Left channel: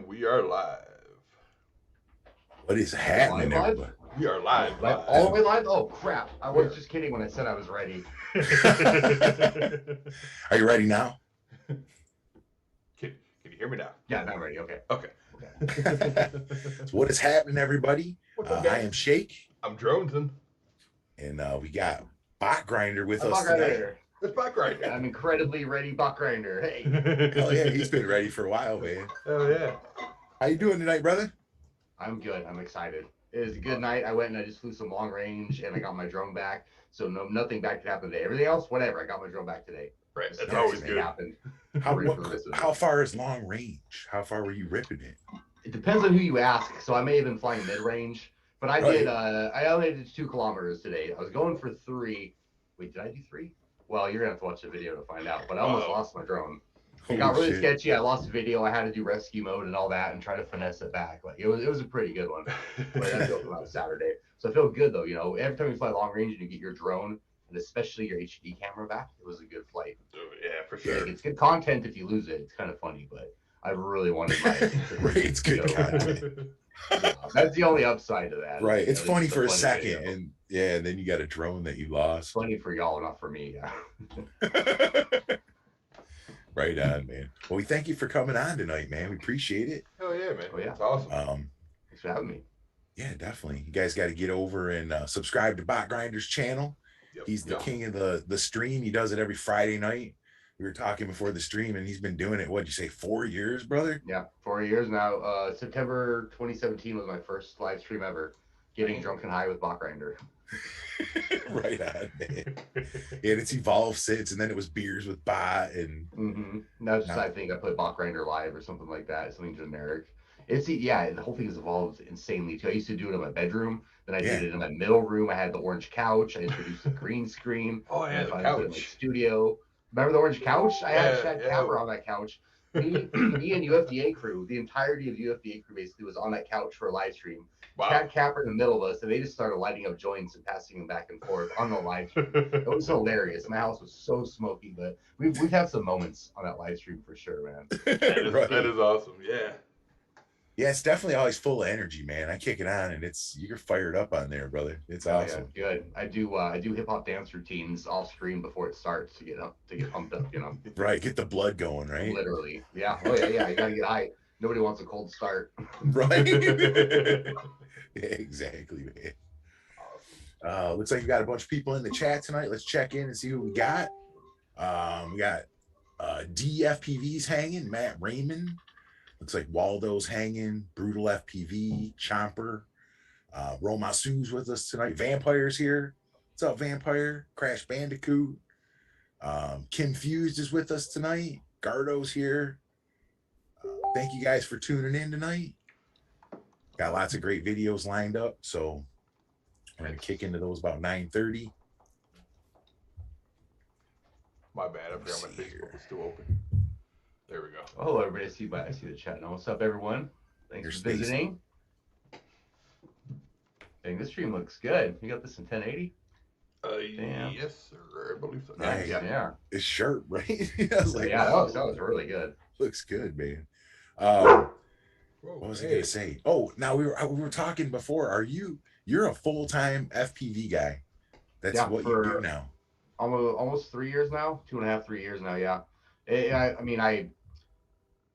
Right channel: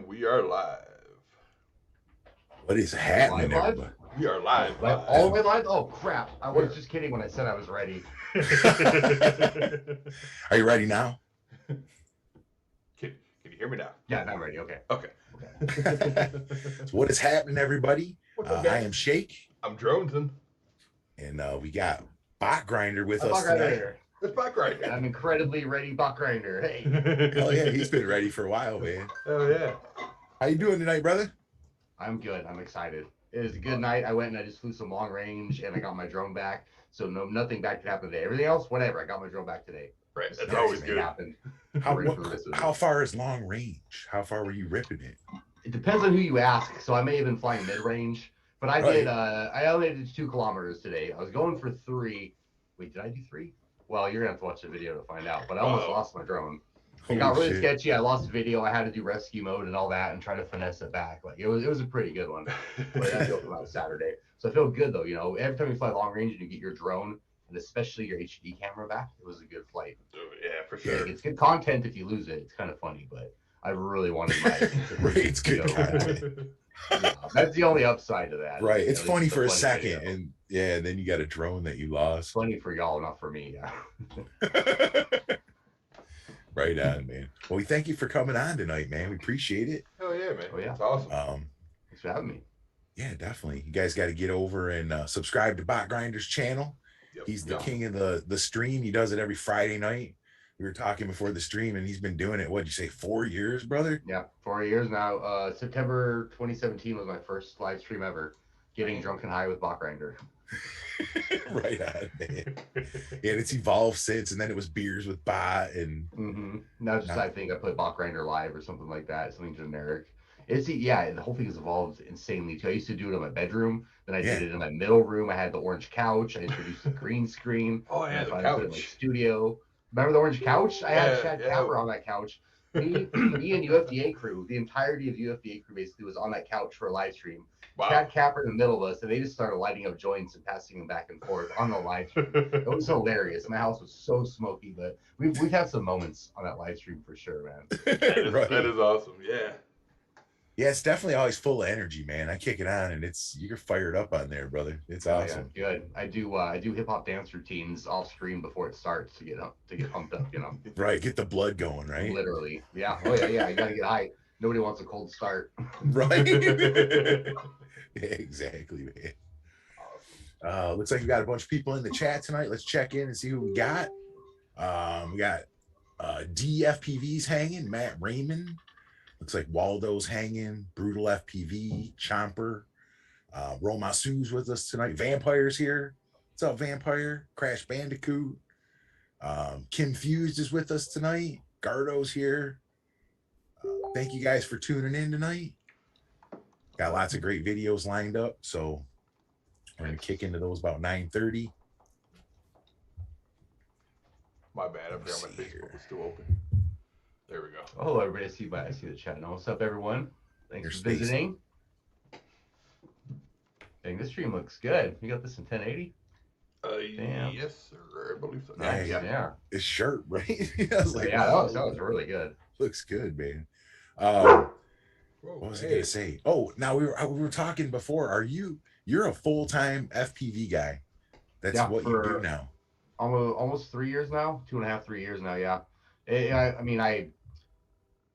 And we are live. What is happening, Live? everybody? We are live. All the way live? Oh, crap. I was just kidding when I said I was ready. Are you ready now? Can you hear me now? Yeah, I'm ready. Okay. Okay. So what is happening, everybody? What's up, I guys? am Shake, I'm Droneson. and we got Bot Grinder with I'm us Bot tonight. Grinder. It's back right here. I'm incredibly ready, Bot Grinder. Hey. Hell yeah, he's been ready for a while, man. Oh yeah. How you doing tonight, brother? I'm good. I'm excited. It was a good night. I went and I just flew some long range, and I got my drone back. So nothing bad could happen today. Everything else, whatever. I got my drone back today. Right. That's So always everything good. happened. How far is long range? How far were you ripping it? It depends on who you ask. So I may have been flying mid-range, but I Right. did. I only did 2 kilometers today. I was going for 3. Wait, did I do 3? Well, you're gonna have to watch the video to find out. But I almost lost my drone. It got really sketchy. I lost the video. I had to do rescue mode and all that, and try to finesse it back. Like it was a pretty good one. But I built it on Saturday, so I feel good though. You know, every time you fly long range and you get your drone, and especially your HD camera back, it was a good flight. Yeah, for sure. It's good content if you lose it. It's kind of funny, but I really wanted my. Right, it's good content. Yeah, that's the only upside to that. Right, it's funny for a funny second, video. and yeah, then you got a drone that you It's lost. funny for y'all, not for me. Yeah. Right on, man. Well, we thank you for coming on tonight, man. We appreciate it. Hell yeah, man. Oh, yeah. That's awesome. Thanks for having me. Yeah, definitely. You guys got to get over and subscribe to Bot Grinder's channel. Yep, He's the king of the stream. He does it every Friday night. We were talking before the stream, and he's been doing it, what'd you say, 4 years, brother? Yeah, 4 years now. September 2017 was my first live stream ever. Getting drunk and high with Bot Grinder. Right on, man. And it's evolved since, and then it was beers with Bot, and Now just I think I put Bot Grinder live or something like that, something generic. The whole thing has evolved insanely too. I used to do it in my bedroom, then I did it in my middle room. I had the orange couch. I introduced the green screen. Oh yeah, the I couch. put it in my studio. Remember the orange couch? I had a Chad Capper on that couch. Me and UFDA crew, the entirety of UFDA crew basically was on that couch for a live stream. Wow. Chad Capper in the middle of us, and they just started lighting up joints and passing them back and forth on the live stream. It was hilarious. My house was so smoky, but we've had some moments on that live stream for sure, man. That is awesome. Yeah. Yeah, it's definitely always full of energy, man. I kick it on, and you're fired up on there, brother. It's awesome. Yeah, good. I do hip hop dance routines off screen before it starts to get pumped up, you know. Right, get the blood going, right? Literally, yeah. Oh yeah. You gotta get high. Nobody wants a cold start. Right. Yeah, exactly, man. Awesome. Looks like you got a bunch of people in the chat tonight. Let's check in and see who we got. We got DFPV's hanging, Matt Raymond. Looks like Waldo's hanging, Brutal FPV, Chomper, Romasu's with us tonight. Vampire's here. What's up, Vampire? Crash Bandicoot. Kim Fused is with us tonight. Gardo's here. Thank you guys for tuning in tonight. Got lots of great videos lined up, so I'm going to kick into those about 9:30. My bad. I forgot my Facebook was still open. There we go. Oh, everybody, I see the chat now. What's up, everyone? Thanks for visiting. Dang, this stream looks good. You got this in 1080? Yes, sir. I believe so. Yeah. It's sharp, right? I was like, that was really good. Looks good, man. Whoa, what was I gonna say? Oh, now we were talking before. You're a full-time FPV guy? That's what you do now. Almost 3 years now, 2.5, 3 years now. Yeah.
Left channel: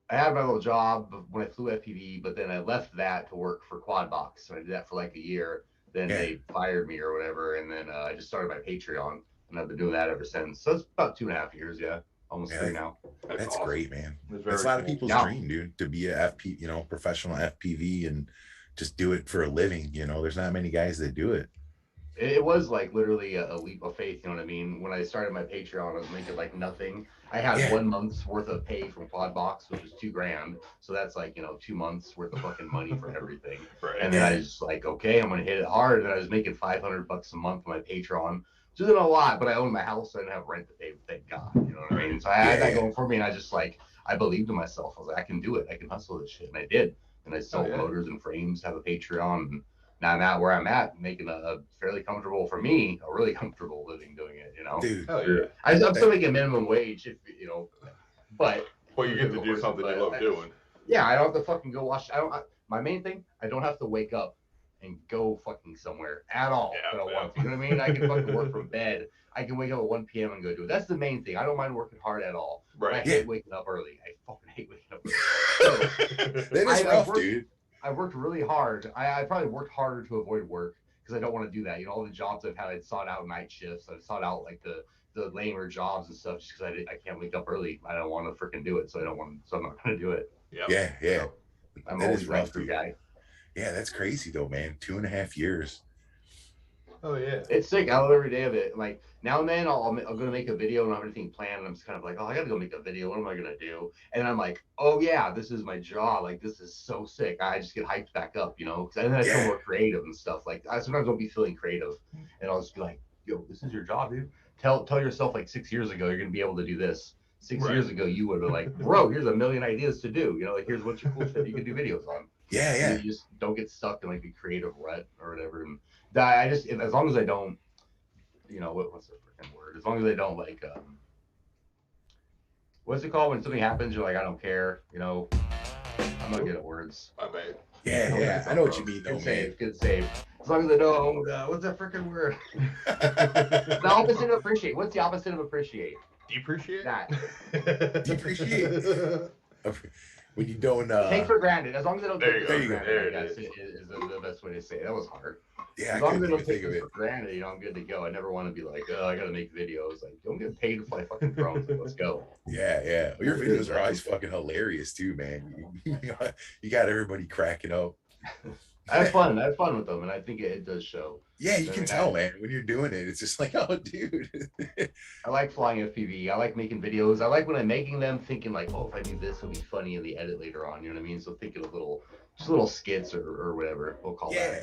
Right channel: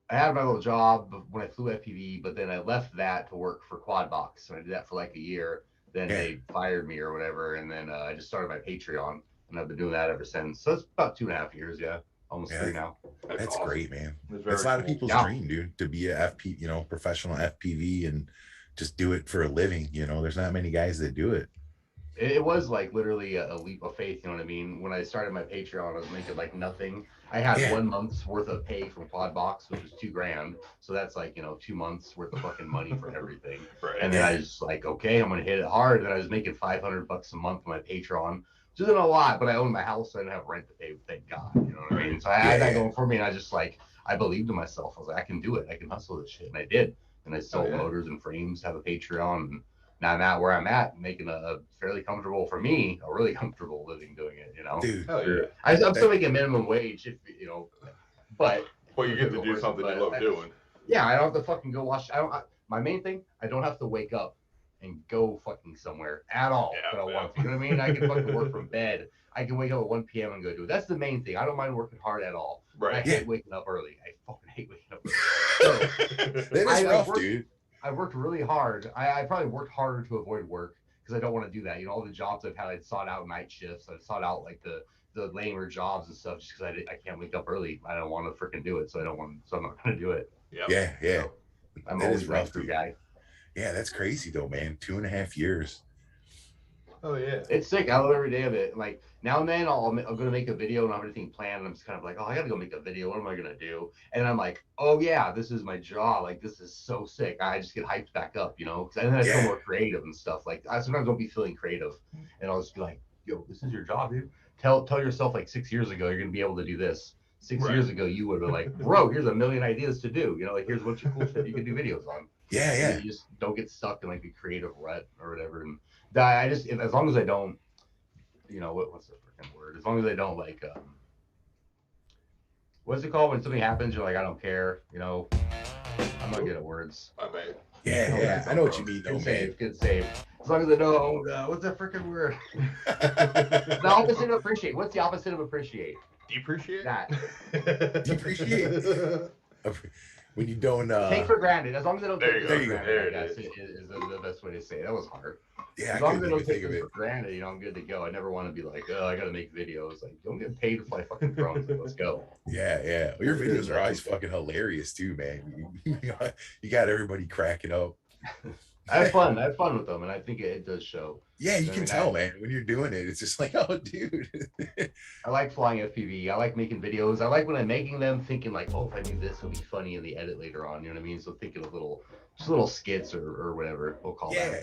I had my little job when I flew FPV, but then I left that to work for Quadbox. So I did that for like a year. Then they fired me or whatever, and then I just started my Patreon, and I've been doing that ever since. So it's about 2.5 years, almost 3 now. That's awesome. Great, man. It's a lot of people's dream, dude, to be a professional FPV and just do it for a living. You know, there's not many guys that do it. It was like literally a leap of faith, you know what I mean? When I started my Patreon, I was making like nothing. I had 1 month's worth of pay from Quadbox, which was $2,000. So that's like, 2 months worth of fucking money for everything. Right. And then I was like, okay, I'm gonna hit it hard. And I was making $500 a month on my Patreon, which isn't a lot, but I owned my house, so I didn't have rent to pay. Thank God, you know what I mean? So I had that going for me, and I just I believed in myself. I was like, I can do it. I can hustle this shit, and I did. And I sold motors and frames, have a Patreon, and now I'm at where I'm at, making a fairly comfortable, for me, a really comfortable living doing it, Dude, hell yeah. I'm still making minimum wage, but Well, you get to do something you love doing. Yeah, I don't have to fucking go watch. My main thing, I don't have to wake up and go fucking somewhere at all. Yeah, But I yeah. want to. You know what I mean? I can fucking work from bed. I can wake up at 1 p.m. and go do it. That's the main thing. I don't mind working hard at all. Right. I Yeah. hate waking up early. I fucking hate waking up early. So, That is rough, dude. I worked really hard. I probably worked harder to avoid work because I don't want to do that. You know, all the jobs I've had, I sought out night shifts. I sought out like the lamer jobs and stuff just because I can't wake up early. I don't want to freaking do it, so I'm not gonna do it. Yep. Yeah, yeah. So, I'm That always is a night rough, crew dude. guy. Yeah, that's crazy though, man. 2.5 years. Oh yeah. It's sick. I love every day of it. Like now and then, I'm gonna make a video and I have everything planned. And I'm just kind of like, oh, I gotta go make a video. What am I gonna do? And I'm like, oh yeah, this is my job. Like this is so sick. I just get hyped back up, you know. And then I feel more creative and stuff. Like I sometimes don't be feeling creative, and I'll just be like, yo, this is your job, dude. Tell yourself like 6 years ago you're gonna be able to do this. 6 years ago you would have been like, bro, here's a million ideas to do. You know, like here's what your cool shit you can do videos on. Yeah, yeah. And you just don't get stuck in like the creative rut or whatever. And I just, as long as I don't, you know, what's the freaking word? As long as I don't like, what's it called when something happens? You're like, I don't care. You know, I'm not good at words. My bad. Yeah, yeah. I know what you mean, though, Good man. save, good save. As long as I don't, what's that freaking word? The opposite of appreciate. What's the opposite of appreciate? Depreciate. That. Depreciate. When you don't Take for granted. As long as I don't There take you it go. for There granted, it is the best way to say it. That was hard. Yeah, As I long as I couldn't don't even take think of it it. for granted, you know, I'm good to go. I never want to be like, oh, I gotta make videos. Like, don't get paid to fly fucking drones. Like, let's go. Yeah, yeah. Well, your videos are always fucking hilarious too, man. You got everybody cracking up. I have fun. I have fun with them, and I think it does show. Yeah, you can tell, man, when you're doing it. It's just like, oh, dude. I like flying FPV. I like making videos. I like when I'm making them, thinking like, oh, if I do this, it'll be funny in the edit later on. You know what I mean? So thinking of little skits or whatever we'll call that.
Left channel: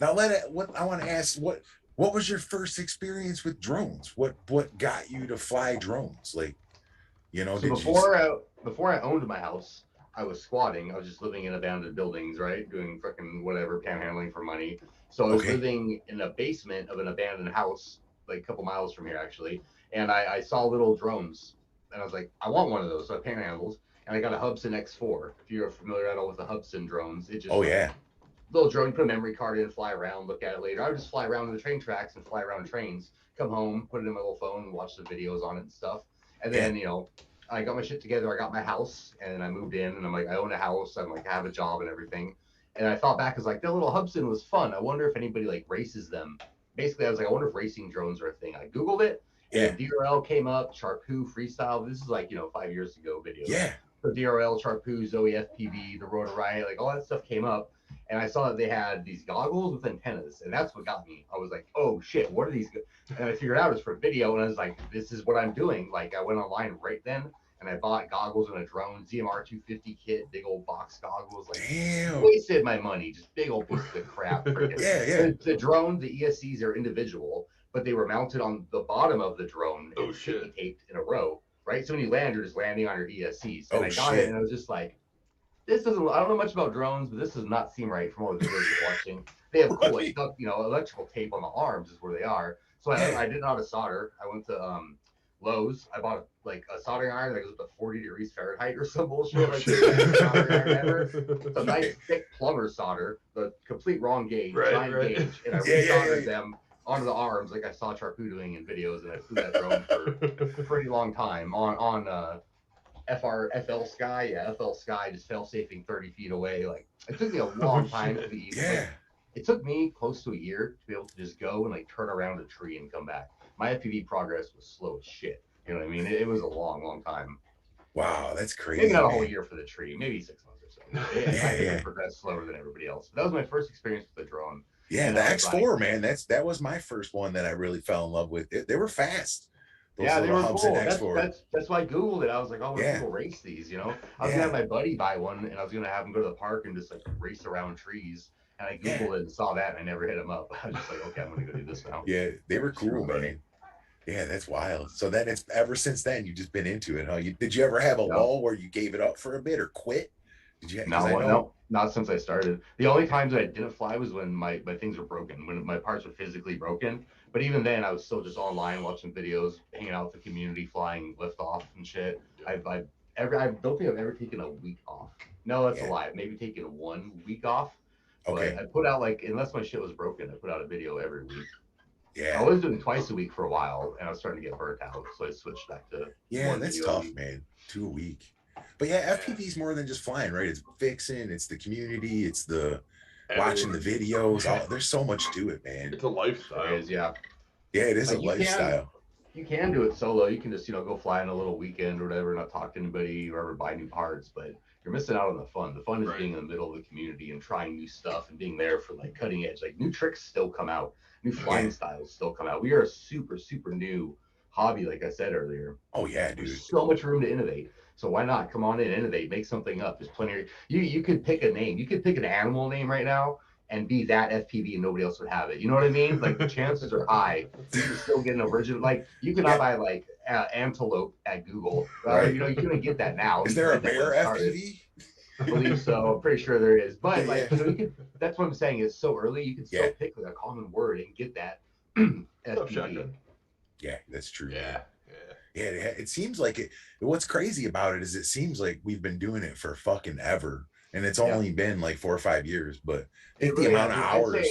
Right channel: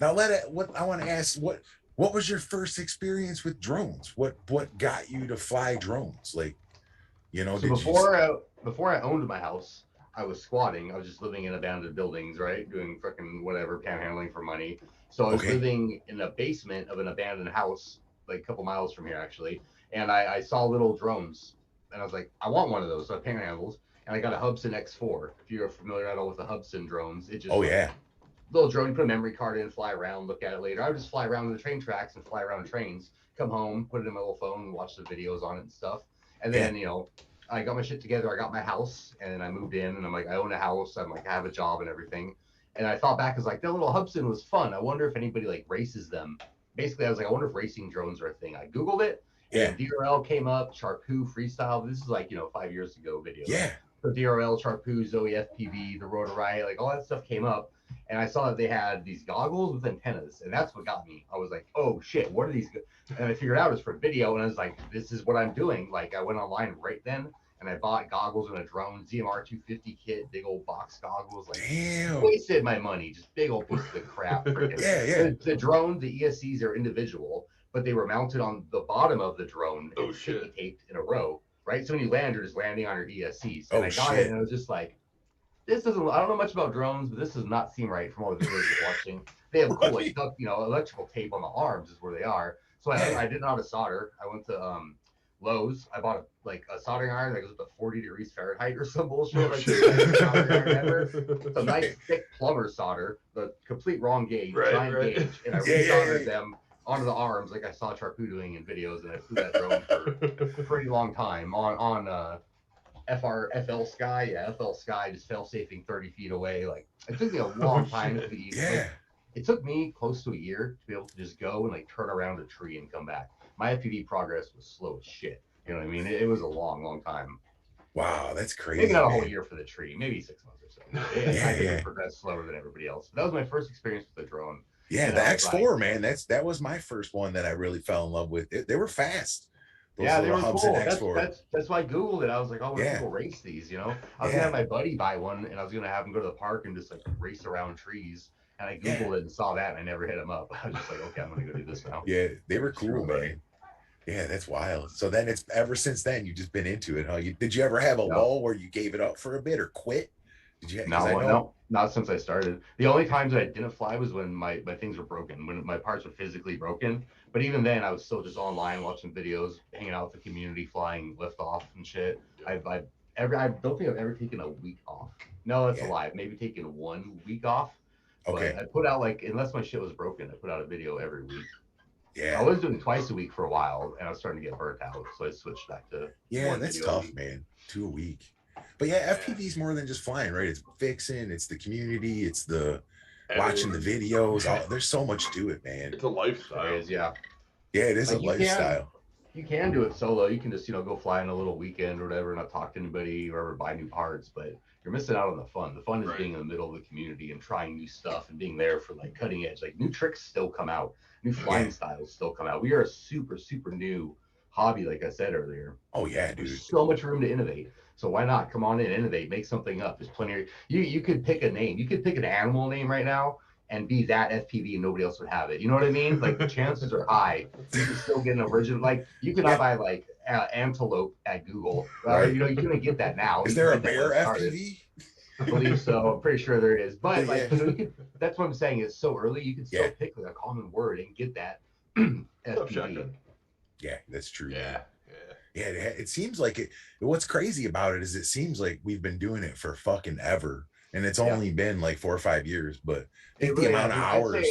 Now what I want to ask, what was your first experience with drones? What got you to fly drones? Like, you know, So before I owned my house, I was squatting. I was just living in abandoned buildings, right? Doing freaking whatever, panhandling for money. So I was living in a basement of an abandoned house, like a couple miles from here, actually. And I saw little drones, and I was like, I want one of those. So I panhandled, and I got a Hubsan X4. If you're familiar at all with the Hubsan drones, it just little drone. You put a memory card in, fly around, look at it later. I would just fly around the train tracks and fly around trains. Come home, put it in my little phone, and watch the videos on it and stuff. And then you know, I got my shit together. I got my house, and I moved in, and I'm like, I own a house. I'm like, I have a job and everything. And I thought back, as like, that little Hubsan was fun. I wonder if anybody like races them. Basically, I was like, I wonder if racing drones are a thing. I Googled it, and DRL came up, Charpu, freestyle. This is like, you know, 5 years ago video. Yeah. So DRL, Charpu, Zoe FPV, the Rotor Riot, like all that stuff came up. And I saw that they had these goggles with antennas, and that's what got me. I was like, oh shit, what are these? And I figured out it's for video, and I was like, this is what I'm doing. Like, I went online right then, and I bought goggles and a drone, ZMR 250 kit, big old box goggles. Like, wasted my money, just big old pieces of crap. The drone, the ESCs are individual, but they were mounted on the bottom of the drone. Oh shit! Taped in a row, right? So when you land, you're just landing on your ESCs. And I got it, and I was just like, this doesn't. I don't know much about drones, but this does not seem right from all the videos you're watching. They have cool, like, you know, electrical tape on the arms is where they are. So I didn't know how to solder. I went to Lowe's. I bought a soldering iron that goes up to 40 degrees Fahrenheit or some bullshit. It's a nice thick plumber solder, the complete wrong gauge, gauge, and I resoldered them onto the arms like I saw Charpu doing in videos, and I flew that drone for a pretty long time on FL Sky. Yeah, FL Sky, just fail safing 30 feet away. Like, it took me a long time to be it took me close to a year to be able to just go and like turn around a tree and come back. My FPV progress was slow as shit. You know what I mean? It was a long time. Wow, that's crazy. Maybe not a whole year for the tree, maybe 6 months or so. I think it progressed slower than everybody else. But that was my first experience with the drone. Yeah, the X4, man. That was my first one that I really fell in love with. They were fast. Yeah, they were cool. That's why I Googled it. I was like, oh, when people race these, you know? I was gonna have my buddy buy one, and I was gonna have him go to the park and just like race around trees. And I Googled it and saw that, and I never hit him up. I was just like, okay, I'm gonna go do this now. Yeah, they were cool, man. Yeah, that's wild. So then it's ever since then you've just been into it, huh? Did you ever have a lull where you gave it up for a bit or quit? Did you? No, not since I started. The only times I didn't fly was when my things were broken, when my parts were physically broken. But even then, I was still just online watching videos, hanging out with the community, flying lift off and shit. I don't think I've ever taken a week off. No, that's a lie. I've maybe taken 1 week off. Okay. But I put out like, unless my shit was broken, I put out a video every week. Yeah. I was doing twice a week for a while, and I was starting to get burnt out, so I switched back to one that's video a tough, week. man. 2 a week. But yeah, FPV is more than just flying, right? It's fixing, it's the community, it's the watching the videos. There's so much to it, man. It's a lifestyle. It is, yeah. Yeah, it is Like, a lifestyle. You can do it solo. You can just, go fly on a little weekend or whatever, not talk to anybody or ever buy new parts, but you're missing out on the fun. The fun is being in the middle of the community and trying new stuff and being there for like cutting edge. Like new tricks still come out, new flying styles still come out. We are a super, super new hobby, like I said earlier. Oh yeah, dude. There's so much room to innovate. So why not come on in, innovate, make something up? There's plenty of you could pick a name. You could pick an animal name right now and be that FPV and nobody else would have it. You know what I mean? Like the chances are high. You can still get an original. Like you could not buy like antelope at Google. Right. You're gonna get that now. Is there a bear FPV? I believe so. I'm pretty sure there is. But like you could, that's what I'm saying. It's so early. You can still pick like a common word and get that FPV. Yeah, that's true. Yeah. It seems like it. What's crazy about it is it seems like we've been doing it for fucking ever, and it's only been like 4 or 5 years. But I think the amount of hours.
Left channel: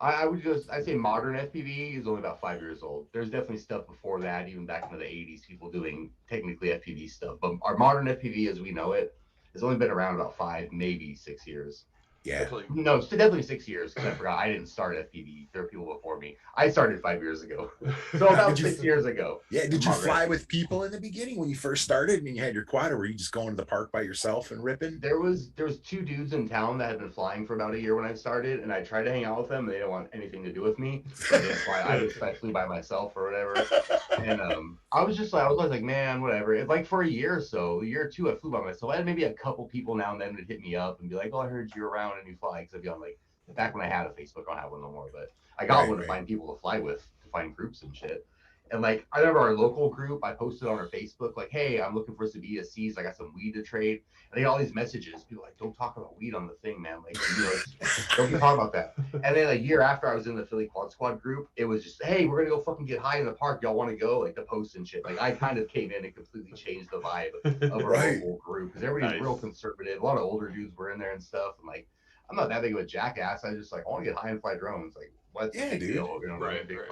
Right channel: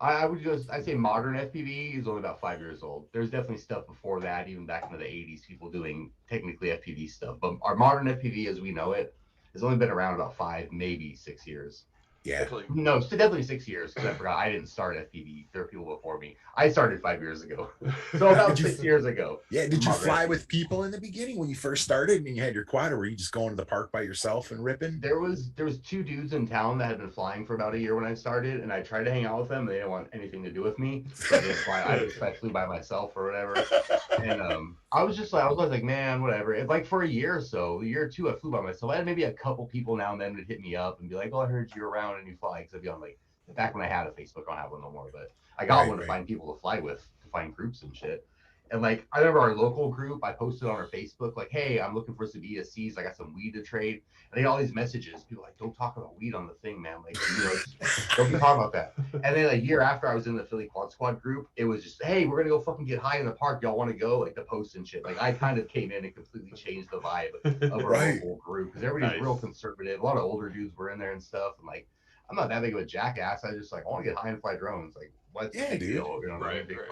I'd say modern FPV is only about 5 years old. There's definitely stuff before that, even back into the 80s, people doing technically FPV stuff. But our modern FPV as we know it has only been around about 5, maybe 6 years. Yeah. No, it's definitely 6 years because I forgot I didn't start FPV. There were people before me. I started 5 years ago. So about 6 years ago. Yeah. Did you fly with people in the beginning when you first started and you had your quad, or were you just going to the park by yourself and ripping? There was 2 dudes in town that had been flying for about a year when I started, and I tried to hang out with them. They didn't want anything to do with me. So I just flew by myself or whatever. And I was always like, man, whatever. And like for a year or so, a year or two, I flew by myself. I had maybe a couple people now and then would hit me up and be like, oh, I heard you were around and you fly. Because I'd be on like, back when I had a Facebook, I don't have one no more, but I got one to find people to fly with, to find groups and shit. And like, I remember our local group, I posted on our Facebook, like, hey, I'm looking for some ESCs. I got some weed to trade. And I get all these messages. People like, don't talk about weed on the thing, man. Like, don't be talking about that. And then a year after I was in the Philly Quad Squad group, it was just, hey, we're going to go fucking get high in the park. Y'all want to go? Like, the post and shit. Like, I kind of came in and completely changed the vibe of our local group. Because everybody's real conservative. A lot of older dudes were in there and stuff. And like, I'm not that big of a jackass. I just like, I want to get high and fly drones. Like, what's the big deal? You know,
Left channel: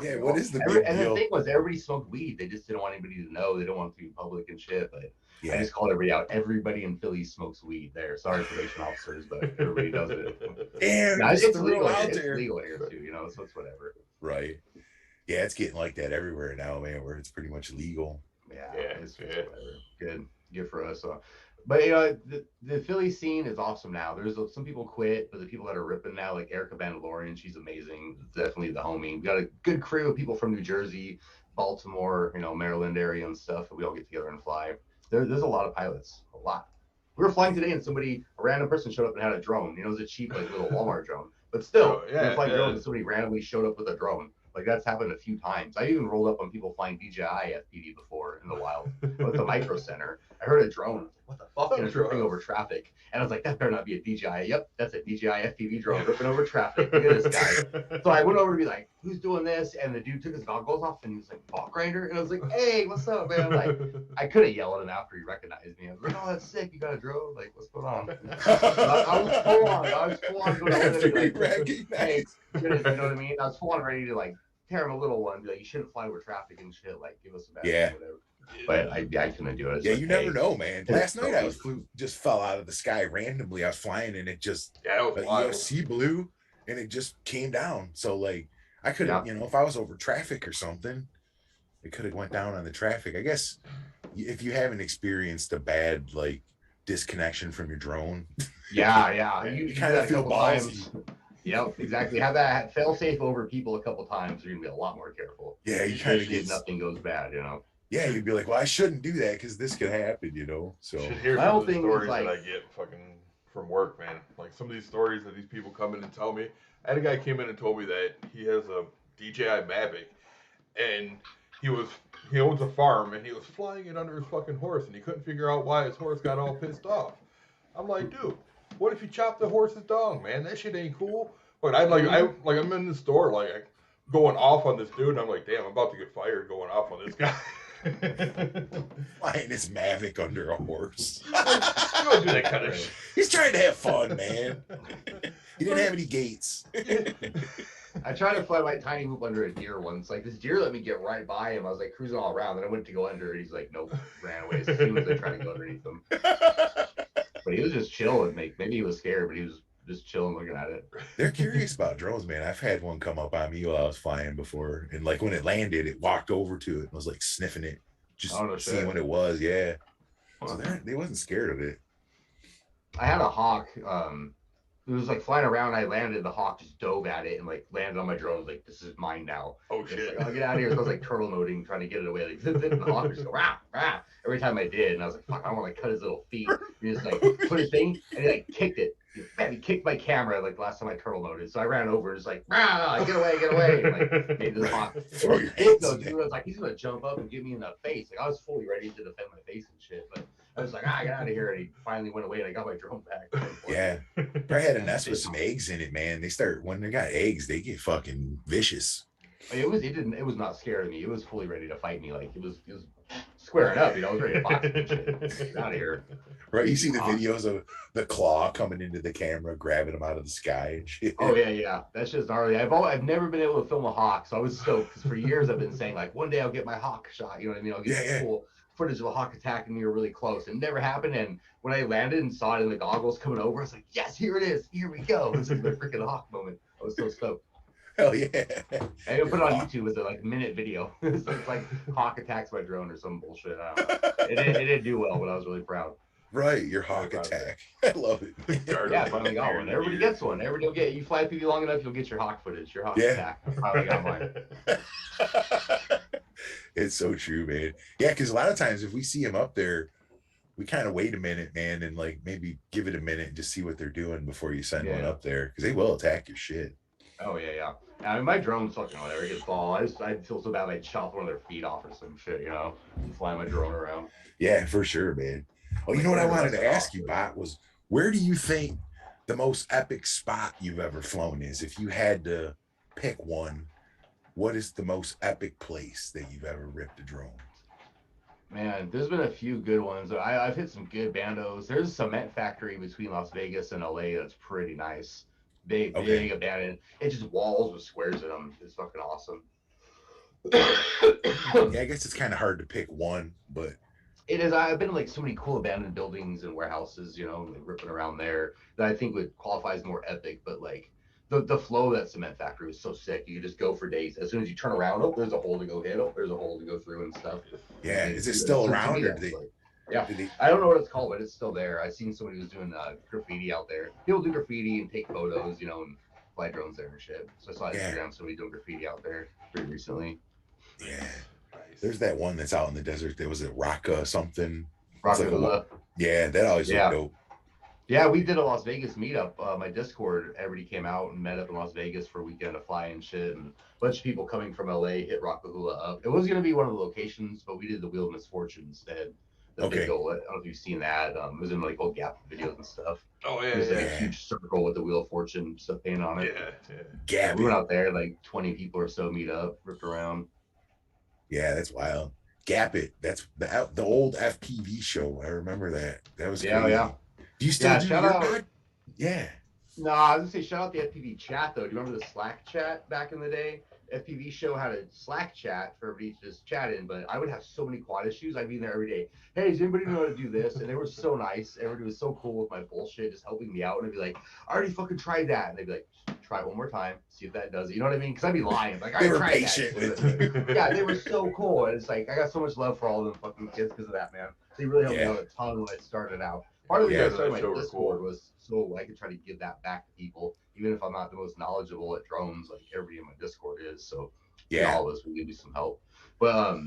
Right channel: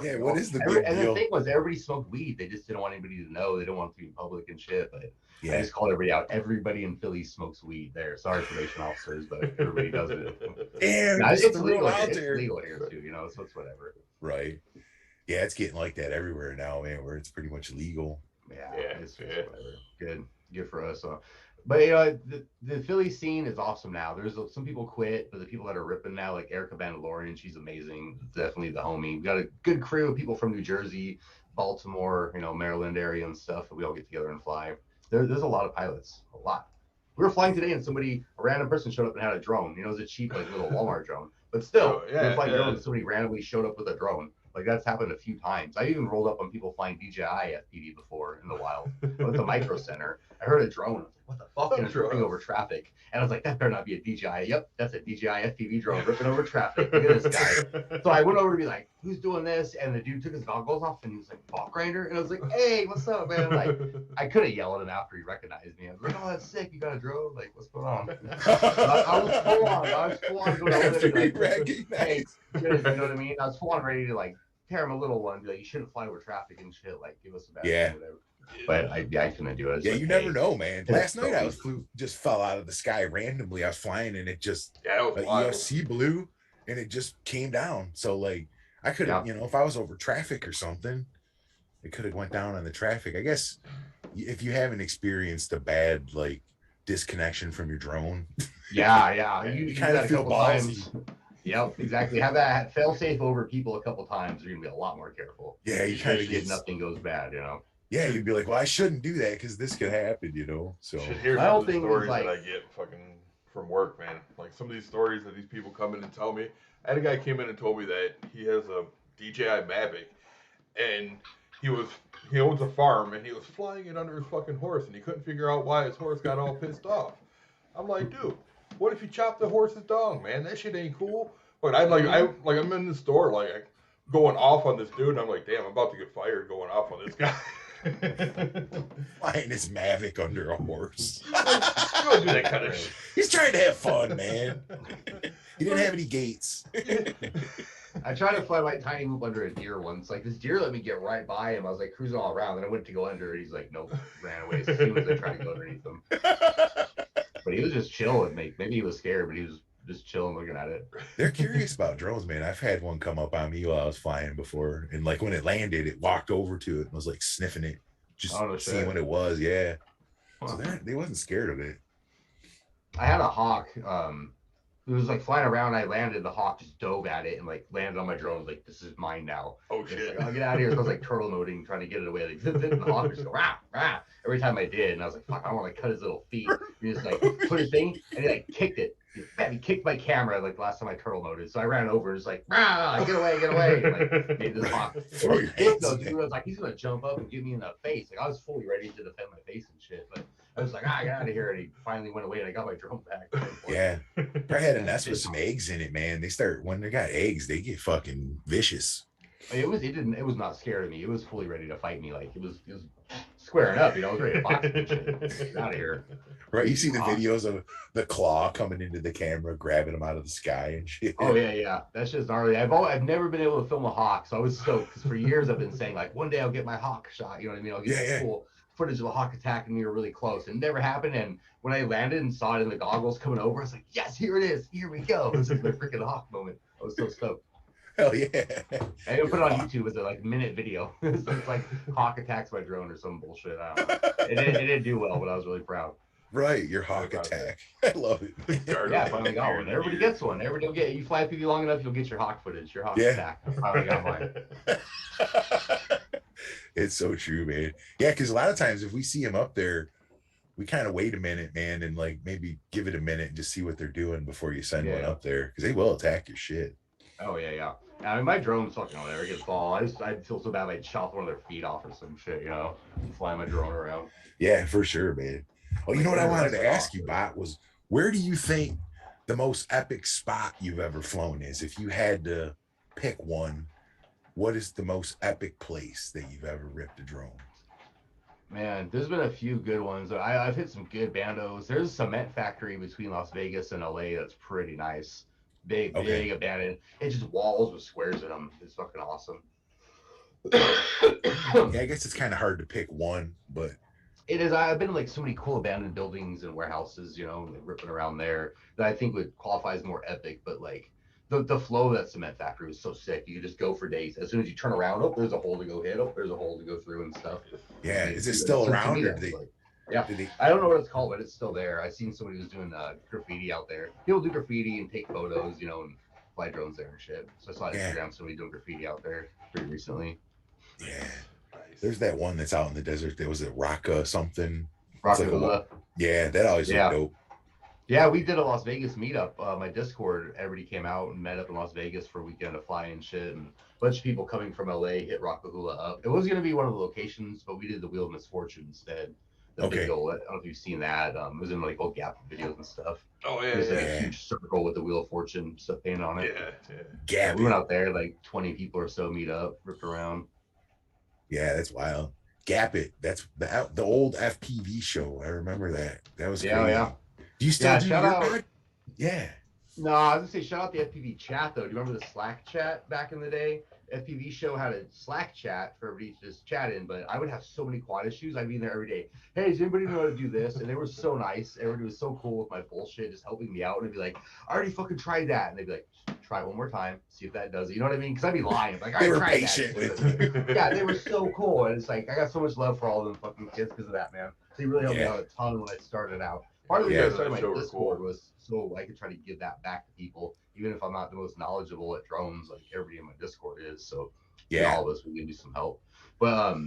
Yeah, what is the big deal? And the thing was, everybody smoked weed. They just didn't want anybody to know. They didn't want it to be public and shit. But I just called everybody out. Everybody in Philly smokes weed there. Sorry, probation officers, but everybody does it. Damn, it's legal. It's legal here too, so it's whatever. Right. Yeah, it's getting like that everywhere now, man, where it's pretty much legal. It's whatever. Good for us. But the Philly scene is awesome now. There's some people quit, but the people that are ripping now, like Erica Vandalorian, she's amazing. Definitely the homie. We got a good crew of people from New Jersey, Baltimore, Maryland area and stuff. We all get together and fly. There's a lot of pilots, a lot. We were flying today, and a random person showed up and had a drone. It was a cheap like little Walmart drone, but still, we were flying drones, and somebody randomly showed up with a drone. Like that's happened a few times. I even rolled up on people flying DJI FPV before in the wild. At the Micro Center, I heard a drone. What the fuck? And it's ripping over traffic. And I was like, that better not be a DJI. Yep, that's a DJI FPV drone ripping over traffic. Look at this guy. So I went over to be like, who's doing this? And the dude took his goggles off and he was like, BOTGRINDEER. And I was like, hey, what's up, man? Like, I couldn't yell at him after he recognized me. I was like, oh, that's sick. You got a drone? Like, what's going on? I was full on going over there. Hey, you know what I mean? I was full on ready to like tear him a little one. Be like, you shouldn't fly over traffic and shit. Like, give us a bad whatever. But I couldn't do it. Yeah, like, you never know, man. Last night I just fell out of the sky randomly. I was flying and it just ESC blew and it just came down. So like I could have, if I was over traffic or something, it could have went down on the traffic. I guess if you haven't experienced a bad like disconnection from your drone, you kind of feel ballsy. Yep, exactly. Have that fail safe over people a couple times. You're gonna be a lot more careful. Yeah, you kind of get nothing goes bad, Yeah, you'd be like, well, I shouldn't do that because this could happen, So you should hear some of the stories that I get fucking from work, man. Like some of these stories that these people come in and tell me. I had a guy came in and told me that he has a DJI Mavic and he owns a farm and he was flying it under his fucking horse and he couldn't figure out why his horse got all pissed off. I'm like, dude, what if you chop the horse's dong, man? That shit ain't cool. But I'm in the store, like going off on this dude, and I'm like, damn, I'm about to get fired going off on this guy. Flying his Mavic under a horse. You don't do that kind of shit. He's trying to have fun, man. He didn't have any gates. I tried to fly my tiny hoop under a deer once. Like, this deer let me get right by him. I was like cruising all around. Then I went to go under it. He's like, nope, ran away as soon as I tried to go underneath him. But he was just chilling. Maybe he was scared, but he was just chilling looking at it. They're curious about drones, man. I've had one come up on me while I was flying before. And like when it landed, it walked over to it and was like sniffing it, just seeing what it was. Yeah. So they wasn't scared of it. I had a hawk. It was like flying around. I landed. The hawk just dove at it and like landed on my drone. I was like, this is mine now. Oh shit! Like, I'll get out of here. So I was like turtle moding, trying to get it away. Like, the hawk just go rah rah every time I did, and I was like, fuck, I don't want to cut his little feet. He just like put his thing and he like kicked it. He kicked my camera like last time I turtle moded. So I ran over and was like, rah, get away, and like made this hawk. Throw your hands in dude, I was like, he's gonna jump up and get me in the face. Like I was fully ready to defend my face and shit, but I was like, get out of here. And he finally went away and I got my drone back. Yeah. I had a nest with some eggs in it, man. When they got eggs, they get fucking vicious. It was not scared of me. It was fully ready to fight me. Like it was squaring up, I was ready to box and shit. Get out of here. Right. You see the videos of the claw coming into the camera, grabbing them out of the sky and shit. Oh yeah. That's just gnarly. I've never been able to film a hawk, so I was stoked because for years I've been saying like one day I'll get my hawk shot. You know what I mean? I'll get cool footage of a hawk attacking me or really close. It never happened. And when I landed and saw it in the goggles coming over, I was like, yes, here it is. Here we go. This is my freaking hawk moment. I was so stoked. Hell yeah. I put it on YouTube as a like minute video. So it's like hawk attacks my drone or some bullshit. I don't know. It didn't do well, but I was really proud. Right, your hawk attack. I love it. Yeah, I finally got one. Everybody gets one. Everybody will get. You fly FPV long enough, you'll get your hawk footage, your hawk attack. I finally got mine. It's so true, man. Yeah, because a lot of times if we see them up there, we kind of wait a minute, man, and like maybe give it a minute and just see what they're doing before you send one up there, because they will attack your shit. Oh yeah. I mean, my drone's fucking whatever. It gets ball. I feel so bad. I'd chop one of their feet off or some shit, fly my drone around. Yeah, for sure, man. Oh, you know what I wanted to ask you, Bot, was where do you think the most epic spot you've ever flown is? If you had to pick one, what is the most epic place that you've ever ripped a drone? Man, there's been a few good ones. I've hit some good bandos. There's a cement factory between Las Vegas and LA that's pretty nice. Big abandoned. It's just walls with squares in them. It's fucking awesome. Yeah, I guess it's kind of hard to pick one, but it is. I've been in like so many cool abandoned buildings and warehouses, like ripping around there, that I think would qualify as more epic. But like the flow of that cement factory was so sick. You could just go for days. As soon as you turn around, there's a hole to go hit. There's a hole to go through and stuff. Yeah, is it still around? Yeah, I don't know what it's called, but it's still there. I seen somebody was doing graffiti out there. People do graffiti and take photos, and fly drones there and shit. So I saw Instagram somebody doing graffiti out there pretty recently. Yeah, nice. There's that one that's out in the desert. There was a Raqqa something. Raqqa. Yeah, that always looked dope. Yeah, we did a Las Vegas meetup. My Discord, everybody came out and met up in Las Vegas for a weekend to fly and shit. And a bunch of people coming from LA hit Raqqa up. It was going to be one of the locations, but we did the Wheel of Misfortune instead. Big goal. I don't know if you've seen that. It was in like old Gap videos and stuff. Oh yeah, There's a huge circle with the Wheel of Fortune stuff painted on it. Yeah. Gap. We went out there, like 20 people or so meet up, ripped around. Yeah, that's wild. Gap it. That's the old FPV show. I remember that. That was crazy. Yeah. Do you still do shout your out? Yeah. No, I was gonna say shout out the FPV chat though. Do you remember the Slack chat back in the day? FPV show had a Slack chat for everybody to just chat in, but I would have so many quad issues. I'd be in there every day. Hey, does anybody know how to do this? And they were so nice. Everybody was so cool with my bullshit, just helping me out. And I'd be like, I already fucking tried that. And they'd be like, try it one more time, see if that does it. You know what I mean? Because I'd be lying. Like, they were patient. Yeah, they were so cool. And it's like, I got so much love for all of them fucking kids because of that, man. They really helped me out a ton when I started out. Part of the reason I started my Discord was so I could try to give that back to people, even if I'm not the most knowledgeable at drones, like everybody in my Discord is. So all of us, we can do some help. But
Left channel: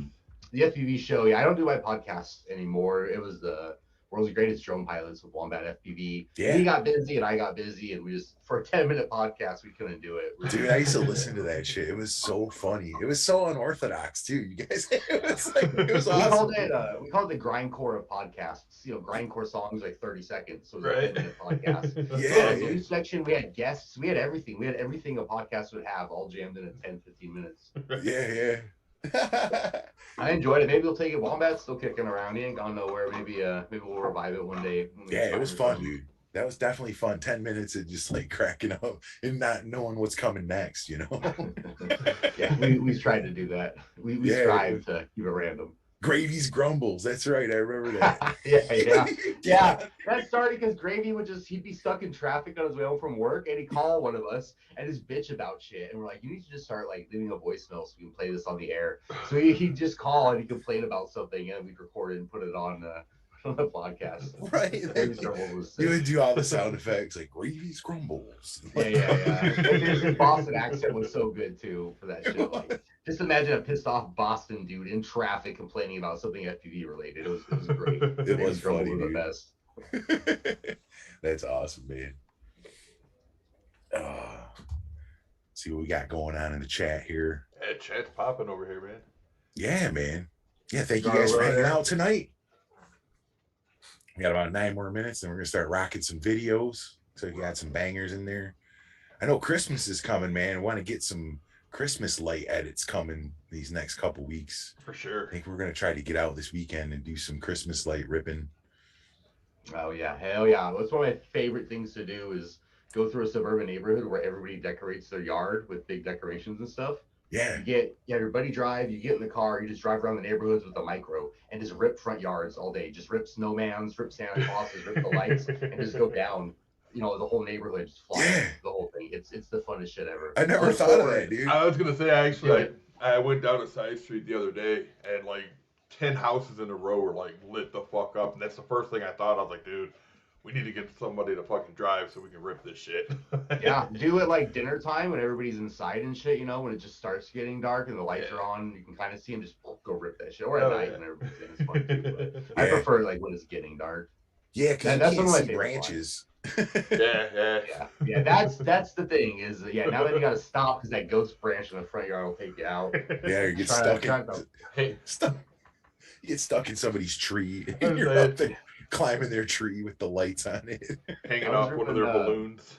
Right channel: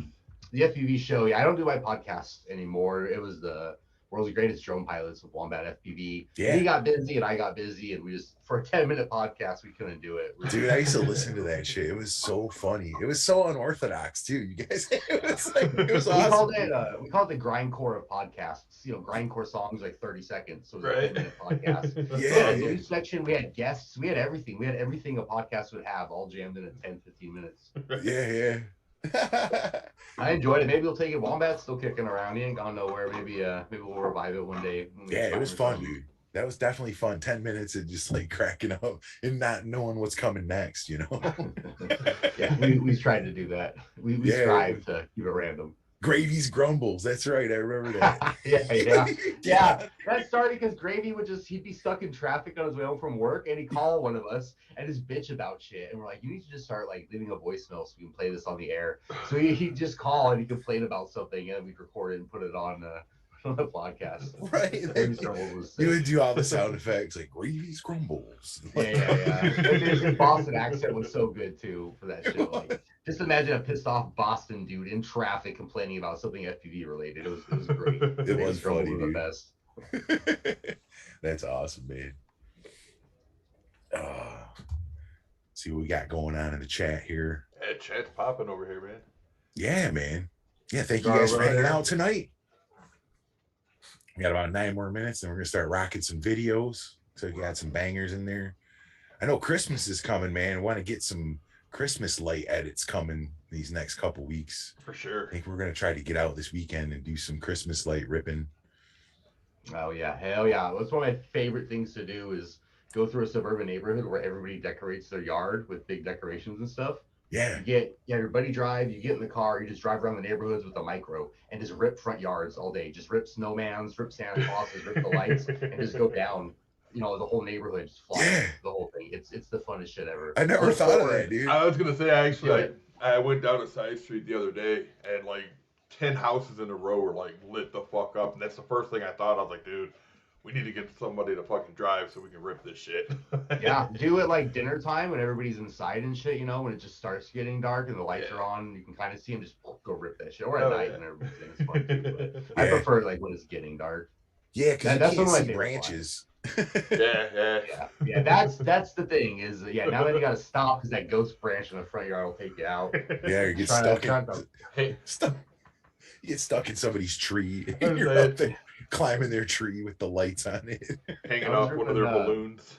the FPV show, I don't do my podcast anymore. It was the World's Greatest Drone Pilots with Wombat FPV. Yeah. He got busy and I got busy, and we just, for a 10-minute podcast, we couldn't do it. Dude, I used to listen to that shit. It was so funny. It was so unorthodox too. You guys, it was awesome. We called it the grindcore of podcasts. Grindcore songs like 30 seconds. So it was right. A podcast. News section, we had guests. We had everything. We had everything a podcast would have, all jammed in at 10, 15 minutes. Yeah. I enjoyed it. Maybe we'll take it. Wombat's still kicking around. He ain't gone nowhere. Maybe we'll revive it one day. Yeah, it was fun, dude. That was definitely fun. 10 minutes of just like cracking up and not knowing what's coming next, you know? Yeah, we tried to do that. We strive to keep it random. Gravy's grumbles. That's right. I remember that. yeah. That started because Gravy he'd be stuck in traffic on his way home from work, and he'd call one of us and just bitch about shit. And we're like, you need to just start like leaving a voicemail so we can play this on the air. So he'd just call and he'd complain about something, and we'd record it and put it on the podcast. Right. You would do all the sound effects like Gravy's grumbles. Yeah. His Boston accent was so good too for that shit. Like, just imagine a pissed off Boston dude in traffic complaining about something FPV related. It was great. It was funny, the best. That's awesome, man. See what we got going on in the chat here. Yeah, chat's popping over here, man. Yeah, man. Yeah, thank you guys for hanging out tonight. We got about 9 more minutes, and we're gonna start rocking some videos. So we got some bangers in there. I know Christmas is coming, man. I want to get some Christmas light edits coming these next couple weeks. For sure. I think we're gonna try to get out this weekend and do some Christmas light ripping. Oh yeah, hell yeah. That's one of my favorite things to do is go through a suburban neighborhood where everybody decorates their yard with big decorations and stuff. Yeah. You everybody drive, you get in the car, you just drive around the neighborhoods with a micro and just rip front yards all day. Just rip snowmans, rip Santa Clauses, rip the lights, and just go down. You know, the whole neighborhood just flies the whole thing. It's the funnest shit ever. I never thought of that, dude. I was gonna say I went down a side street the other day and like 10 houses in a row were like lit the fuck up, and that's the first thing I thought. I was like, dude, we need to get somebody to fucking drive so we can rip this shit. Yeah, do it like dinner time when everybody's inside and shit, you know, when it just starts getting dark and the lights are on, you can kind of see them, just go rip that shit. Or at night when everybody's in, it's fun too, I prefer like when it's getting dark. Yeah, because you can't see branches. Yeah, that's the thing is, now that you gotta stop because that ghost branch in the front yard will take you out. Yeah, you get stuck you get stuck in somebody's tree and you're up there climbing their tree with the lights on it, hanging off one of their balloons.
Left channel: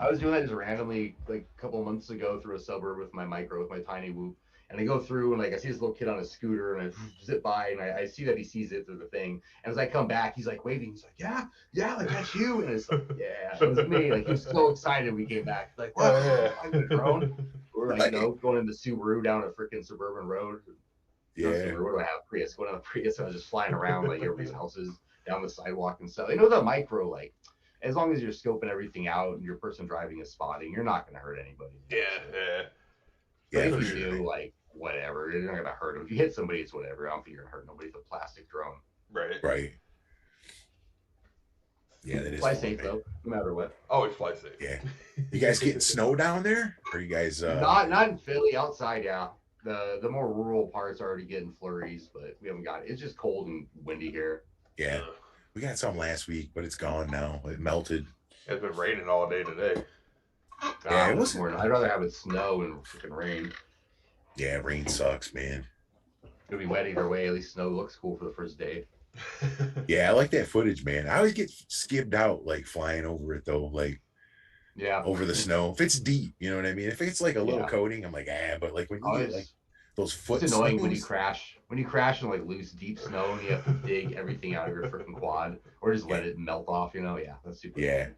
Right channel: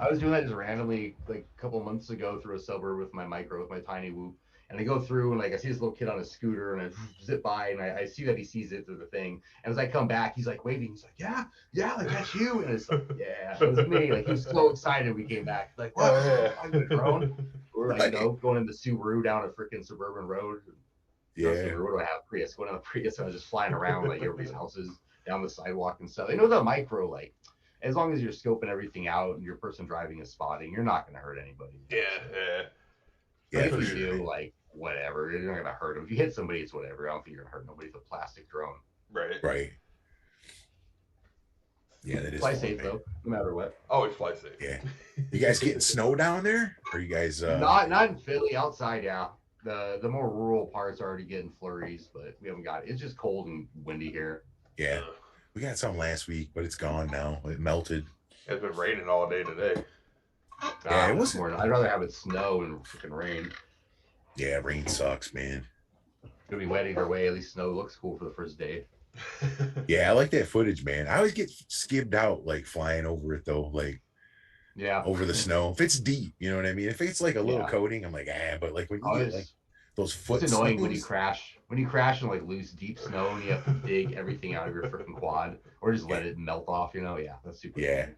I was doing that just randomly like a couple of months ago through a suburb with my micro, with my tiny whoop, and I go through and like I see this little kid on a scooter and I zip by and I see that he sees it through the thing, and as I come back he's like waving, he's like yeah like that's you, and it's like it was me, like he was so excited we came back, like I'm a drone. We're like going in the Subaru down a freaking suburban road. Subaru, what do I have? Prius. Going on the Prius, and I was just flying around like everybody's houses down the sidewalk and stuff. You know, the micro, like as long as you're scoping everything out and your person driving is spotting, you're not going to hurt anybody. But if you do, like whatever, you're not going to hurt them. If you hit somebody, it's whatever. I don't think you're going to hurt nobody with a plastic drone. Right. Yeah, that is fly safe though, no matter what. Always fly safe. Yeah. You guys getting snow down there? Or you guys not in Philly, outside, yeah. The more rural parts are already getting flurries, but we haven't got it. It's just cold and windy here. Yeah. We got some last week, but it's gone now. It melted. It's been raining all day today. Yeah, it was more. I'd rather have it snow and freaking rain. Yeah, rain sucks, man. It'll be wet either way. At least snow looks cool for the first day. Yeah, I like that footage, man. I always get skibbed out like flying over it though, like over the snow. If it's deep, you know what I mean? If it's like a little coating, I'm like, but like when you get like those foot, it's annoying when you crash. When you crash in like loose, deep snow and you have to dig everything out of your freaking quad or just let it melt off, you know? Yeah, that's super annoying.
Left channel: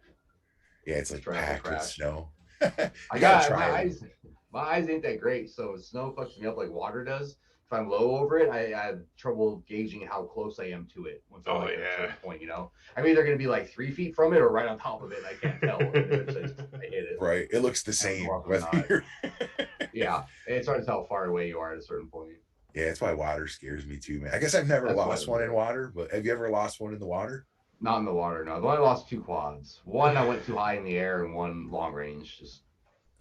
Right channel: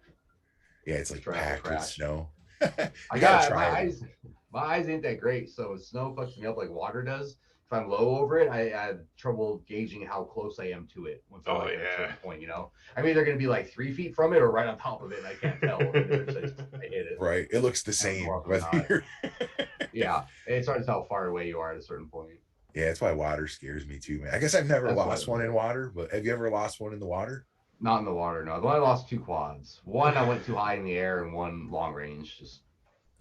Yeah, it's like packed with snow. I got my eyes ain't that great, so snow fucks me up like water does. If I'm low over it, I have trouble gauging how close I am to it. Once I'm at a certain point, you know, I'm either going to be like 3 feet from it or right on top of it, and I can't tell. I hit it. Right, it looks the same. Yeah, it's hard to tell how far away you are at a certain point. Yeah, that's why water scares me too, man. I guess I've never lost one in water, but have you ever lost one in the water? Not in the water, no. I lost 2 quads. One I went too high in the air, and one long range just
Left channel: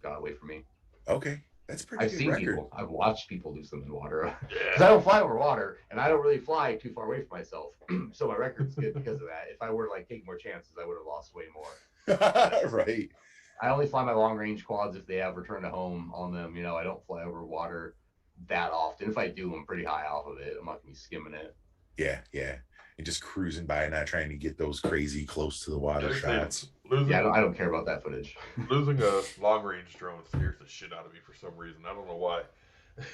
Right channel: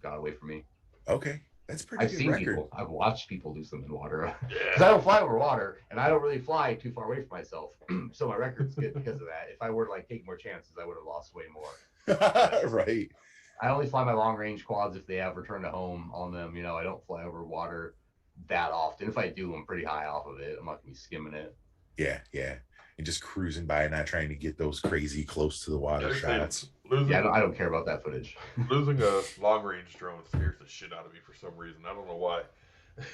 got away from me. Okay. That's pretty good record. I've watched people lose them in water. Because I don't fly over water, and I don't really fly too far away from myself. So my record's good because of that. If I were to like take more chances, I would have lost way more. Right. I only fly my long range quads if they have return to home on them. You know, I don't fly over water that often. If I do, I'm pretty high off of it. I'm not gonna be skimming it. Yeah. And just cruising by, not trying to get those crazy close to the water shots. I don't care about that footage. Losing a long range drone scares the shit out of me for some reason. I don't know why.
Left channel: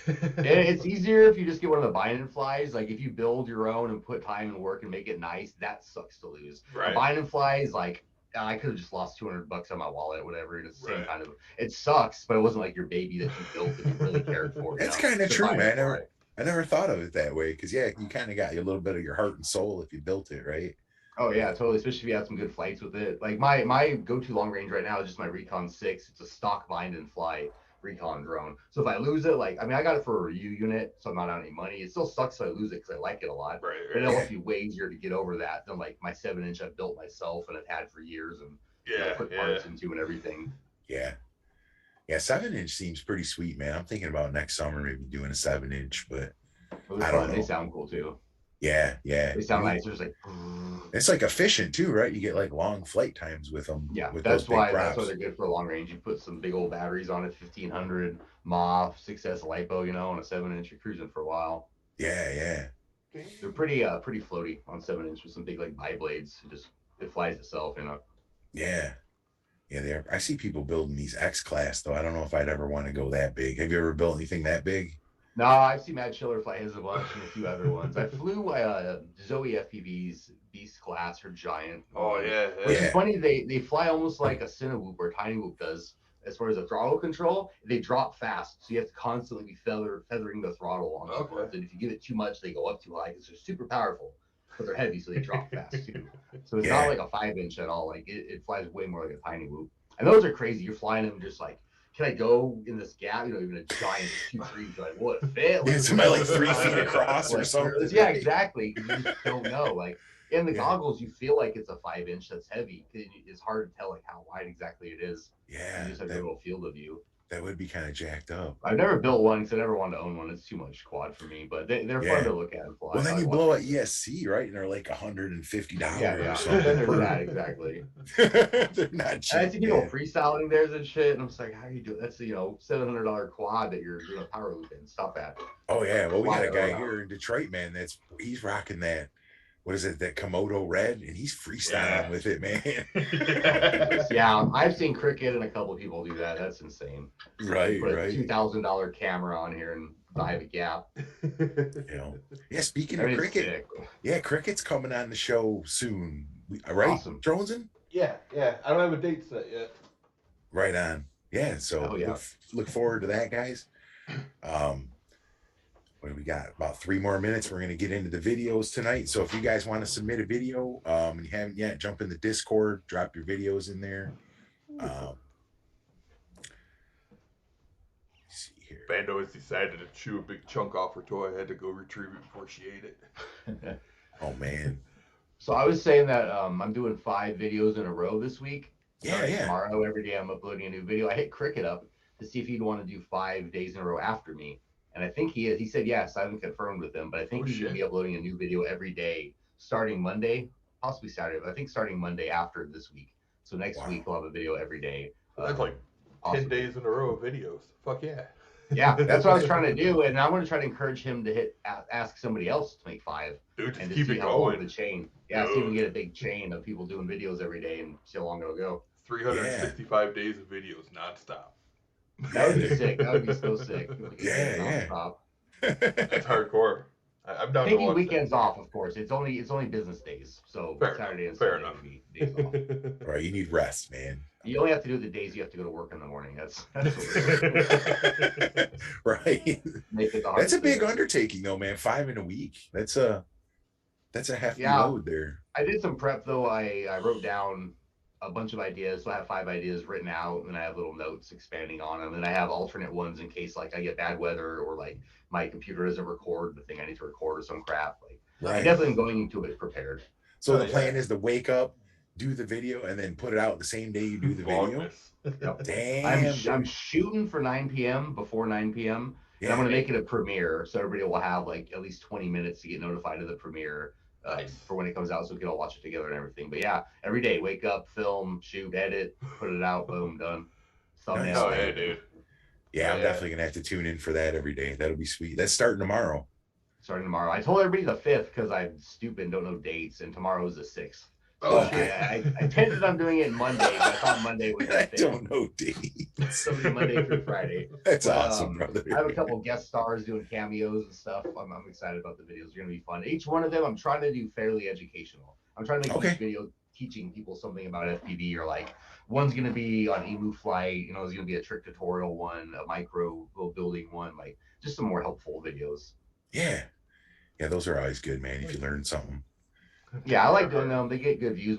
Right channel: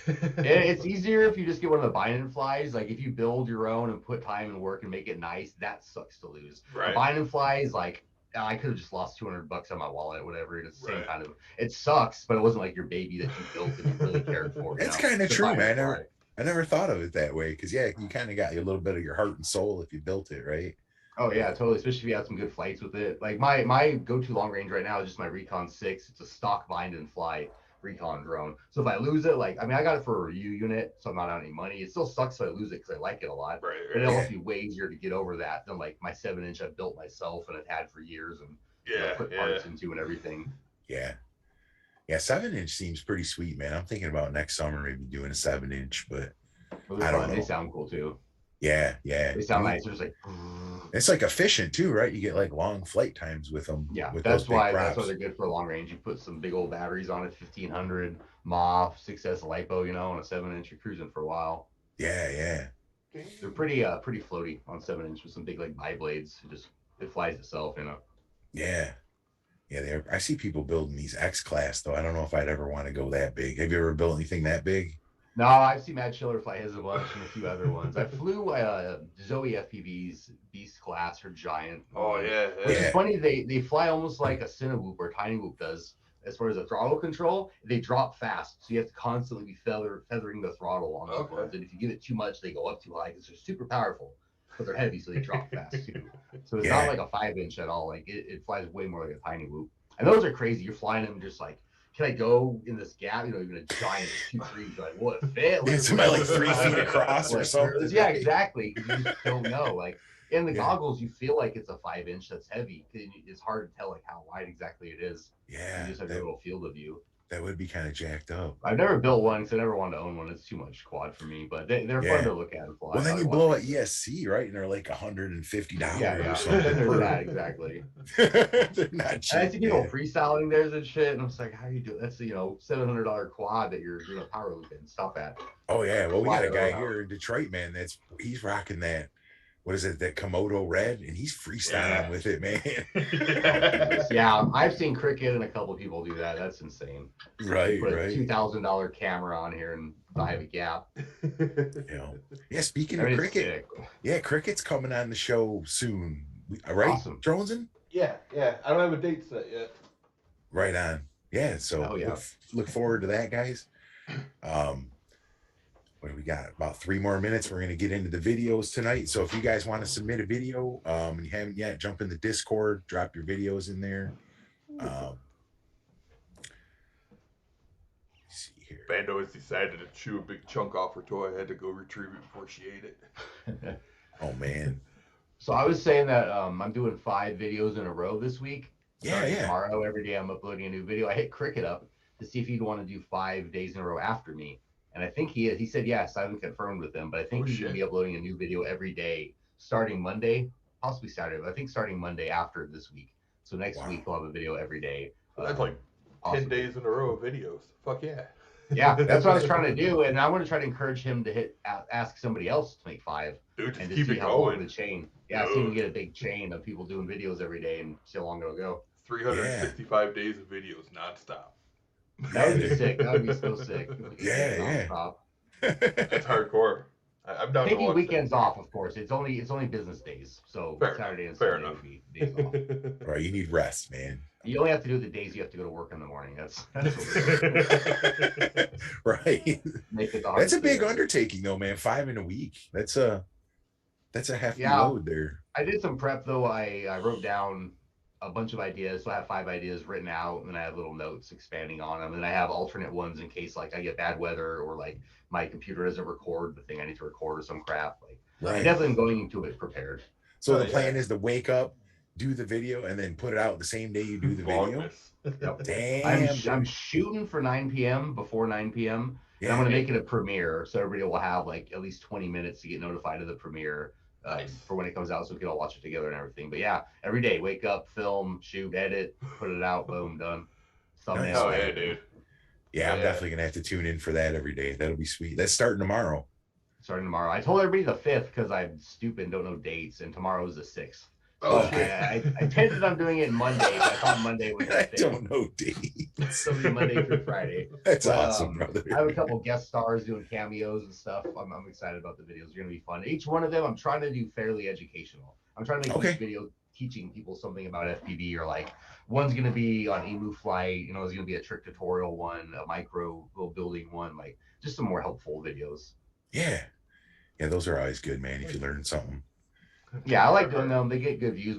It's easier if you just get one of the bind flies. Like if you build your own and put time and work and make it nice, that sucks to lose. Right. A bind flies, like I could have just lost $200 on my wallet, whatever. It's the same Right. kind of. It sucks, but it wasn't like your baby that you built and you really cared for. That's kind of true, man. I never thought of it that way because yeah, you kind of got a little bit of your heart and soul if you built it, right? Oh yeah, totally. Especially if you had some good flights with it. Like my go-to long range right now is just my Recon 6. It's a stock bind and fly recon drone. So if I lose it, like I mean, I got it for a review unit, so I'm not out any money. It still sucks if I lose it because I like it a lot. Right. But it'll be way easier to get over that than like my 7-inch I've built myself and I've had for years and put parts into and everything. Yeah. 7-inch seems pretty sweet, man. I'm thinking about next summer maybe doing a 7-inch, but I don't know. They sound cool too. Yeah. They sound nice. There's like it's like efficient too, right? You get like long flight times with them. Yeah, with that's why they're good for long range. You put some big old batteries on it, 1500 MOF, 6S LiPo, on a 7-inch. You're cruising for a while. Yeah. They're pretty floaty on 7-inch with some big like bi-blades. It flies itself, Yeah, they are. I see people building these X class though. I don't know if I'd ever want to go that big. Have you ever built anything that big? No, I've seen Matt Schiller fly his a bunch and a few other ones. I flew Zoe FPVs, Beast class or Giant. Oh yeah. Which is funny. They fly almost like a Cinewhoop or Tiny Whoop does. As far as the throttle control, they drop fast, so you have to constantly be feathering the throttle on the ones. And if you give it too much, they go up too high because they're super powerful, but they're heavy, so they drop fast too. So it's not like a 5-inch at all. Like it flies way more like a Tiny Whoop. And those are crazy. You're flying them just like, can I go in this gap? Even a giant 2-3, like what fit? Like, it's about like 3 feet across or something. Yeah, exactly. You just don't know. Like in the goggles, you feel like it's a 5-inch that's heavy. It's hard to tell like how wide exactly it is. Yeah, you just have a little field of view. That would be kind of jacked up. I've never built one because I never wanted to own one. It's too much quad for me, but they're fun to look at and fly. Well, then you blow an ESC, right? And they're like $150 or something. There's that, exactly. They're not cheap. And I see people freestyling theirs and shit, and I'm just like, how are you doing? That's $700 quad that you're doing a power loop in. Stop at. Oh yeah, well we got a guy here in Detroit, man. He's rocking that. What is it? That Komodo red, and he's freestyling with it, man. Yeah, I've seen Cricket and a couple of people do that. That's insane. Right. Put a $2,000 camera on here and dive a gap. Yeah. Speaking of Cricket, Cricket's coming on the show soon. Right, awesome. Jonesin? Yeah. I don't have a date set yet. Right on. Yeah. So look forward to that, guys. What do we got? About 3 more minutes. We're going to get into the videos tonight. So if you guys want to submit a video and you haven't yet, jump in the Discord, drop your videos in there. Let's see here. Bando has decided to chew a big chunk off her toy. I had to go retrieve it before she ate it. Oh, man. So I was saying that I'm doing 5 videos in a row this week. Yeah. Tomorrow, every day I'm uploading a new video. I hit Cricket up to see if he'd want to do 5 days in a row after me. And I think he is. He said yes. I haven't confirmed with him, but I think he's going to be uploading a new video every day starting Monday, possibly Saturday. But I think starting Monday after this week. So next week we'll have a video every day. So that's like 10 days in a row of videos. Fuck yeah. Yeah, that's what I was trying to do, and I want to try to encourage him to ask somebody else to make 5. Dude, just and keep it going. The chain. Yeah, see if we can get a big chain of people doing videos every day and see how long it'll go. 365 days of videos nonstop. That would be sick. That would be so sick. Yeah. That's hardcore. I'm down to watch weekends off, of course. It's only business days, so Saturday and Sunday enough. Days off. Right, you need rest, man. You only have to do the days you have to go to work in the morning. That's right. That's a big undertaking, though, man. 5 in a week. That's a hefty load there. I did some prep though. I wrote down a bunch of ideas. So I have 5 ideas written out, and I have little notes expanding on them. And I have alternate ones in case like I get bad weather or like my computer doesn't record the thing I need to record or some crap. Like I definitely am going into it prepared. So the plan is to wake up, do the video, and then put it out the same day you do the video. Yep. Damn. I'm shooting for 9 p.m. before 9 p.m. And I'm going to make it a premiere, so everybody will have like at least 20 minutes to get notified of the premiere for when it comes out, so we can all watch it together and everything. But yeah, every day, wake up, film, shoot, edit, put it out, boom, done. Nice. Oh yeah, dude. Yeah, I'm definitely gonna have to tune in for that every day. That'll be sweet. That's starting tomorrow. I told everybody the 5th because I'm stupid and don't know dates, and tomorrow is the 6th. Oh, Okay. shit. I intended on doing it Monday, but I thought Monday was I don't know dates. So it'll be Monday through Friday. That's But, awesome, brother. I have a couple guest stars doing cameos and stuff. I'm excited about the videos. They're gonna be fun. Each one of them, I'm trying to do fairly educational. I'm trying to make each video teaching people something about FPV, or like one's gonna be on emu flight. You know, there's gonna be a trick tutorial one, a micro building one, like just some more helpful videos. Yeah, those are always good, man. If you learn something. Yeah, I like doing them. They get good views.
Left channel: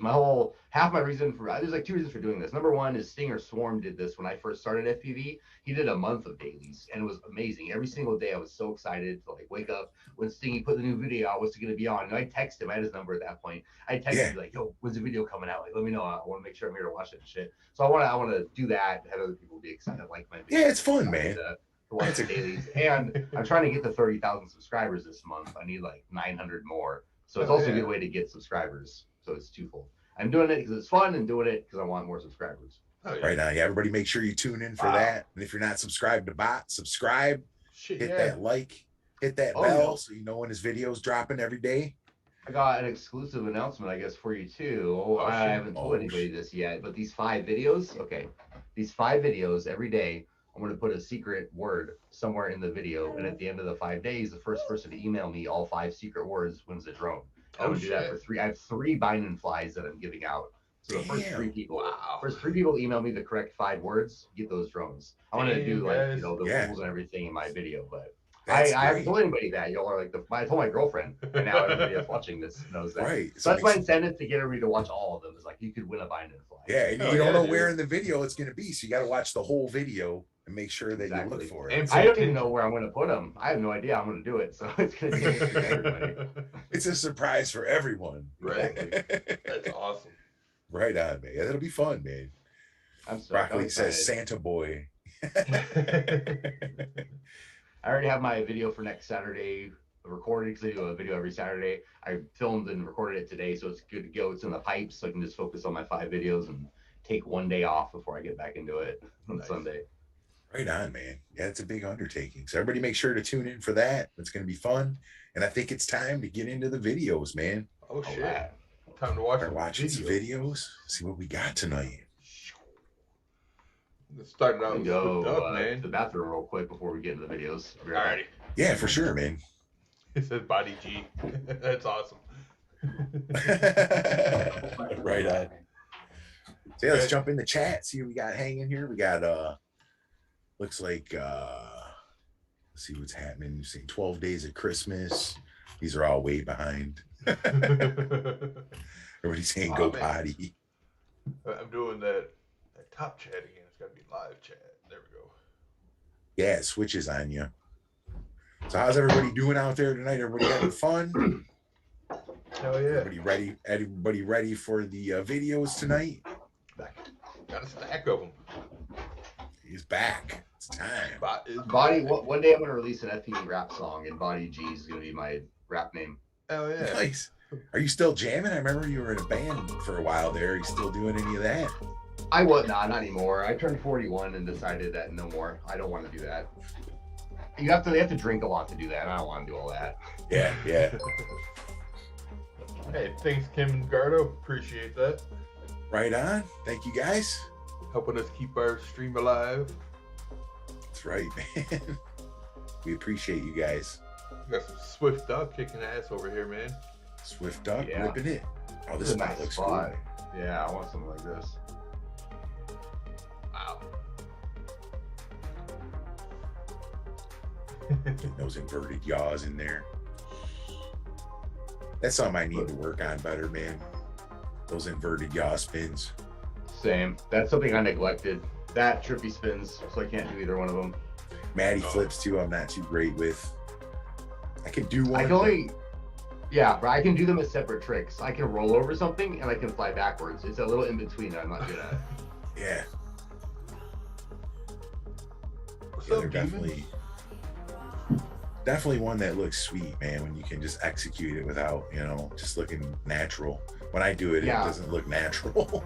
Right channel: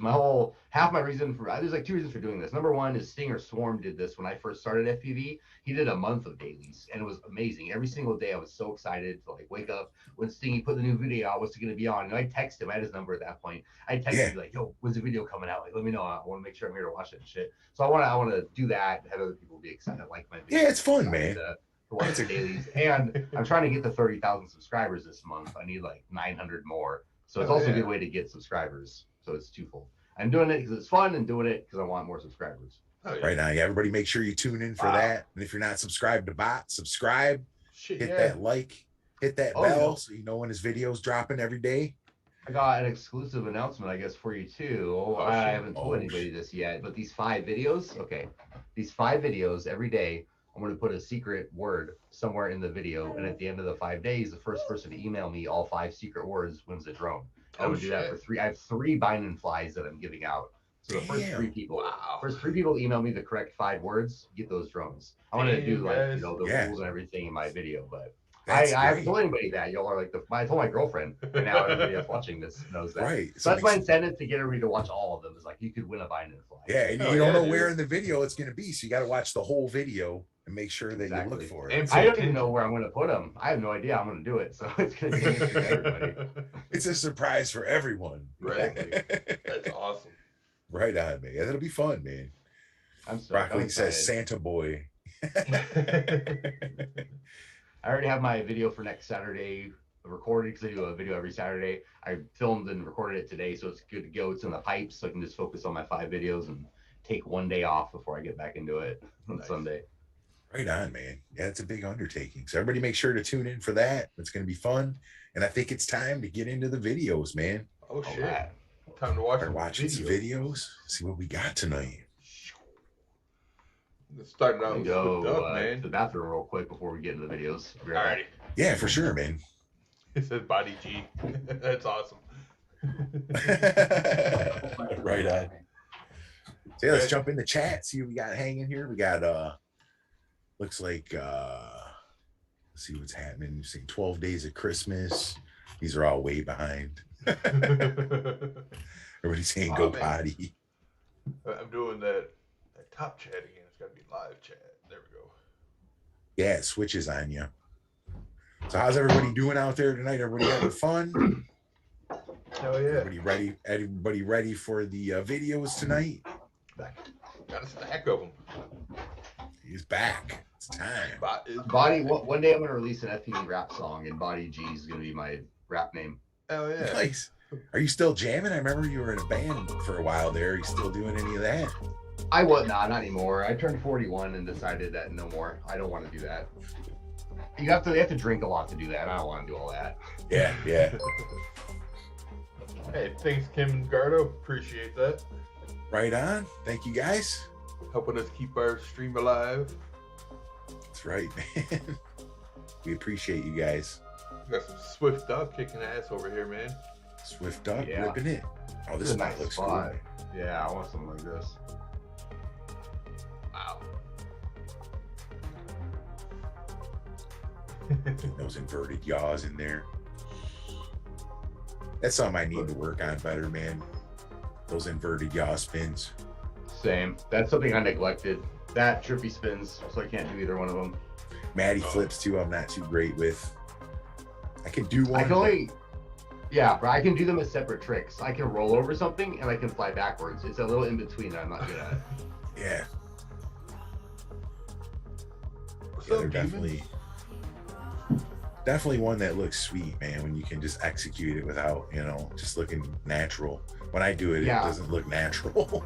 Half my reason for there's like two reasons for doing this. Number one is Stinger Swarm did this when I first started FPV. He did a month of dailies, and it was amazing. Every single day, I was so excited to like wake up when Stingy put the new video out. What's it going to be on? And I texted him. I had his number at that point. I texted him like, "Yo, when's the video coming out? Like, let me know. I want to make sure I'm here to watch it and shit." So I want to do that. Have other people be excited, like my video. Yeah, it's fun, man. To watch the dailies, and I'm trying to get to 30,000 subscribers this month. I need like 900 more. So it's also a good way to get subscribers. So it's twofold. I'm doing it because it's fun, and doing it because I want more subscribers. Oh, yeah. Right now, everybody make sure you tune in for that. And if you're not subscribed to Bot, subscribe. Hit that like, hit that bell so you know when his video's dropping every day. I got an exclusive announcement, I guess, for you too. I haven't told anybody this yet, but these 5 videos, these 5 videos every day, I'm going to put a secret word somewhere in the video, and at the end of the 5 days, the first person to email me all 5 secret words wins a drone. I'm going to do that for 3. I have 3 bind and flies that I'm giving out. So the first 3 people email me the correct 5 words, get those drones. I want to do like the rules and everything in my video, but I haven't told anybody that. Y'all are like I told my girlfriend, and now everybody that's watching this knows that. Right. So that's my incentive to get everybody to watch all of them. Is like you could win a bind and fly. Yeah, and you don't know where in the video it's going to be, so you got to watch the whole video and make sure that you look for it. And I don't even know where I'm going to put them. I have no idea I'm going to do it, so it's going to be for everybody. It's a surprise for everyone. Right. That's awesome. Right on, man. That'll be fun, man. I'm sorry. Broccoli says Santa Boy. I already have my video for next Saturday recorded because I do a video every Saturday. I filmed and recorded it today, so it's good to go. It's in the pipes, so I can just focus on my 5 videos and take one day off before I get back into it on Sunday. Right on, man. Yeah, it's a big undertaking. So everybody make sure to tune in for that. It's going to be fun. And I think it's time to get into the videos, man. Oh, shit. Time to watch some videos. See what we got tonight. Starting out with man. To the bathroom real quick before we get into the videos. Alrighty. Yeah, for sure, man. It says Body G. That's awesome. Right on. So yeah, let's jump in the chat. See what we got hanging here. We got looks like let's see what's happening. You're seeing 12 Days of Christmas. These are all way behind. Everybody's saying go potty. I'm doing that top chat again. It's got to be live chat. There we go. Yeah, it switches on you. So how's everybody doing out there tonight? Everybody having fun? Hell yeah. Everybody ready for the videos tonight? Got a stack of them. He's back. It's time. One day I'm going to release an FPV rap song, and Body G is going to be my rap name. Hell yeah. Nice. Are you still jamming? I remember you were in a band for a while there. Are you still doing any of that? I was not anymore. I turned 41 and decided that no more. I don't want to do that. They have to drink a lot to do that. I don't want to do all that. Yeah. Hey, thanks, Kim and Gardo. Appreciate that. Right on. Thank you guys. Helping us keep our stream alive. That's right, man. We appreciate you guys. We got some Swift Duck kicking ass over here, man. Swift Duck ripping it. Oh, this spot looks cool. Yeah, I want something like this. Wow. Those inverted yaws in there. That's something I need to work on better, man. Those inverted yaw spins. Same. That's something I neglected. That trippy spins, so I can't do either one of them. Matty flips too, I'm not too great with. I can do one. But I can do them as separate tricks. I can roll over something and I can fly backwards. It's a little in between that I'm not good at. Yeah. What's up, definitely one that looks sweet, man, when you can just execute it without, just looking natural. When I do it, it doesn't look natural.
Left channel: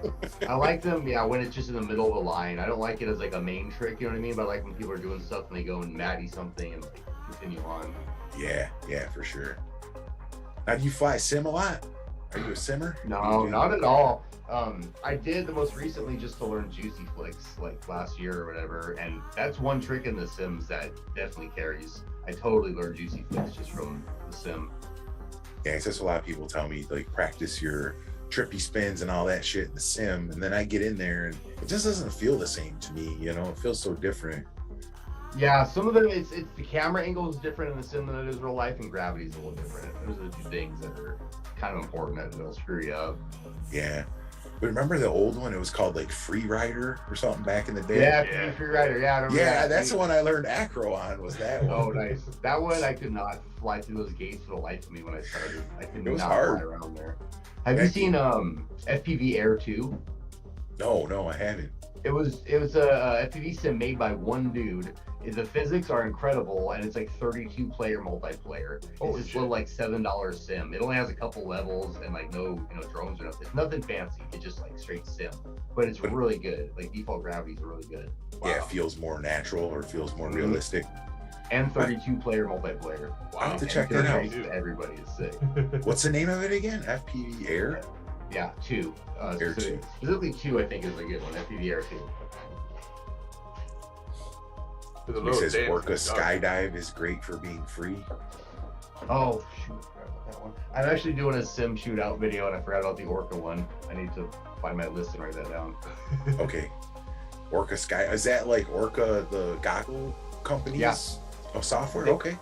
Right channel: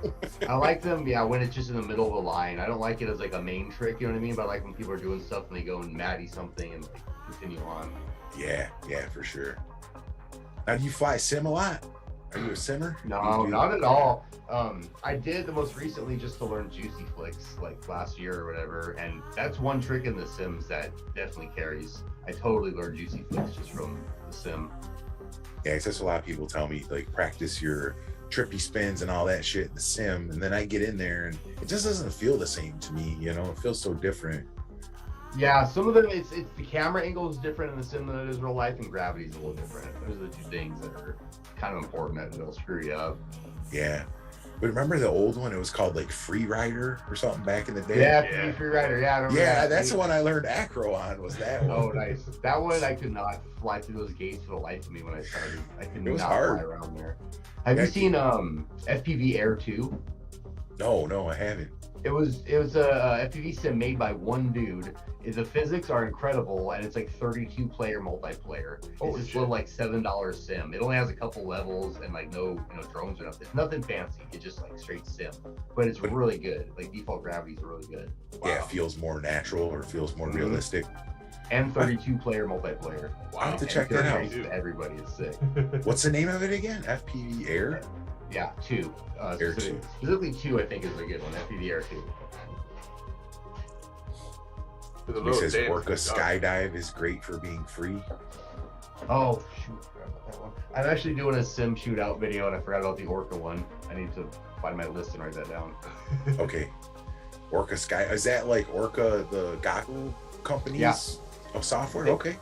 I like them, when it's just in the middle of a line. I don't like it as like a main trick, you know what I mean? But I like when people are doing stuff and they go and Matty something and continue on. Yeah, for sure. Now, do you fly sim a lot? Are you a simmer? No, not at all. I did the most recently just to learn Juicy Flicks like last year or whatever, and that's one trick in the Sims that definitely carries. I totally learned Juicy Flicks just from the Sim. Yeah, it's just a lot of people tell me like practice your trippy spins and all that shit in the Sim, and then I get in there and it just doesn't feel the same to me. You know, it feels so different. Yeah, some of them it's the camera angle is different in the Sim than it is real life, and gravity's a little different. Those are the two things that are kind of important that will screw you up. Yeah. But remember the old one? It was called like Free Rider or something back in the day. Yeah, Free Rider. Yeah, I remember that. That's the one I learned acro on. Was that one? Oh, nice. That one I could not fly through those gates for the life of me when I started. I could not hard. fly around there. Have you seen FPV Air 2? No, I haven't. It was a FPV sim made by one dude. The physics are incredible, and it's like 32-player multiplayer. It's just little like $7 sim. It only has a couple levels and like no drones or nothing. It's nothing fancy. It's just like straight sim, but it's really good. Like default gravity is really good. Wow. Yeah, it feels more natural or feels more realistic. And 32-player multiplayer. Wow, I have to check that out. Everybody is sick. What's the name of it again? FPV Air? Yeah, 2. Air 2. Specifically 2, I think, is a good one. FPV Air 2. It says Orca Skydive is great for being free. Oh, shoot. I forgot about that one. I'm actually doing a sim shootout video, and I forgot about the Orca one. I need to find my list and write that down. Okay. Orca Sky. Is that like Orca, the goggle companies of software? Okay.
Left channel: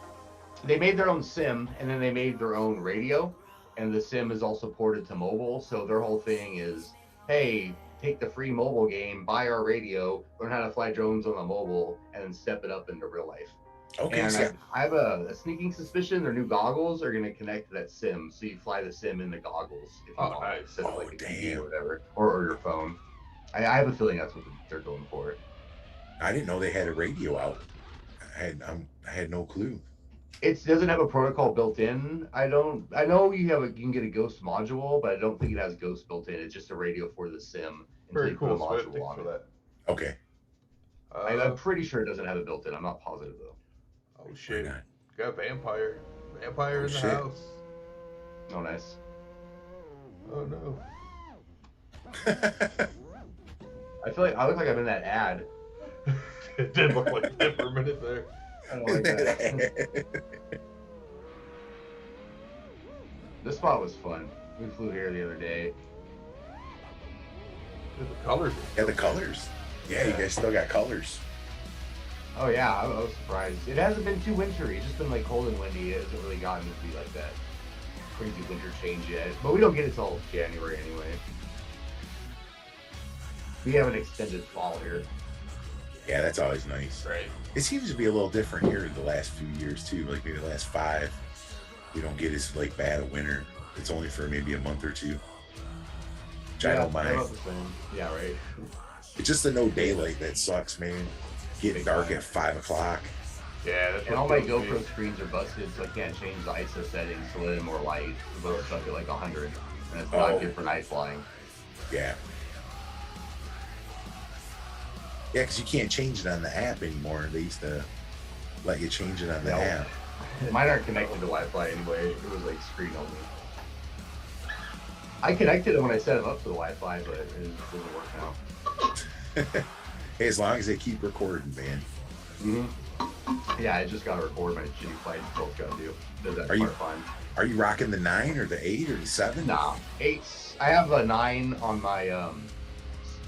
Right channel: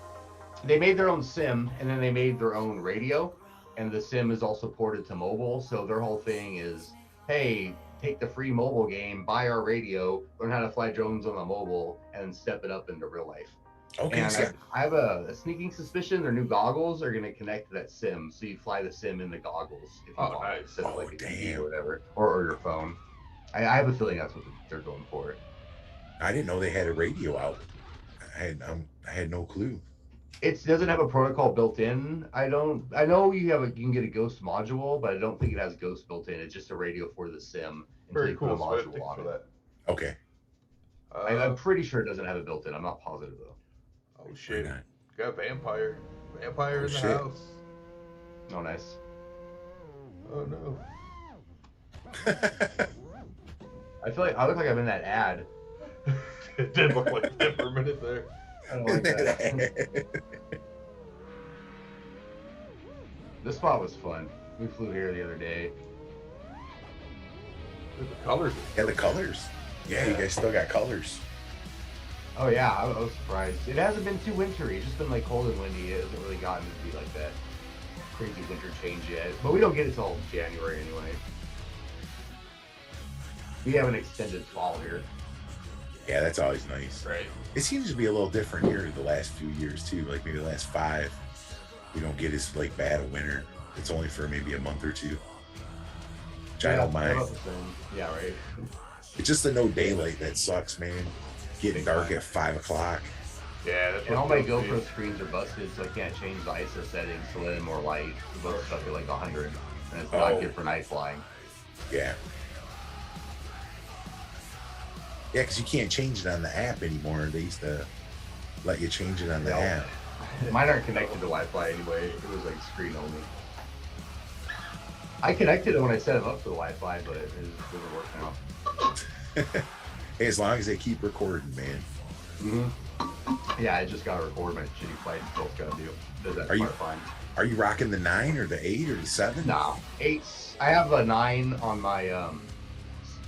They made their own sim, and then they made their own radio, and the sim is also ported to mobile. So their whole thing is, hey, take the free mobile game, buy our radio, learn how to fly drones on the mobile, and then step it up into real life. Okay. And I have a sneaking suspicion their new goggles are going to connect to that sim, so you fly the sim in the goggles. If you nice. Like a TV or whatever, or your phone. I have a feeling that's what they're going for. I didn't know they had a radio out. I had no clue. It doesn't have a protocol built in. I know you can get a Ghost module, but I don't think it has Ghost built in. It's just a radio for the sim. Very cool. Swift, thanks for that. Okay. I'm pretty sure it doesn't have it built in. I'm not positive though. Oh shit! Got vampire in the house. Oh nice. Oh no. I feel like I look like I'm in that ad. It did look like that for a minute there. I don't like that. This spot was fun. We flew here the other day. The colors. The colors. Yeah, you guys still got colors. Oh yeah, I was surprised. It hasn't been too wintry. It's just been like cold and windy. It hasn't really gotten to be like that crazy winter change yet. But we don't get it till January anyway. We have an extended fall here. Yeah, that's always nice. Right. It seems to be a little different here the last few years too. Like maybe the last 5, we don't get as like bad a winter. It's only for maybe a month or 2. Which I don't mind. Yeah, right. It's just the no daylight that sucks, man. Getting dark at 5 o'clock. Yeah, that's and all my GoPro screens are busted, so I can't change the ISO settings to let in more light. Those are stuff at like 100, and it's not good for night flying. Yeah. Yeah, because you can't change it on the app anymore. They used to let you change it on the app. Mine aren't connected to Wi-Fi anyway. It was like screen only. I connected it when I set them up to the Wi-Fi, but it doesn't work now. Hey, as long as they keep recording, man. Mm-hmm. Yeah, I just gotta record my shitty flights. Both gotta do. That's fine. Are you rocking the 9 or the 8 or the 7? No, 8s. I have a 9 on my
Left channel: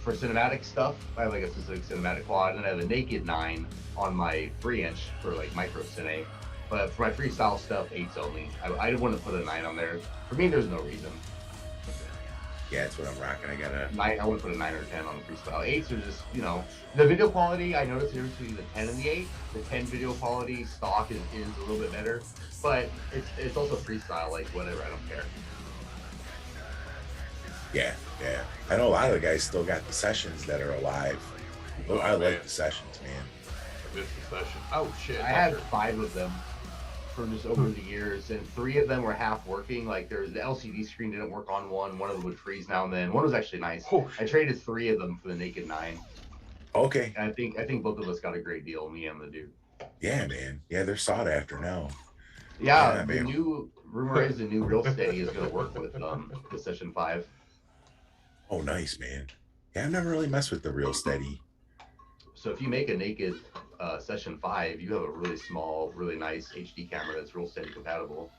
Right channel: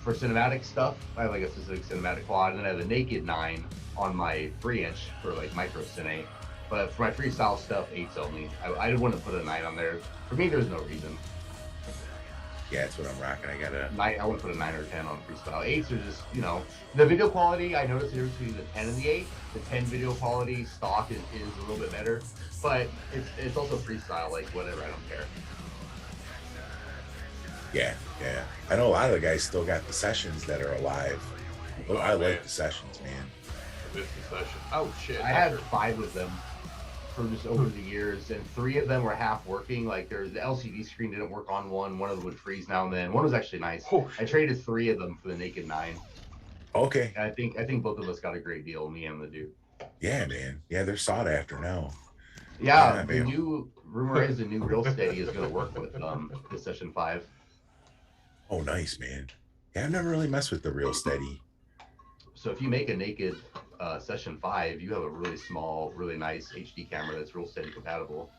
for cinematic stuff. I have like a specific cinematic quad, and I have a naked 9 on my 3-inch for like micro cine. But for my freestyle stuff, 8s only. I didn't want to put a 9 on there. For me, there's no reason. Yeah, that's what I'm rocking. I got a 9. I want to put a 9 or 10 on freestyle. 8s are just, the video quality. I noticed there's between the 10 and the 8. The 10 video quality stock is a little bit better, but it's also freestyle. Like whatever, I don't care. Yeah. I know a lot of the guys still got the sessions that are alive. Oh, I like the sessions, man. I missed the session. Oh shit! I had 5 of them for just over the years, and 3 of them were half working. Like the LCD screen didn't work on one. One of them would freeze now and then. One was actually nice. Oh, I traded 3 of them for the naked 9. Okay. And I think both of us got a great deal, me and the dude. Yeah, man. Yeah, they're sought after now. Yeah, the new rumor is the new Real Steady is going to work with the Session 5. Oh, nice, man. Yeah, I've never really messed with the Real Steady. So if you make a naked Session 5, you have a really small, really nice HD camera that's Real Steady compatible.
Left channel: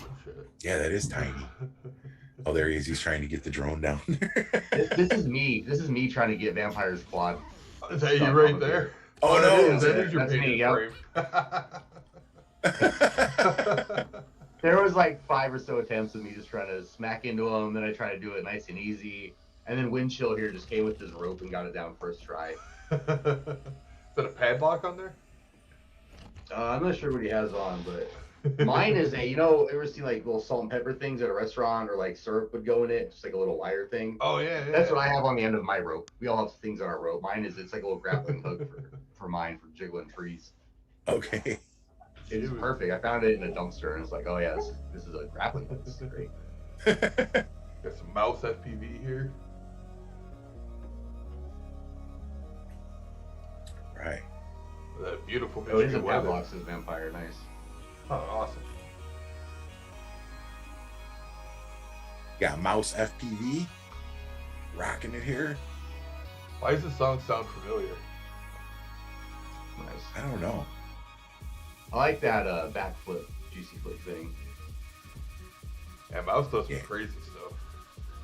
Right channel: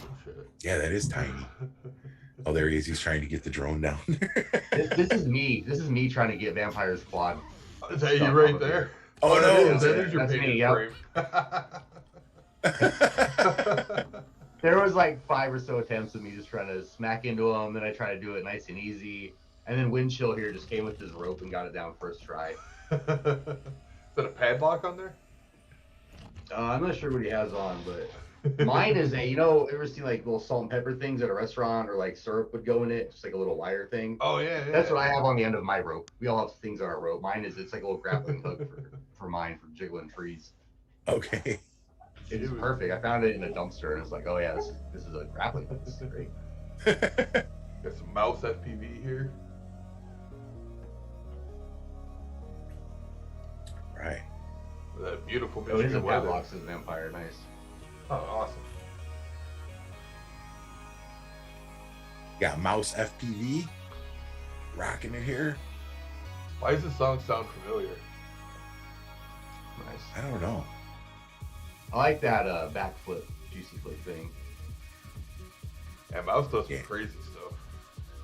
Oh, shit. Yeah, that is tiny. Oh, there he is. He's trying to get the drone down. This is me. This is me trying to get Vampire's quad. Is that you right there? Oh, no. That is your painted me, frame. There was like 5 or so attempts of me just trying to smack into him. Then I tried to do it nice and easy. And then Windchill here just came with his rope and got it down first try. Is that a padlock on there? I'm not sure what he has on, but mine is a, ever seen like little salt and pepper things at a restaurant, or like syrup would go in it, just like a little wire thing? Oh, yeah. That's what I have on the end of my rope. We all have things on our rope. Mine is, it's like a little grappling hook for mine, for jiggling trees. Okay. It is perfect. I found it in a dumpster, and it's like, oh yeah, this is a grappling hook. This is great. Got some mouse FPV here. Right. That beautiful Michigan Michigan weather. Padlocks is Vampire. Nice. Oh, awesome. Got Mouse FPV. Rocking it here. Why does this song sound familiar? Nice. I don't know. I like that backflip, juicy flip thing. Yeah, Mouse does some crazy stuff.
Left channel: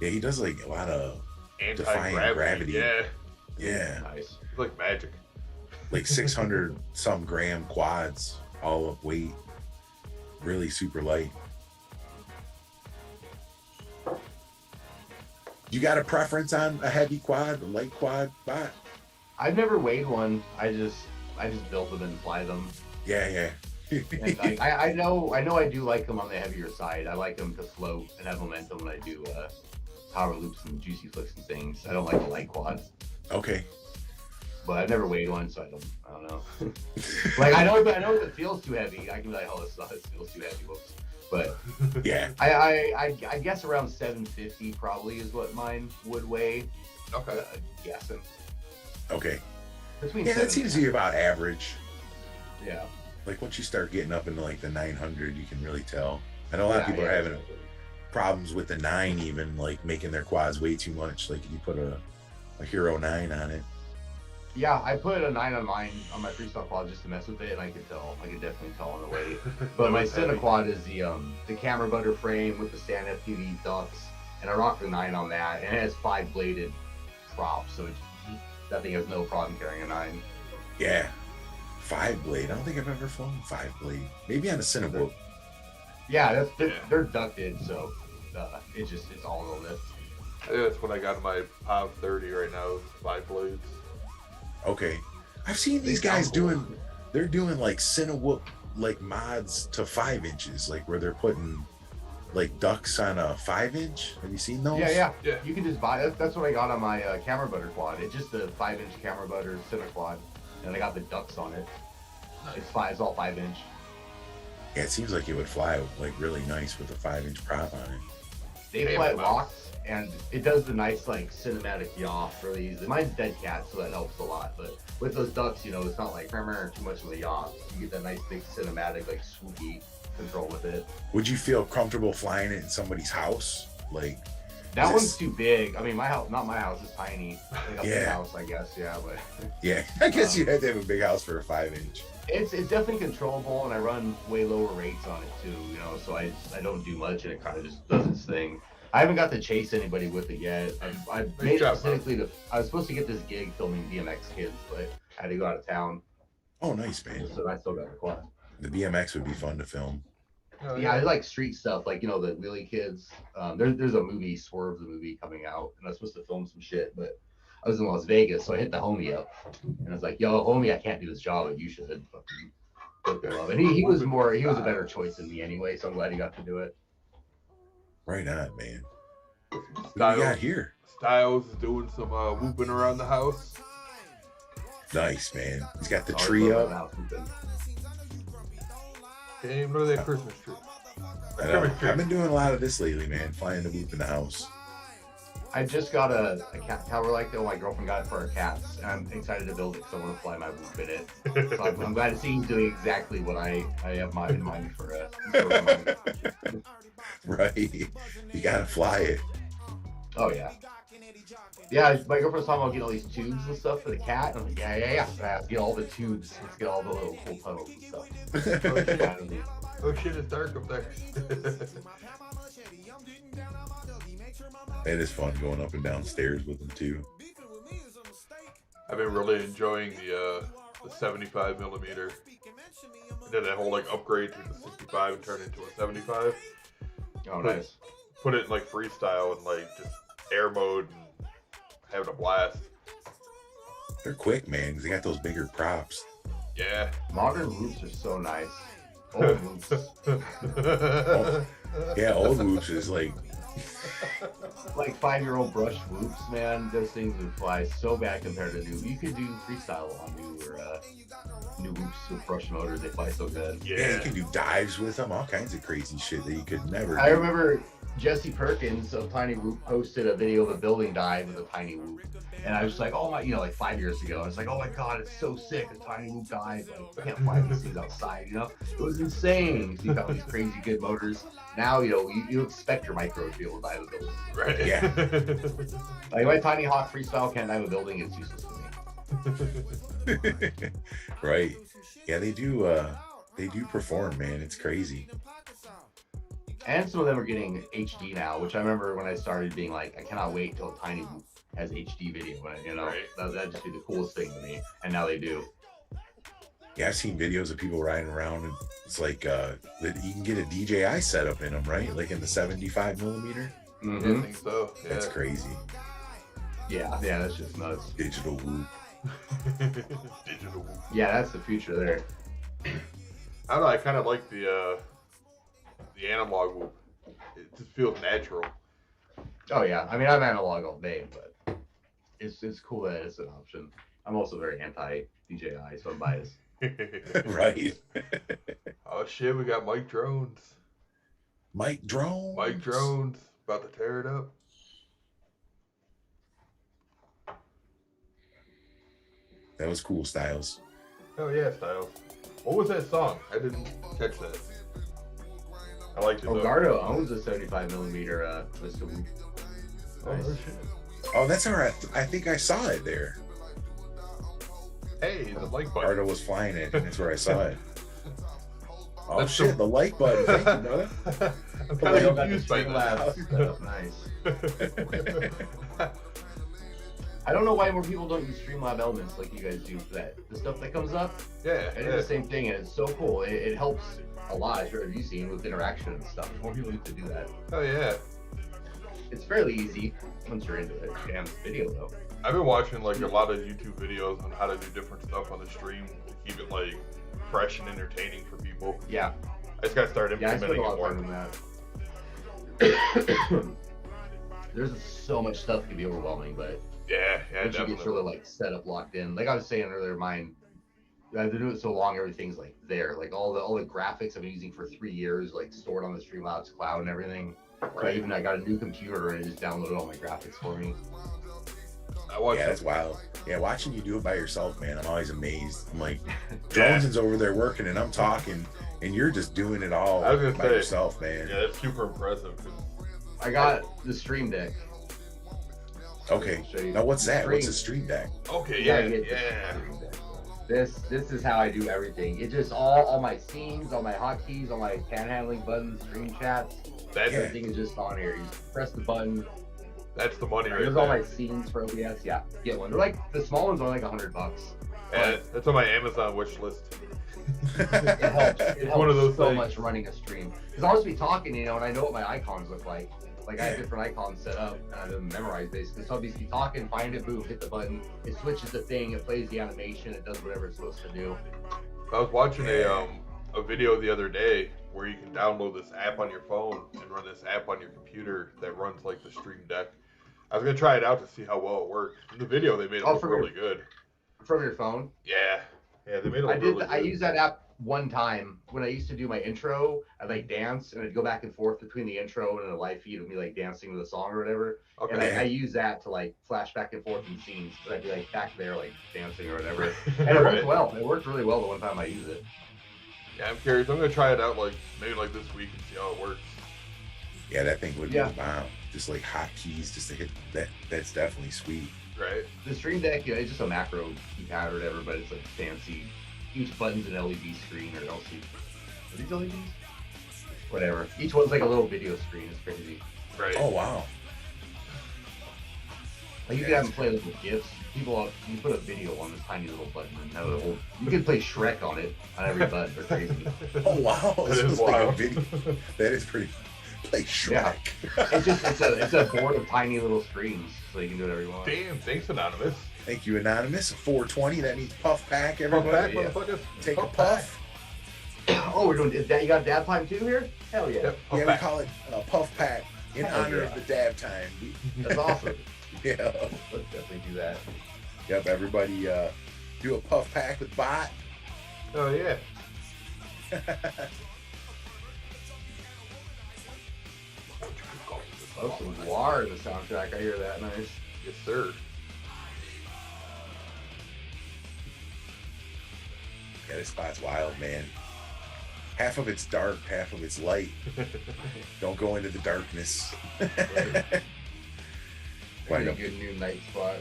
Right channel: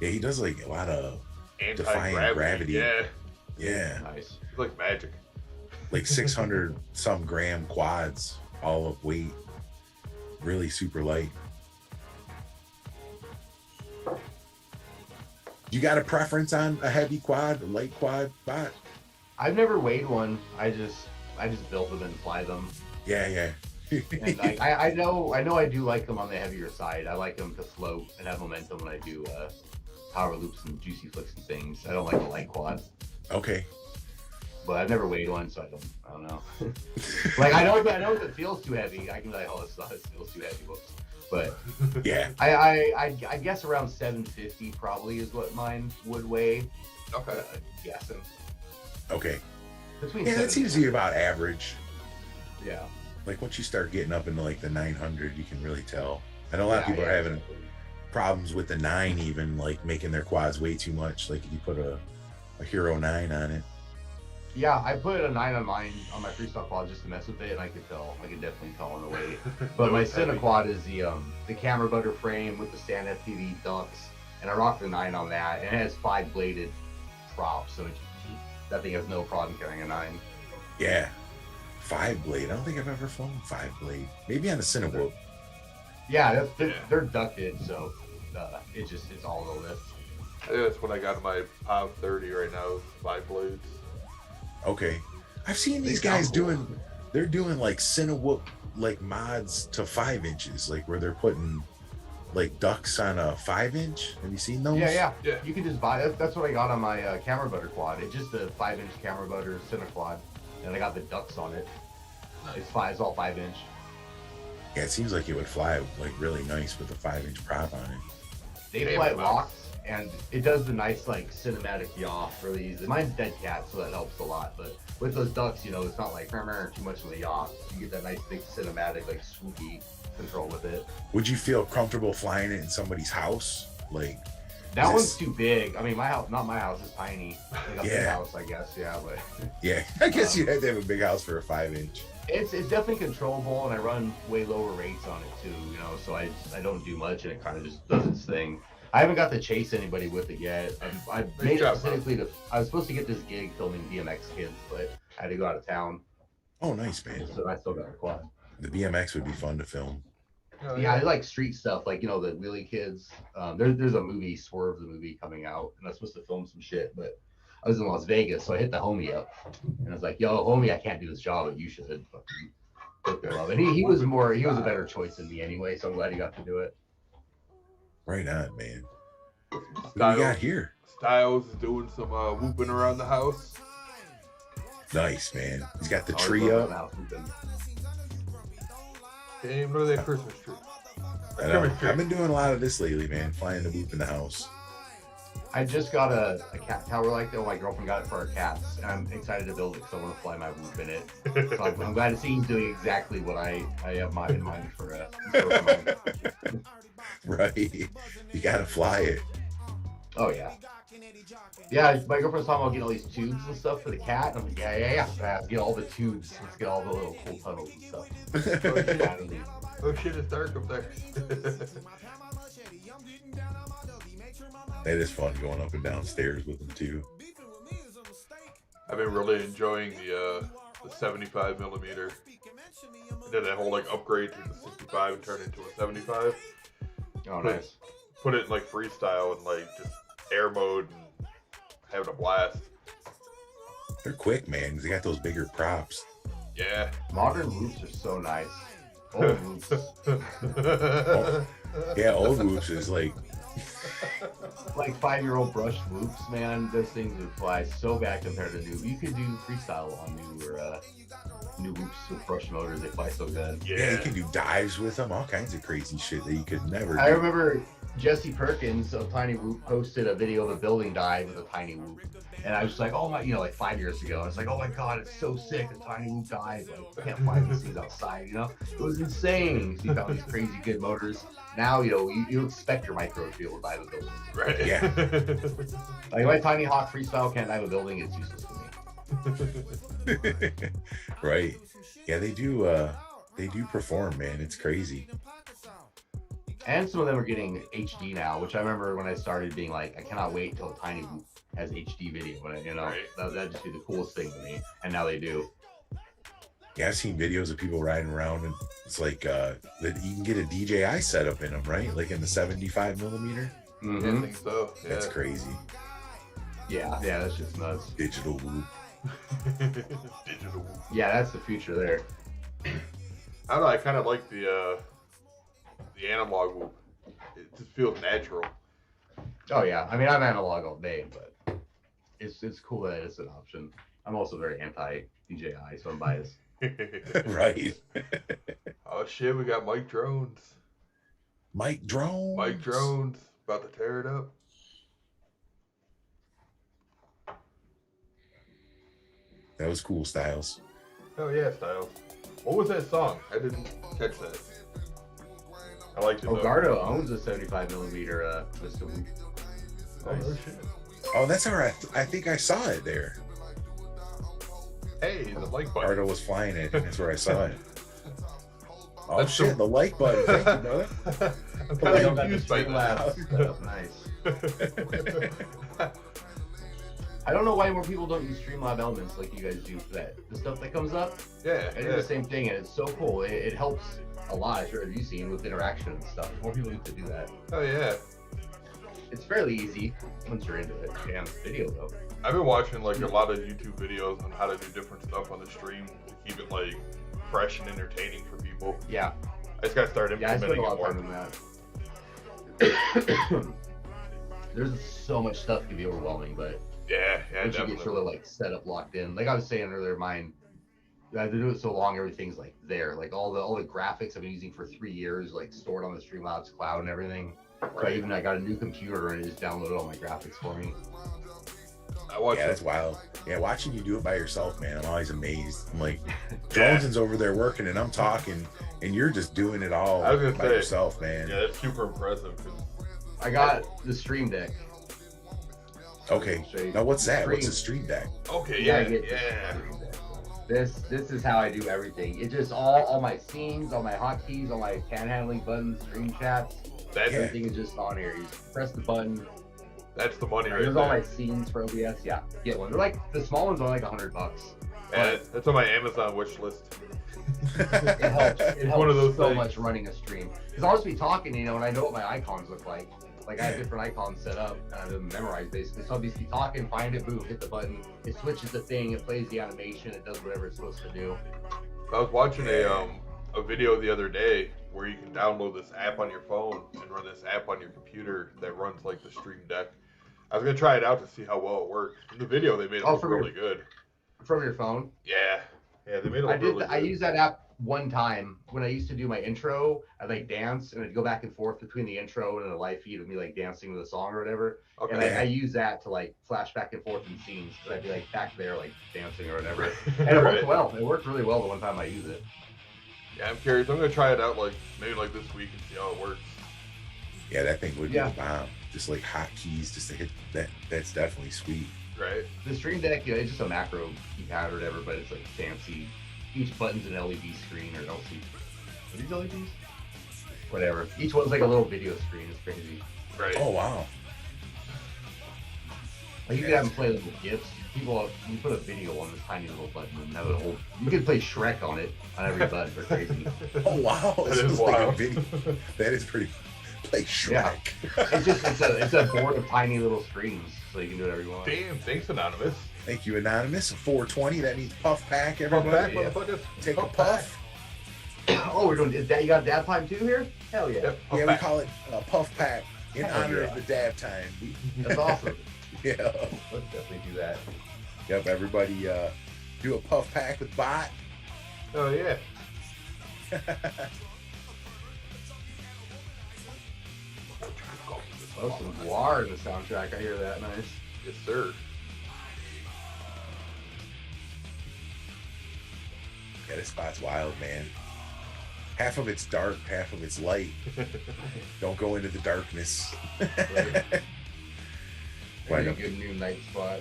Yeah, he does like a lot of Anti-gravity. Yeah. Yeah. Nice. It's like magic. Like 600 some gram quads, all up weight. Really super light. You got a preference on a heavy quad, a light quad, bot? I've never weighed one. I just build them and fly them. Yeah. And I know I do like them on the heavier side. I like them to float and have momentum when I do power loops and juicy flicks and things. I don't like the light quad. Okay. But I've never weighed one, so I don't know. Like I know if it feels too heavy, I can be like, oh, it feels too heavy. Whoops. But yeah, I guess around 750 probably is what mine would weigh. Okay. Guessing. Okay. Between that seems to be about average. Yeah. Like once you start getting up into like the 900, you can really tell. I know a lot of people are having problems with the 9, even like making their quads way too much. Like if you put a Hero 9 on it. Yeah, I put a 9 on mine on my freestyle quad just to mess with it, and I could definitely tell on the weight. But my Cine quad is the camera butter frame with the stand FPV ducks, and I rock the 9 on that, and it has 5 bladed props, so that thing has no problem carrying a 9. Yeah, 5 blade. I don't think I've ever flown 5 blade. Maybe on a Cinewhoop. Yeah, they're ducted, so it's all the lift. I think that's what I got in my POV 30 right now, 5 blades. Okay, I've seen these guys doing like Cinewhoop like mods to 5 inches, like where they're putting like ducks on a 5-inch. Have you seen those? Yeah. You can just buy it. That's what I got on my camera butter quad. It's just a 5-inch camera butter center quad, and I got the ducks on it. It's all 5-inch. Yeah, it seems like it would fly like really nice with a 5-inch prop on it. They fly locks, and it does the nice like cinematic yaw really easy. Mine's dead cat, so that helps a lot. But with those ducks, it's not like too much of the yaw. You get that nice big cinematic like swoopy control with it. Would you feel comfortable flying it in somebody's house? Like that one's too big. I mean, my house, not my house, is tiny. Like a big house, I guess. Yeah, but yeah, I guess you had to have a big house for a 5-inch. It's definitely controllable, and I run way lower rates on it too. So I don't do much, and it kind of just does its thing. I haven't got to chase anybody with it yet. I made it specifically I was supposed to get this gig filming BMX kids, but I had to go out of town. Oh, nice, man. So I still got a quad. The BMX would be fun to film. Yeah, I like street stuff, like the wheelie kids. There's a movie, Swerve the movie, coming out, and I was supposed to film some shit, but I was in Las Vegas, so I hit the homie up, and I was like, "Yo, homie, I can't do this job, but you should." And he was a better choice than me anyway, so I'm glad he got to do it. Right on, man. What do you got here? Styles is doing some whooping around the house. Nice, man. He's got the tree up. Hey, look at that Christmas tree. I've been doing a lot of this lately, man. Flying the whoop in the house. I just got a cat tower like that. My girlfriend got it for our cats, and I'm excited to build it because I want to fly my whoop in it. So I'm glad to see he's doing exactly what I have in mind for Right. You gotta fly it. Oh yeah. Yeah, my girlfriend's talking about getting all these tubes and stuff for the cat. I'm like, yeah. Let's get all the tubes. Let's get all the little cool tunnels and stuff. Oh shit! Oh shit! It's dark up there. That is fun going up and down stairs with them too. I've been really enjoying the 75 millimeter. I did that whole like upgrade to the 65 and turn it into a 75. Oh, nice. Put it in like freestyle and like just air mode and having a blast. They're quick, man, because they got those bigger props. Yeah. Modern whoops are so nice. Old whoops. Yeah, old whoops is like 5-year-old brushed whoops, man. Those things would fly so bad compared to new. You could do freestyle on new whoops with brush motors. They fly so good. Yeah, you can do dives with them, all kinds of crazy shit that you could never do. I remember Jesse Perkins of Tiny Whoop posted a video of a building dive with a tiny whoop. And I was like, oh my, like 5 years ago, I was like, oh my God, it's so sick, a tiny whoop dive. Like, you can't find these things outside, It was insane. So you found these crazy good motors. Now, you expect your micro to be able to dive a building. Right. Yeah. Like my Tiny Hawk freestyle can't dive a building, it's useless for me. Right. Yeah, they do perform, man. It's crazy. And some of them are getting HD now, which I remember when I started being like, I cannot wait till a Tiny Whoop has HD video. Right. That'd just be the coolest thing to me. And now they do. Yeah, I've seen videos of people riding around, and it's like that you can get a DJI setup in them, right? Like in the 75 millimeter. Mm-hmm. Yeah, I think so. Yeah. That's crazy. Yeah, that's just nuts. Digital whoop. Digital whoop. Yeah, that's the future there. I don't know. I kind of like the analog whoop. It just feels natural. Oh yeah, I mean I'm analog all day, but it's cool that it's an option. I'm also very anti DJI, so I'm biased. Right. Oh shit, we got Mike Drones. Mike Drones. Mike Drones about to tear it up. That was cool, Styles. Oh yeah, Styles. What was that song? I didn't catch that. I liked it though. Gardo owns a 75 millimeter Mr. Whoop. Oh no shit. Oh, that's all right. I think I saw it there. Hey, the like button. Gardo was flying it. That's where I saw it. Oh That's shit, the like button. Thank you, brother. I'm kind of confused by that. Nice. I don't know why more people don't use Streamlab elements like you guys do for that. The stuff that comes up, Yeah, I do the same thing, and it's so cool. It helps a lot, as you've seen, with interaction and stuff. More people need to do that. Oh yeah. It's fairly easy once you're into it. Damn video though. I've been watching like a lot of YouTube videos on how to do different stuff on the stream to keep it like fresh and entertaining for people. Yeah. I just gotta start Yeah, I spend implementing a it lot more. of time on that. There's so much stuff that can be overwhelming, but Yeah, once you definitely. get sort of like set up, locked in. Like I was saying earlier, I've been doing it so long, everything's like there. Like all the graphics I've been using for 3 years, like stored on the Streamlabs cloud and everything. Right. I got a new computer and it just downloaded all my graphics for me. I watched Yeah, it. that's wild. Yeah, watching you do it by yourself, man, I'm always amazed. I'm like, Jones's over there working and I'm talking, and you're just doing it all I was gonna by say, yourself, man. Yeah, that's super impressive. I got the Stream Deck. Okay. Now what's that? What's a Stream Deck? Okay, Yeah, yeah. This is how I do everything. It just all my scenes, all my hotkeys, all my panhandling buttons, screen chats. That's Everything is just on here. You just press the button. That's the money right There's all my there. scenes for OBS. Yeah, get one. They're like the small ones are like $100. And that's on my Amazon wish list. It helps. It helps one of those so things. much running a stream. Because I'll just be talking, and I know what my icons look like. Like I have different icons set up and I have them memorized basically. So I'll be talking, find it, boom, hit the button. It switches the thing. It plays the animation. It does whatever it's supposed to do. I was watching a video the other day where you can download this app on your phone and run this app on your computer that runs like the Stream Deck. I was gonna try it out to see how well it worked. In the video, they made it look really good. From your phone. Yeah, they made it look really good. I use that app one time when I used to do my intro, I'd like dance and I'd go back and forth between the intro and the live feed of me like dancing to the song or whatever. Okay. And I use that to like flash back and forth in scenes. But I'd be like back there like dancing or whatever. And it worked well. It worked really well the one time I used it. Yeah, I'm curious. I'm gonna try it out like maybe like this week and see how it works. Yeah, that thing would be the bomb. Just like hotkeys, just to hit that. That's definitely sweet. Right. The Stream Deck, you know, it's just a macro keypad or whatever, but it's like fancy. Each button's an LED screen or LCD. Are these LEDs? Whatever. Each one's like a little video screen. It's crazy. Right. Oh wow. Like you could have them play little GIFs. People, you put a video on this tiny little button and have a whole. You could play Shrek on it on every button. They're crazy. Oh wow. That is wild. Like that is pretty. Like Shrek. Yeah. It's a board of tiny little screens, so you can do whatever you want. Damn, thanks Anonymous. Thank you, Anonymous. 420. That means puff pack. Everybody. Puff pack, motherfuckers. Take a puff. Oh, we're doing. Is that you got dab time too here? Hell yeah. Yep, Yeah, we call it puff pack in honor of the dab time. That's awesome. Yeah. Let's definitely do that. Yep. Everybody, do a puff pack with bot. Oh yeah. Oh, some guar in the soundtrack. I hear that. Nice. Yes, sir. Yeah, this spot's wild, man. Half of it's dark, half of it's light. Don't go into the darkness. Right. A good new night spot.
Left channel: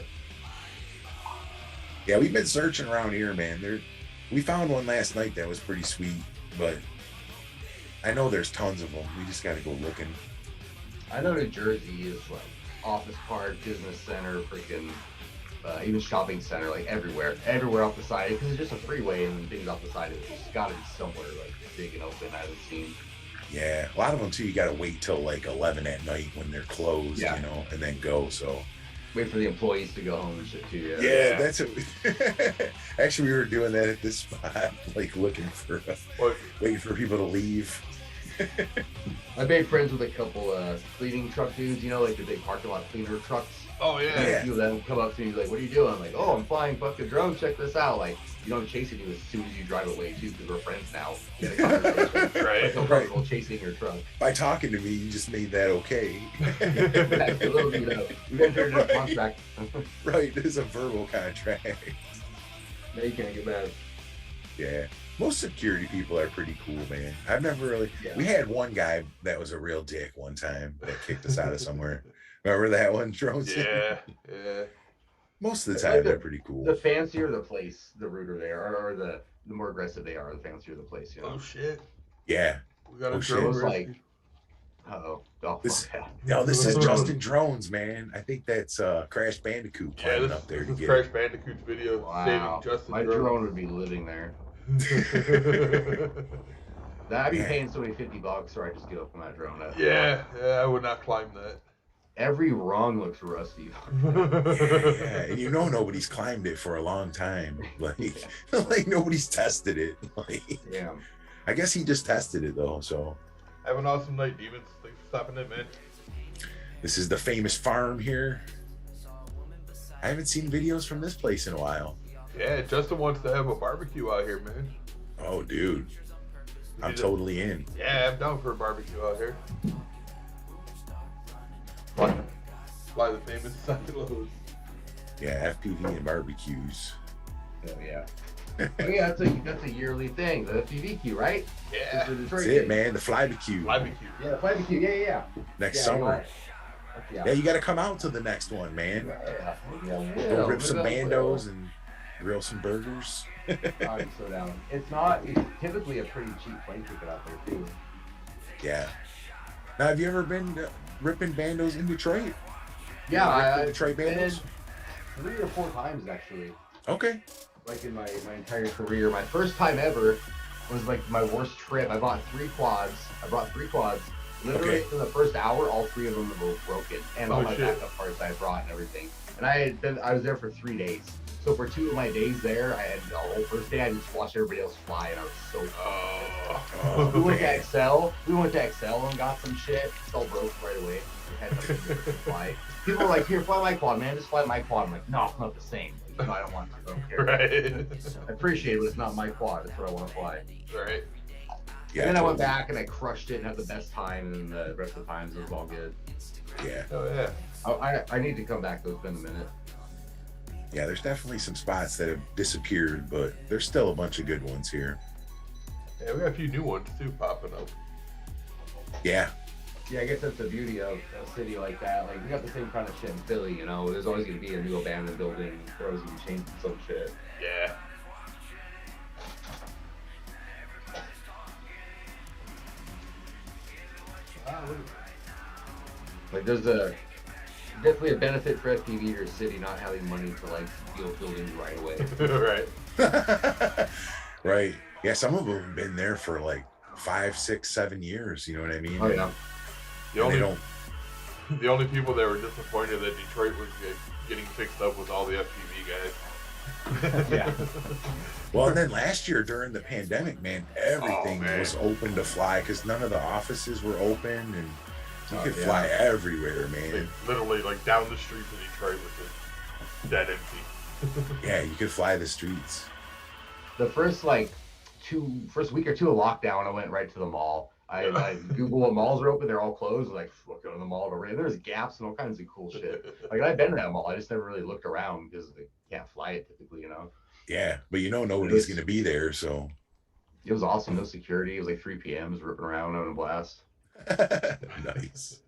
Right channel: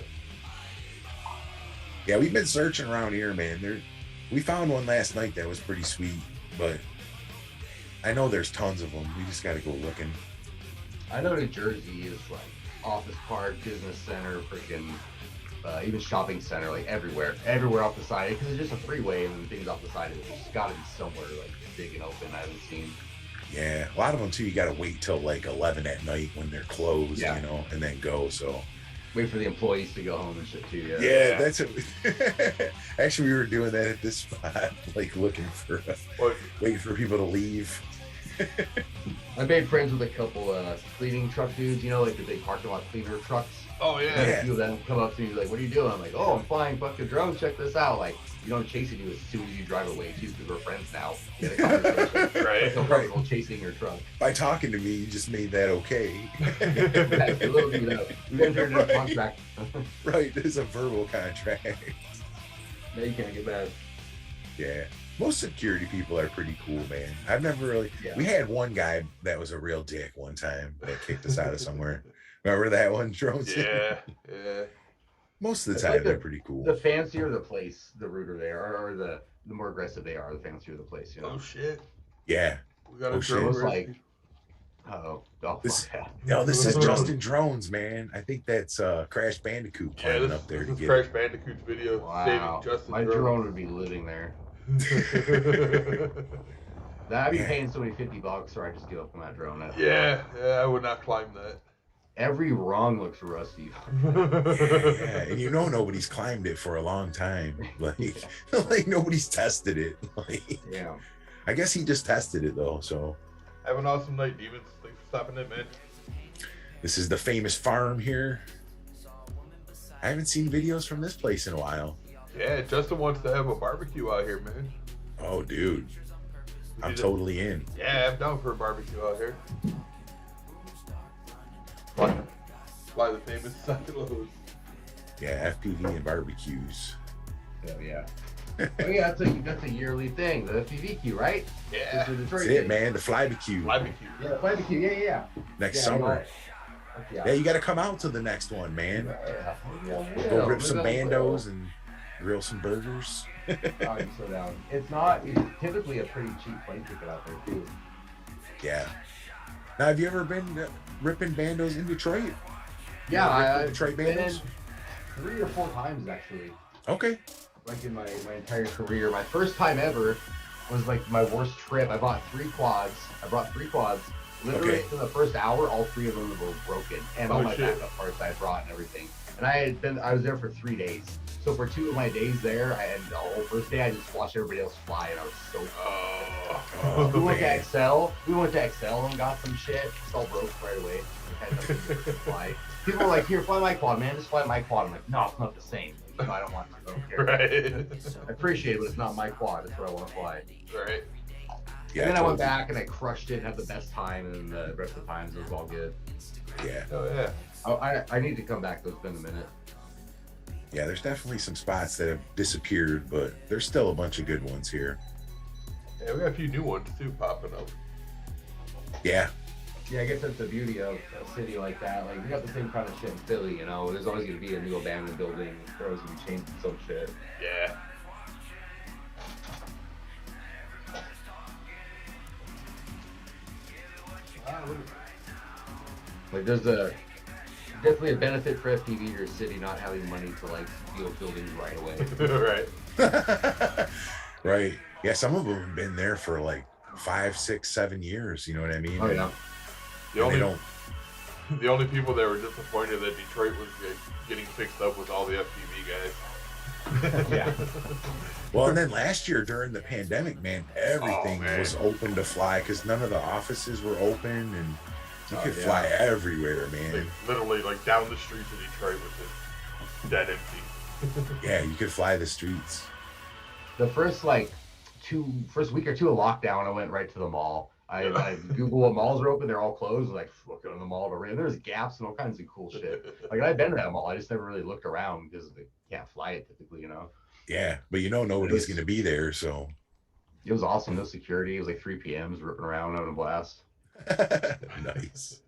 Yeah, we've been searching around here, man. We found one last night that was pretty sweet, but I know there's tons of them. We just got to go looking. I know New Jersey is like office park, business center, freaking even shopping center, like everywhere off the side, because it's just a freeway and things off the side of it. It's got to be somewhere like big and open. I haven't seen. Yeah, a lot of them too. You got to wait till like 11 at night when they're closed, you know, and then go. So wait for the employees to go home and shit too. Yeah, that's it. Actually, we were doing that at this spot, like looking for, waiting for people to leave. I made friends with a couple cleaning truck dudes, you know, like the big parking lot cleaner trucks. Oh yeah. A few of them come up to me like, "What are you doing?" I'm like, "Oh, I'm flying fucking drones. Check this out." Like, you don't chasing you as soon as you drive away too, because we're friends now. Right. So comfortable chasing your truck. By talking to me, you just made that okay. Absolutely, we entered into a contract. Right, there's a verbal contract. Now you can't get mad. Yeah. Most security people are pretty cool, man. I've never really. Yeah. We had one guy that was a real dick one time that kicked us out of somewhere. Remember that one, drones? Yeah. Most of the time, they're pretty cool. The fancier the place, the ruder they are, or the more aggressive they are, the fancier the place. You know? Oh shit. Yeah. We got a drone. Like, this is Justin Drones, man. I think that's Crash Bandicoot climbing up there. This is Crash Bandicoot's video saving Justin My Drones. drone would be living there. I'd be paying somebody $50, or I just give up on that drone. Yeah, I would not climb that. Every rung looks rusty. Yeah, and you know nobody's climbed it for a long time. Like, like nobody's tested it. Like, yeah. I guess he just tested it though. So. Have an awesome night, Demons. Thanks for stopping in, man. This is the famous farm here. I haven't seen videos from this place in a while. Yeah, Justin wants to have a barbecue out here, man. Oh, dude. I'm totally in. Yeah, I'm down for a barbecue out here. Fly the famous silos. Yeah, FPV and barbecues. Hell yeah. Oh yeah, that's a yearly thing, the FPV queue, right? Yeah. That's it, man. The fly-barbecue. Fly-barbecue. Yeah, fly-barbecue. Yeah. Next summer. Yeah, you got to come out to the next one, man. Go rip some Bandos and grill some burgers. Oh, you're so down. It's typically a pretty cheap plane ticket out there too. Yeah. Now, have you ever been ripping Bandos in Detroit? Yeah, I've Detroit Bandos? 3 or 4 times actually. Okay. Like in my entire career, my first time ever was like my worst trip. I bought 3 quads. Literally in the first hour, all 3 of them were broken, and all my backup parts I brought and everything. And I was there for 3 days. So for 2 of my days there, I had the whole first day I just watched everybody else fly, and I was so. We went to Excel. And got some shit. It's all broke right away. We had nothing to fly. People were like, "Here, fly my quad, man. Just fly my quad." I'm like, "No, it's not the same. No, I don't want to. I don't care. Right. I appreciate it, but it's not my quad. It's where I want to fly. Right. Yeah, and then I went back and I crushed it and had the best time, and the rest of the times it was all good. Yeah. Oh yeah. I need to come back though. It's been a minute. Yeah, there's definitely some spots that have disappeared, but there's still a bunch of good ones here. Yeah, we got a few new ones too popping up. Yeah. Yeah, I guess that's the beauty of a city like that. Like, we got the same kind of shit in Philly, you know? There's always going to be a new abandoned building. They're always going to be changing some shit. Yeah. Like, there's definitely a benefit for FPV to your city not having money to, like, build buildings right away. Right. Right. Yeah, some of them have been there for like 5, 6, 7 years. You know what I mean? Oh, yeah. The only people that were disappointed that Detroit was getting fixed up was all the FPV guys. Yeah. Well, and then last year during the pandemic, man, everything was open to fly because none of the offices were open, and you could fly everywhere, man. Like, literally, like down the streets of Detroit was just dead empty. Yeah, you could fly the streets. The first week or two of lockdown, I went right to the mall. I Googled what malls are open. They're all closed. Like, look, go to the mall to rent. There's gaps and all kinds of cool shit. Like, I've been to that mall. I just never really looked around because they can't fly it typically, you know? Yeah, but you know nobody's going to be there, so. It was awesome. No security. It was like 3 p.m. Just ripping around, having a blast. Nice.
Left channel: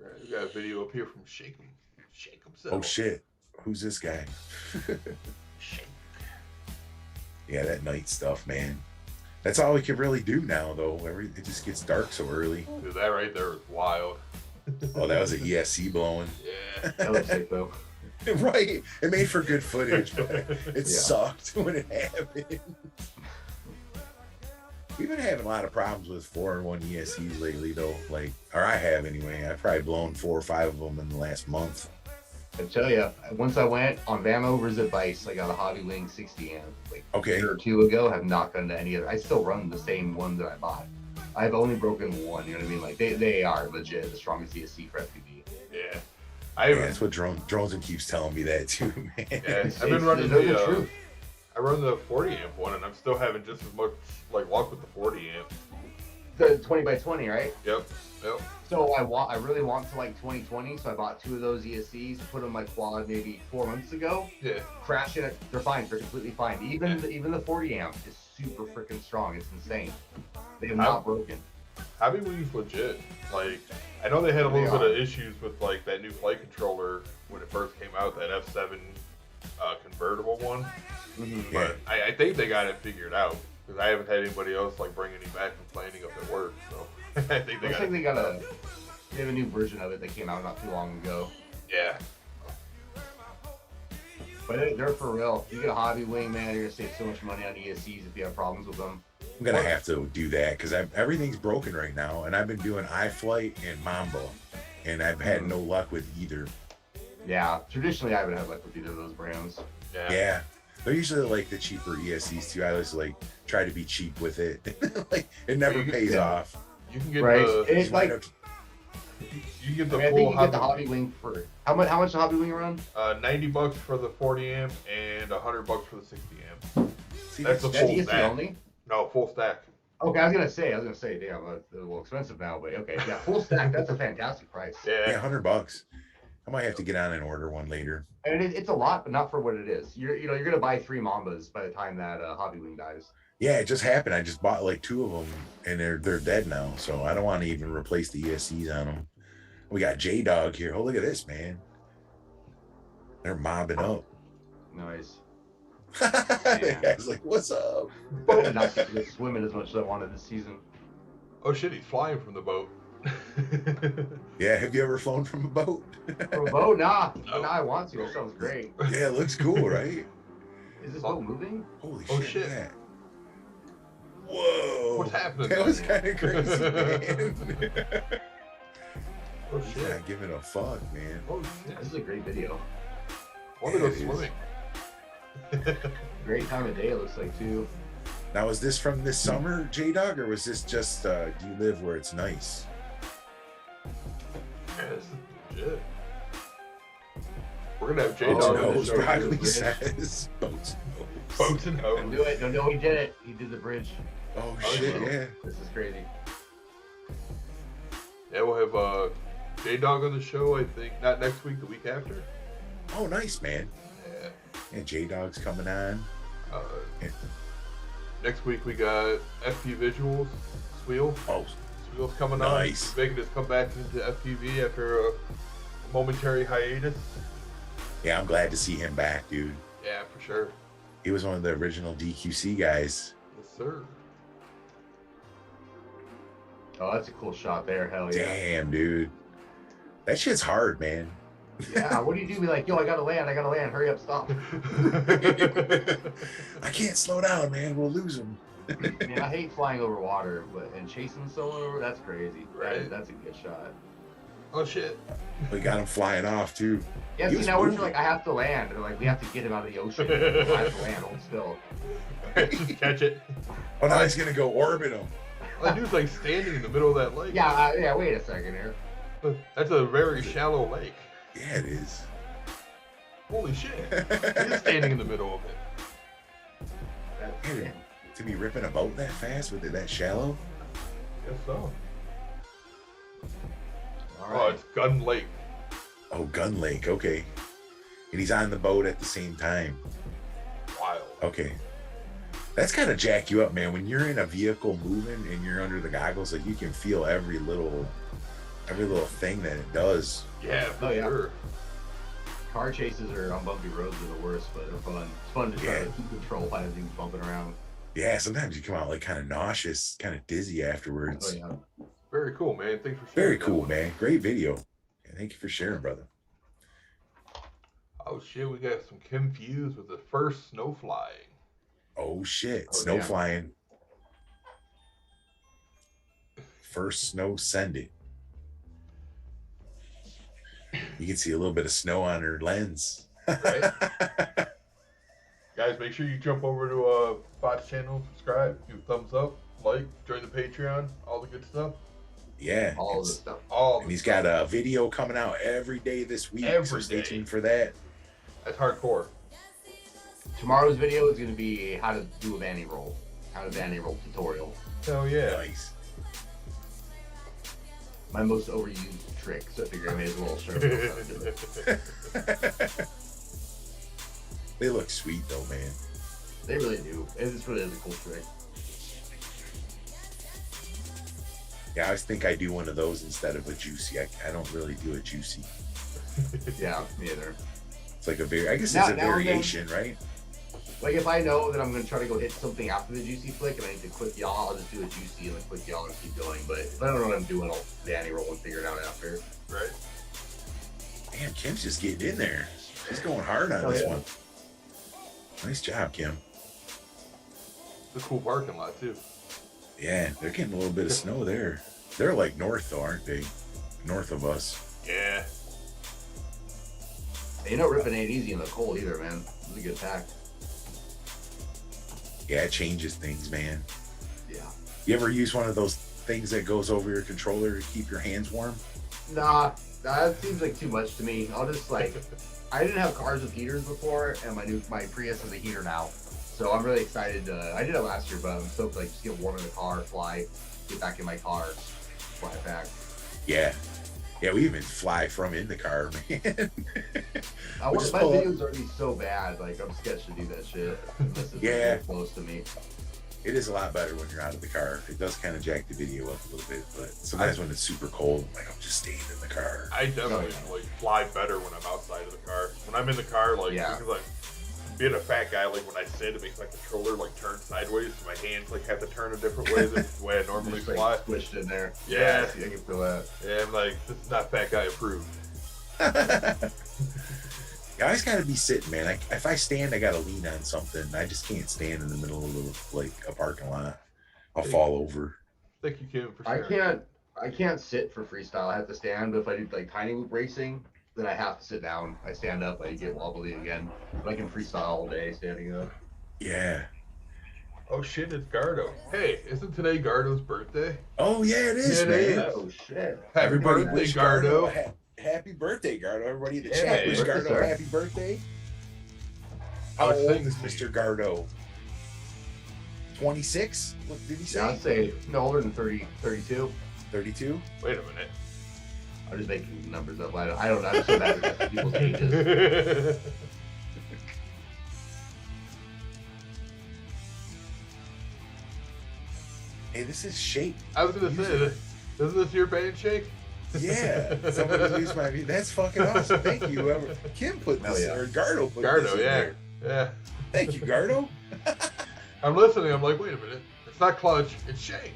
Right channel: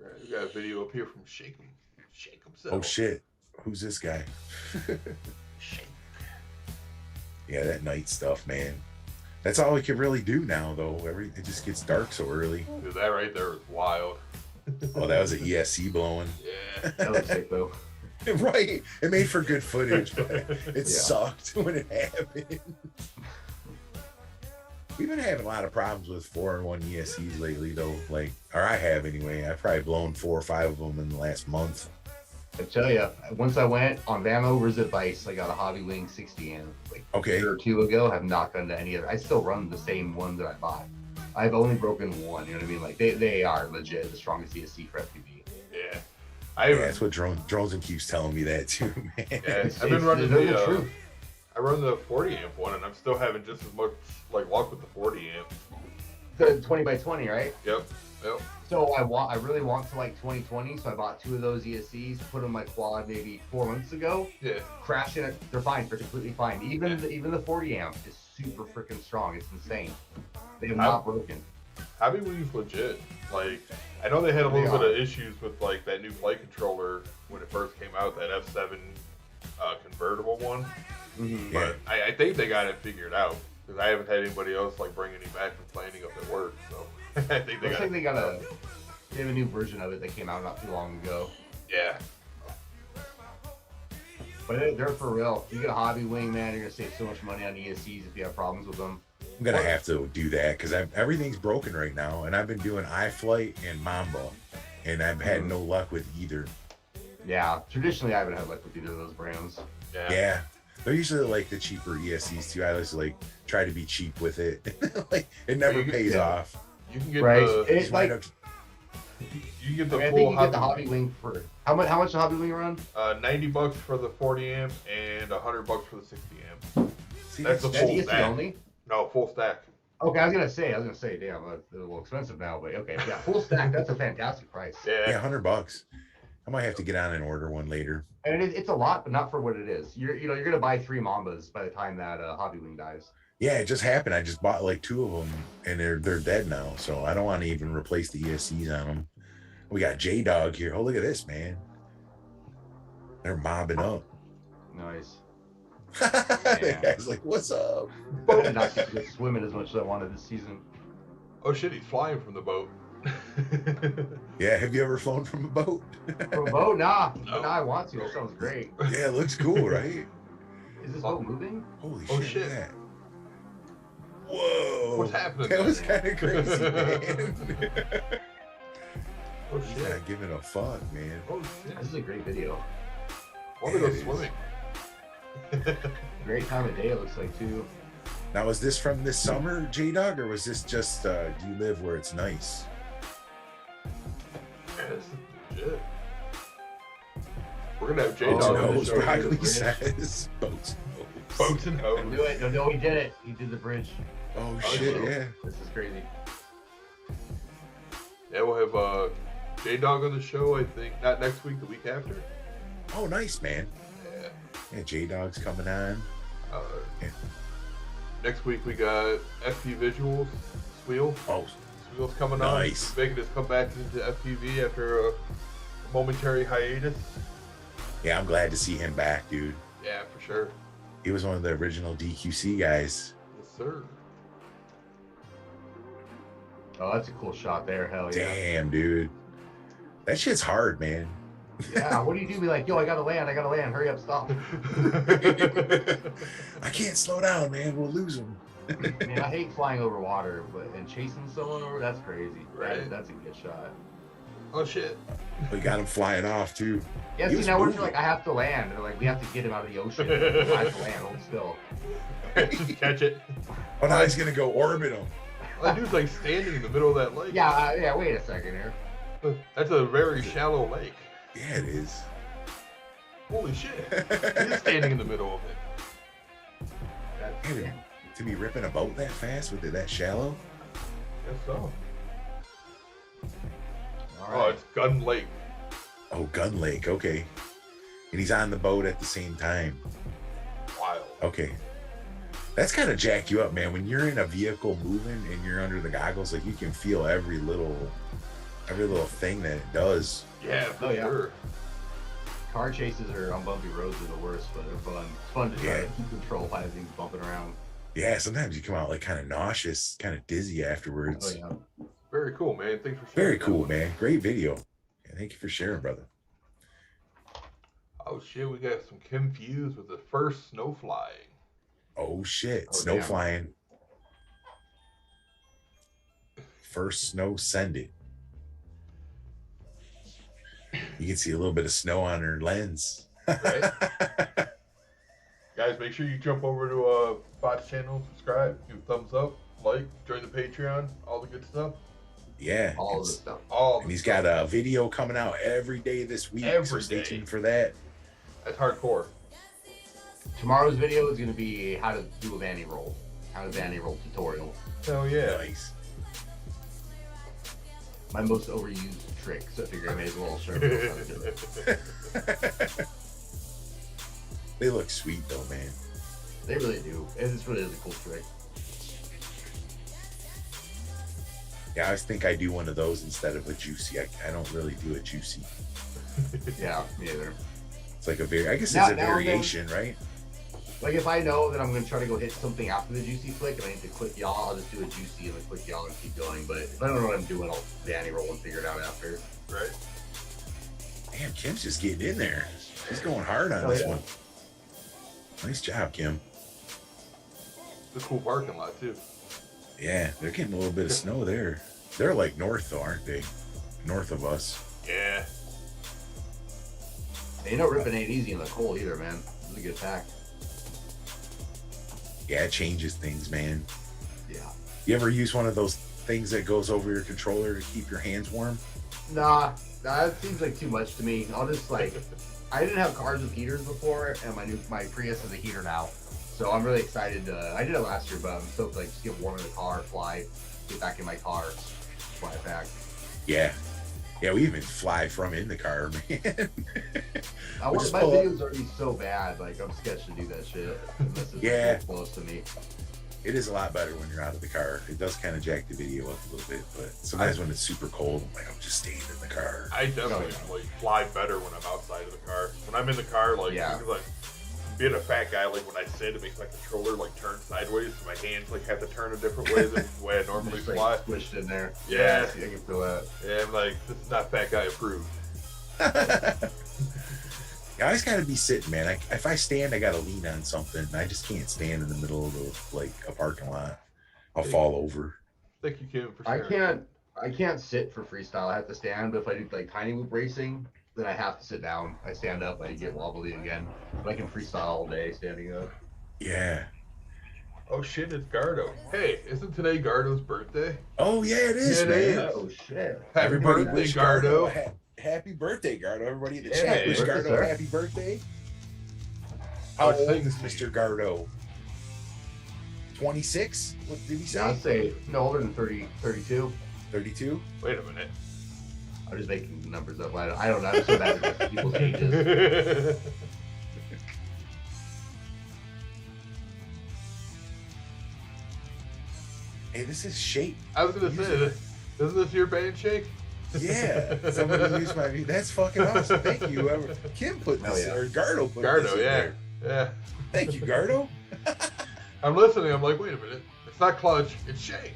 Right, we got a video up here from Shake himself. Oh, shit. Who's this guy? Shake. Yeah, that night stuff, man. That's all we can really do now, though. It just gets dark so early. Dude, that right there was wild. Oh, that was an ESC blowing. Yeah. That was sick, though. Right. It made for good footage, but it sucked when it happened. We've been having a lot of problems with 4-in-1 ESCs lately, though. Like, or I have anyway. I've probably blown 4 or 5 of them in the last month. I tell you, once I went on Bandos advice, I got a Hobby Wing 60 amp like a year or 2 ago. Have not gone to any other. I still run the same one that I bought. I've only broken one. You know what I mean? Like, they are legit the strongest ESC for FPV. Yeah. That's what Drones keeps telling me that too, man. Yeah, I've been running I run the 40 amp one, and I'm still having just as much like luck with the 40 amp. The 20x20, right? Yep. So I really want to like 2020, so I bought 2 of those ESCs to put on my quad maybe 4 months ago. Yeah. Crashing it, they're fine, they're completely fine. Even the 40 amp is super freaking strong. It's insane. They have not broken. Hobby Wing's legit. Like, I know they had a little bit of issues with like that new flight controller when it first came out, that F7 convertible one. Mm-hmm. But I think they got it figured out, because I haven't had anybody else like bring any back complaining of their work. So I think they have a new version of it that came out not too long ago. Yeah. But they're for real. You get a Hobby Wing, man, you're gonna save so much money on ESCs if you have problems with them. I'm gonna have to do that because everything's broken right now, and I've been doing iFlight and Mamba, and I've had no luck with either. Yeah, traditionally I haven't had luck with either of those brands. Yeah. They're usually like the cheaper ESCs too. I always like try to be cheap with it. Like, it never pays off. You can get it's like you get the full full Hobby Wing for how much does Hobby Wing run? $90 for the 40 amp and $100 for the 60 amp. See, that's the full stack. Only? No, full stack. Okay, I was gonna say, damn, it's a little expensive now, but okay, yeah, full stack. That's a fantastic price. Yeah, $100. I might have to get on and order one later. And it's a lot, but not for what it is. You're gonna buy 3 Mambas by the time that Hobby Wing dies. Yeah, it just happened. I just bought like 2 of them, and they're dead now. So I don't want to even replace the ESCs on them. We got J-Dog here. Oh, look at this, man. They're mobbing up. Nice. The guy's like, "What's up?" I did not get to go swimming as much as I wanted this season. Oh shit, he's flying from the boat. Yeah, have you ever flown from a boat? From a boat? Nah. No. Nah, I want to. That sounds great. Yeah, it looks cool, right? Is this boat moving? Holy shit. Yeah. Whoa. What's happening? That was kind of crazy, man. Oh shit. Yeah, give it a fuck, man. Oh shit. This is a great video. I want to go swimming. Great time of day, it looks like, too. Now, is this from this summer, J-Dog, or was this just, do you live where it's nice? Yeah, this is legit. We're gonna have J-Dog on the show. Broccoli says boats. Boats and hoes. Do it. No, he did it. He did the bridge. Oh shit, yeah. This is crazy. Yeah, we'll have J-Dog on the show, I think. Not next week, the week after. Oh, nice, man. Yeah. Yeah, J-Dog's coming on. Yeah. Next week, we got FP Visuals, Swiel. Oh, Swiel's coming on. He's making his comeback into FPV after a momentary hiatus. Yeah, I'm glad to see him back, dude. Yeah, for sure. He was one of the original DQC guys. Yes, sir. Oh, that's a cool shot there. Hell yeah. Damn, dude. That shit's hard, man. Yeah, what do you do? Be like, yo, I gotta land. Hurry up, stop. I can't slow down, man. We'll lose him. Man, I hate flying over water, and chasing someone over, that's crazy. Right. That's a good shot. Oh, shit. We got him flying off, too. Yeah, see, now we're like, I have to land. They're like, we have to get him out of the ocean. I have to land, hold still. Just catch it. Oh, now he's going to go orbit him. That dude's like standing in the middle of that lake. Yeah, wait a second here. That's a very shallow lake. Yeah, it is. Holy shit. He's standing in the middle of it. Yeah, to be ripping a boat that fast with it that shallow? Guess so. All Oh, right. it's Gun Lake. Oh, Gun Lake. Okay. And he's on the boat at the same time. Wild. Okay. That's kind of jack you up, man. When you're in a vehicle moving and you're under the goggles, like you can feel every little thing that it does. Yeah, for sure. Car chases are on bumpy roads are the worst, but they're fun. It's fun to try to keep control by things bumping around. Yeah, sometimes you come out like kind of nauseous, kind of dizzy afterwards. Oh, yeah. Very cool, man. Thanks for sharing. Very cool, man. Great video. Yeah, thank you for sharing, brother. Oh shit, we got some Kim Fuse with the first snow flying. Oh shit, Oh, snow damn. flying. First snow sending. You can see a little bit of snow on her lens. Right. Guys, make sure you jump over to Bot's channel, subscribe, give a thumbs up, like, join the Patreon, all the good stuff. Yeah. All of the stuff. And he's got a video coming out every day this week. Every so stay day. tuned for that. That's hardcore. Tomorrow's video is going to be how to do a vanny roll. How to vanny roll tutorial. Hell yeah. Nice. My most overused trick, so I figured I may as well show you. They look sweet though, man. They really do. It really is a cool trick. Yeah, I always think I do one of those instead of a juicy. I don't really do a juicy. Yeah, me either. It's like I guess Now- it's a now and then- variation, right? Like if I know that I'm going to try to go hit something after the juicy flick and I need to quick yaw, I'll just do a juicy and then quick yaw and keep going. But if I don't know what I'm doing, I'll vanny roll and figure it out after. Right. Damn, Kim's just getting in there. She's going hard on this one. Nice job, Kim. It's a cool parking lot too. Yeah, they're getting a little bit of snow there. They're like north though, aren't they? North of us. Yeah. You know, ripping ain't easy in the cold either, man. It's a good pack. Yeah, it changes things, man. Yeah. You ever use one of those things that goes over your controller to keep your hands warm? Nah, that seems like too much to me. I'll just like, I didn't have cars with heaters before, and my Prius has a heater now. So I'm really excited. I did it last year, but I'm stoked to like just get warm in the car, fly, get back in my car, fly back. Yeah. Yeah, we even fly from in the car, man. My videos are already so bad, like I'm sketched to do that shit. Yeah. Close to me. It is a lot better when you're out of the car. It does kind of jack the video up a little bit, but sometimes when it's super cold, I'm like, I'm just staying in the car. I definitely like fly better when I'm outside of the car. When I'm in the car, like because like being a fat guy, like when I sit, it makes my controller like turn sideways, so my hands like have to turn a different way than the way I normally Just, fly. like, squished in there. Yeah. I can feel that. Yeah, I'm like, this is not fat guy approved. Yeah, I always gotta be sitting, man. If I stand, I gotta lean on something. I just can't stand in the middle of like a parking lot. I'll fall over. Thank you, Kim, for sharing. I can't sit for freestyle. I have to stand. But if I do like tiny loop racing, then I have to sit down. I stand up, I get wobbly again. But I can freestyle all day standing up. Yeah. Oh shit, it's Gardo. Hey, isn't today Gardo's birthday? Oh yeah, it is. It man. is. Oh shit! Happy birthday, Gardo. happy birthday, Gardo. Everybody in the Yeah, chat, man. wish What's Gardo this, happy birthday. I How was old thinking is to Mr. you. Gardo? 26? What did he say? I'd say no older than 30, 32. 32? Wait a minute. I'm just making numbers up. I don't know. I'm so bad at people's ages. Hey, this is Shake. I was gonna say, isn't this your band, Shake? Yeah, somebody used my view. That's fucking awesome. Thank you, whoever. Kim put this, yeah. or Gardo put this Gardo, in yeah, there. yeah. Thank you, Gardo. I'm listening. I'm like, wait a minute. It's not Clutch. It's Shake.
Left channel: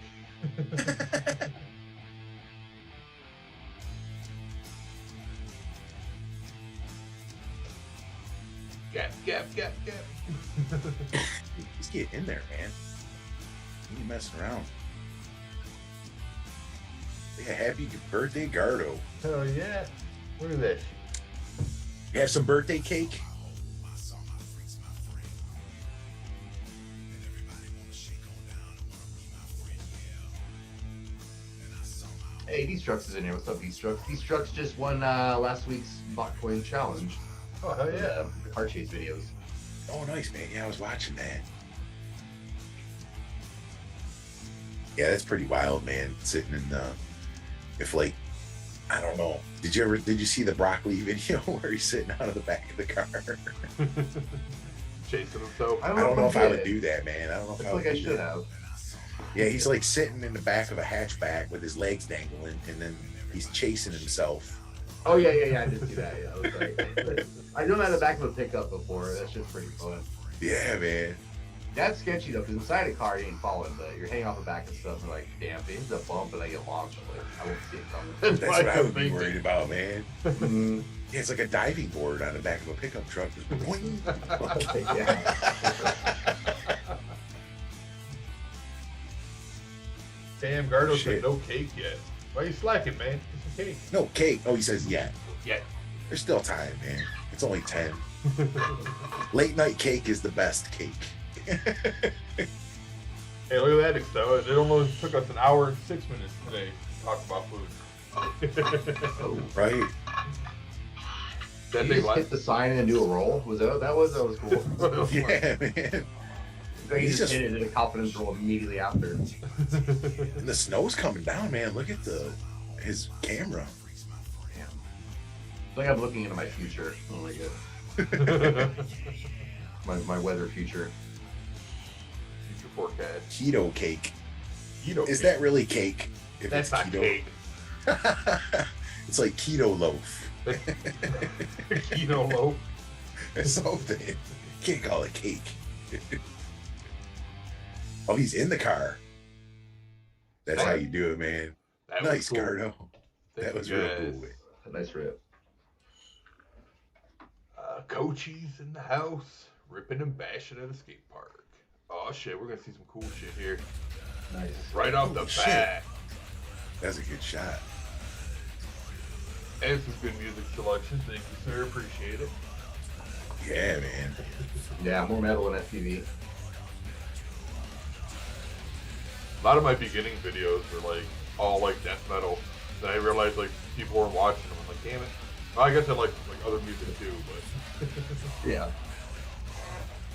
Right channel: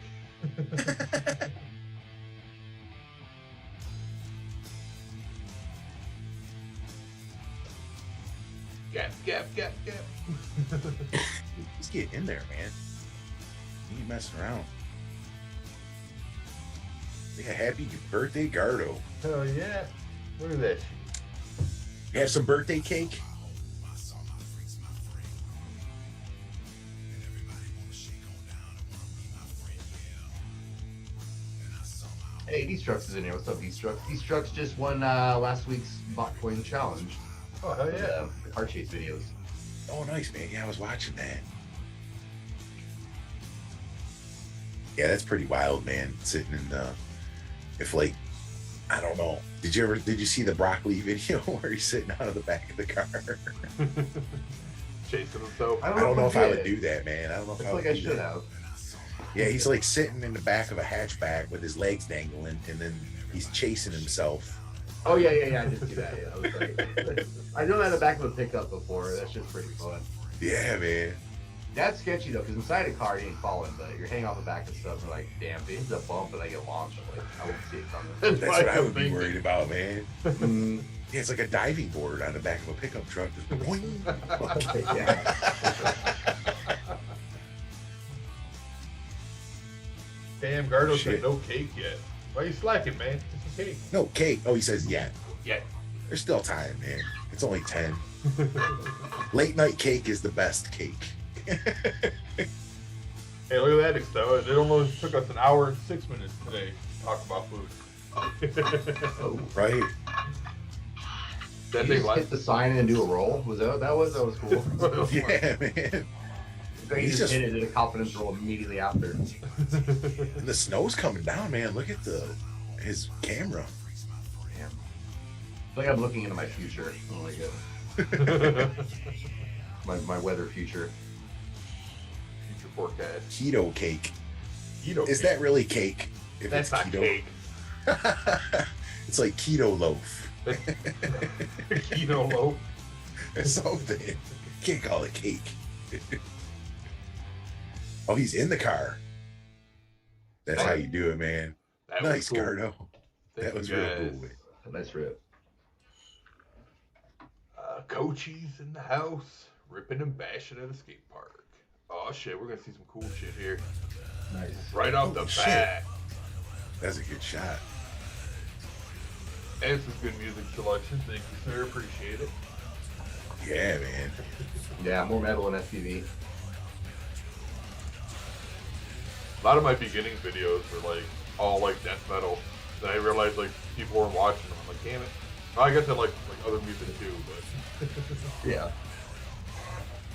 Gap. He's getting in there, man. He ain't messing around. Yeah, happy birthday, Gardo. Hell yeah. Look at that shit. You have some birthday cake? Hey, D-Strucks is in here. What's up, D-Strucks? D-Strucks just won last week's Botcoin challenge. Oh, hell yeah. The car chase videos. Oh, nice, man. Yeah, I was watching that. Yeah, that's pretty wild, man. Sitting in the, if like, I don't know. Did you see the broccoli video where he's sitting out of the back of the car? Chasing himself. I don't know if I would do that, man. I don't know if I I feel would like I do should that. have. Yeah, he's like sitting in the back of a hatchback with his legs dangling, and then he's chasing himself. Oh, yeah. I did see that. Yeah, I was like, I've done that in the back of a pickup before. That's just pretty fun. Yeah, man. That's sketcy though, because inside a car you ain't falling, but you're hanging off the back of stuff and like, damn, if it hits a bump and I get launched, I'm like, I won't see it coming. That's That's what what I I'm would be thinking. worried about, man. Mm, Yeah, it's like a diving board on the back of a pickup truck. Just boing. yeah. Damn, Gardo Shit. said no cake yet. Why are you slacking, man? Get some cake. No cake. Oh, he says yeah. Yeah. There's still time, man. It's only 10. Late night cake is the best cake. Hey, look at that, Excel. It only took us an hour and 6 minutes today to talk about food. Oh, Right? That you thing just hit the sign and do a roll? Was that what that was? That was cool. Yeah, man. Like you He's just just- hit it in a confidence roll immediately after. And the snow's coming down, man. Look at his camera. Damn. It's like I'm looking into my future. Oh my god. My weather future. Future forecast. Keto cake. Keto Is cake. that really cake? If That's it's not keto? cake. It's like keto loaf. Keto loaf. Or something. Can't call it cake. Oh, he's in the car. That's how you do it, man. That Nice, was cool. Gardo. Thank That you, was real guys. cool. A nice rip. Coachies in the house, ripping and bashing at a skate park. Oh shit, we're gonna see some cool shit here. Nice. Right off the Holy shit. bat. That's a good shot. And some good music selection. Thank you, sir. Appreciate it. Yeah, man. Yeah, more metal in FPV. A lot of my beginning videos were like all like death metal. Then I realized like people weren't watching them. I'm like, damn it. Well, I guess I like other music too, but Yeah.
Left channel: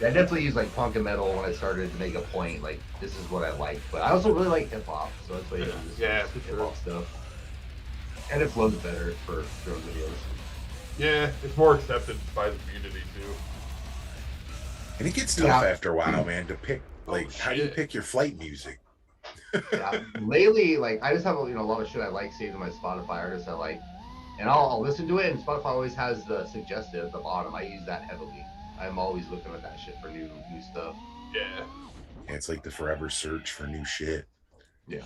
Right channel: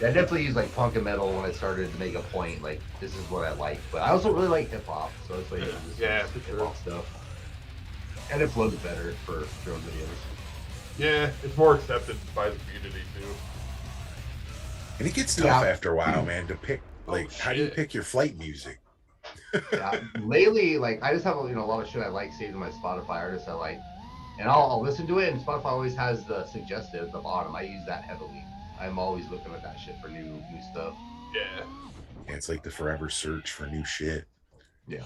Yeah, I definitely use like punk and metal when I started to make a point. Like, this is what I like. But I also really like hip hop. So that's why I use Yeah, for hip sure. hop stuff. And it flows better for drone videos. yeah, it's more accepted by the community too. And it gets tough Yeah. after a while, man, to pick, like, how do you shit. pick your flight music? Yeah. Lately, like I just have a lot of shit I like saved in my Spotify artists I like, and I'll listen to it. And Spotify always has the suggested at the bottom. I use that heavily. I'm always looking at that shit for new stuff. Yeah, And it's like the forever search for new shit. Yeah.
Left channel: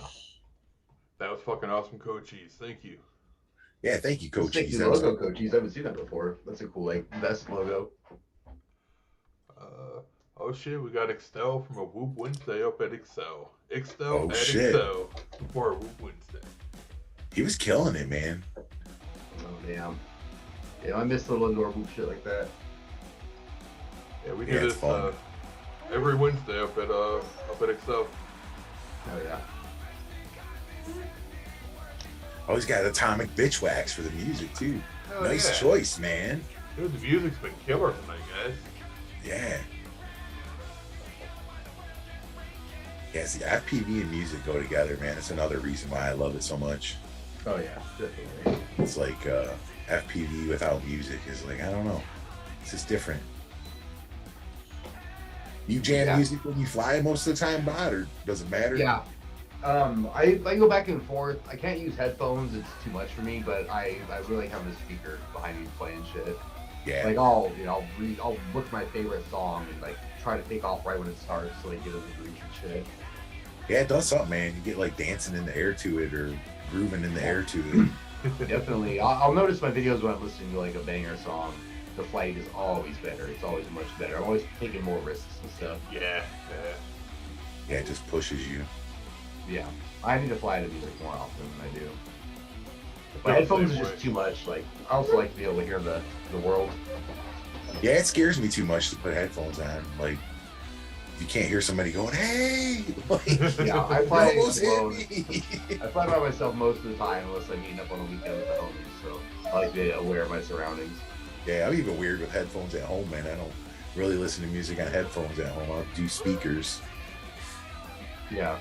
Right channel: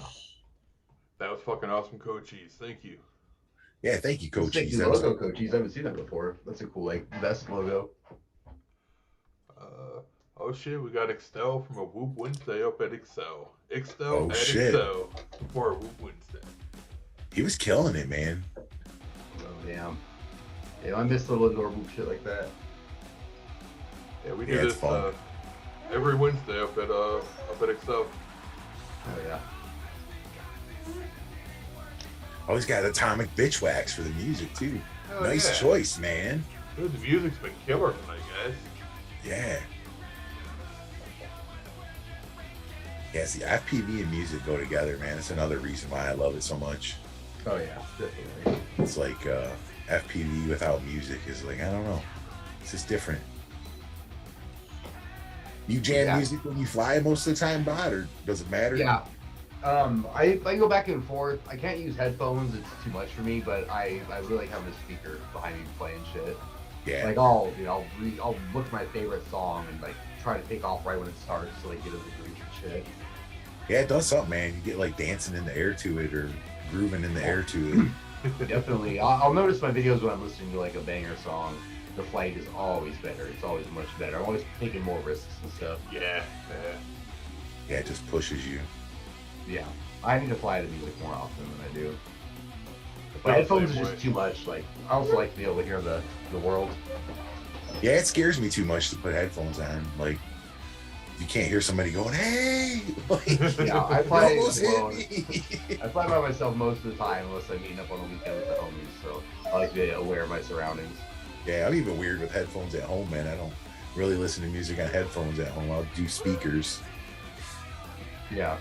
that was fucking awesome, Coachies. Thank you. Yeah, thank you, Coach. Sick new logo, Coachies. I haven't seen that before. That's a cool like vest logo. Oh shit, we got Excel from a Whoop Wednesday up at Excel. Excel Oh, at shit. Excel for a Whoop Wednesday. He was killing it, man. Oh damn. Yeah, I miss little indoor boot shit like that. Yeah, we Yeah, do it's this fun. every Wednesday up at Excel. Oh yeah. Oh, he's got atomic bitch wax for the music too. Hell nice choice, man. Dude, the music's been killer tonight, guys. Yeah. Yeah, see, FPV and music go together, man. That's another reason why I love it so much. Oh yeah, definitely. It's like FPV without music is like, I don't know. It's just different. You jam music when you fly most of the time, Bod, or does it matter? Yeah. I go back and forth. I can't use headphones; it's too much for me. But I really have a speaker behind me playing shit. Yeah. Like I'll look at my favorite song and like try to take off right when it starts, so like get a groove and shit. Yeah, it does something, man. You get like dancing in the air to it or grooving in the air to it. Definitely. I'll notice my videos when I'm listening to like a banger song. The flight is always better. It's always much better. I'm always taking more risks and stuff. Yeah. Yeah, it just pushes you. Yeah, I need to fly to music more often than I do. But headphones is just too much. Like, I also like to be able to hear the world. Yeah, it scares me too much to put headphones on. Like, you can't hear somebody going, "Hey!" Like, yeah, I fly alone. I fly by myself most of the time, unless I'm meeting up on the weekend with the homies. So I like to be aware of my surroundings. Yeah, I'm even weird with headphones at home, man. I don't really listen to music on headphones at home. I'll do speakers. Yeah.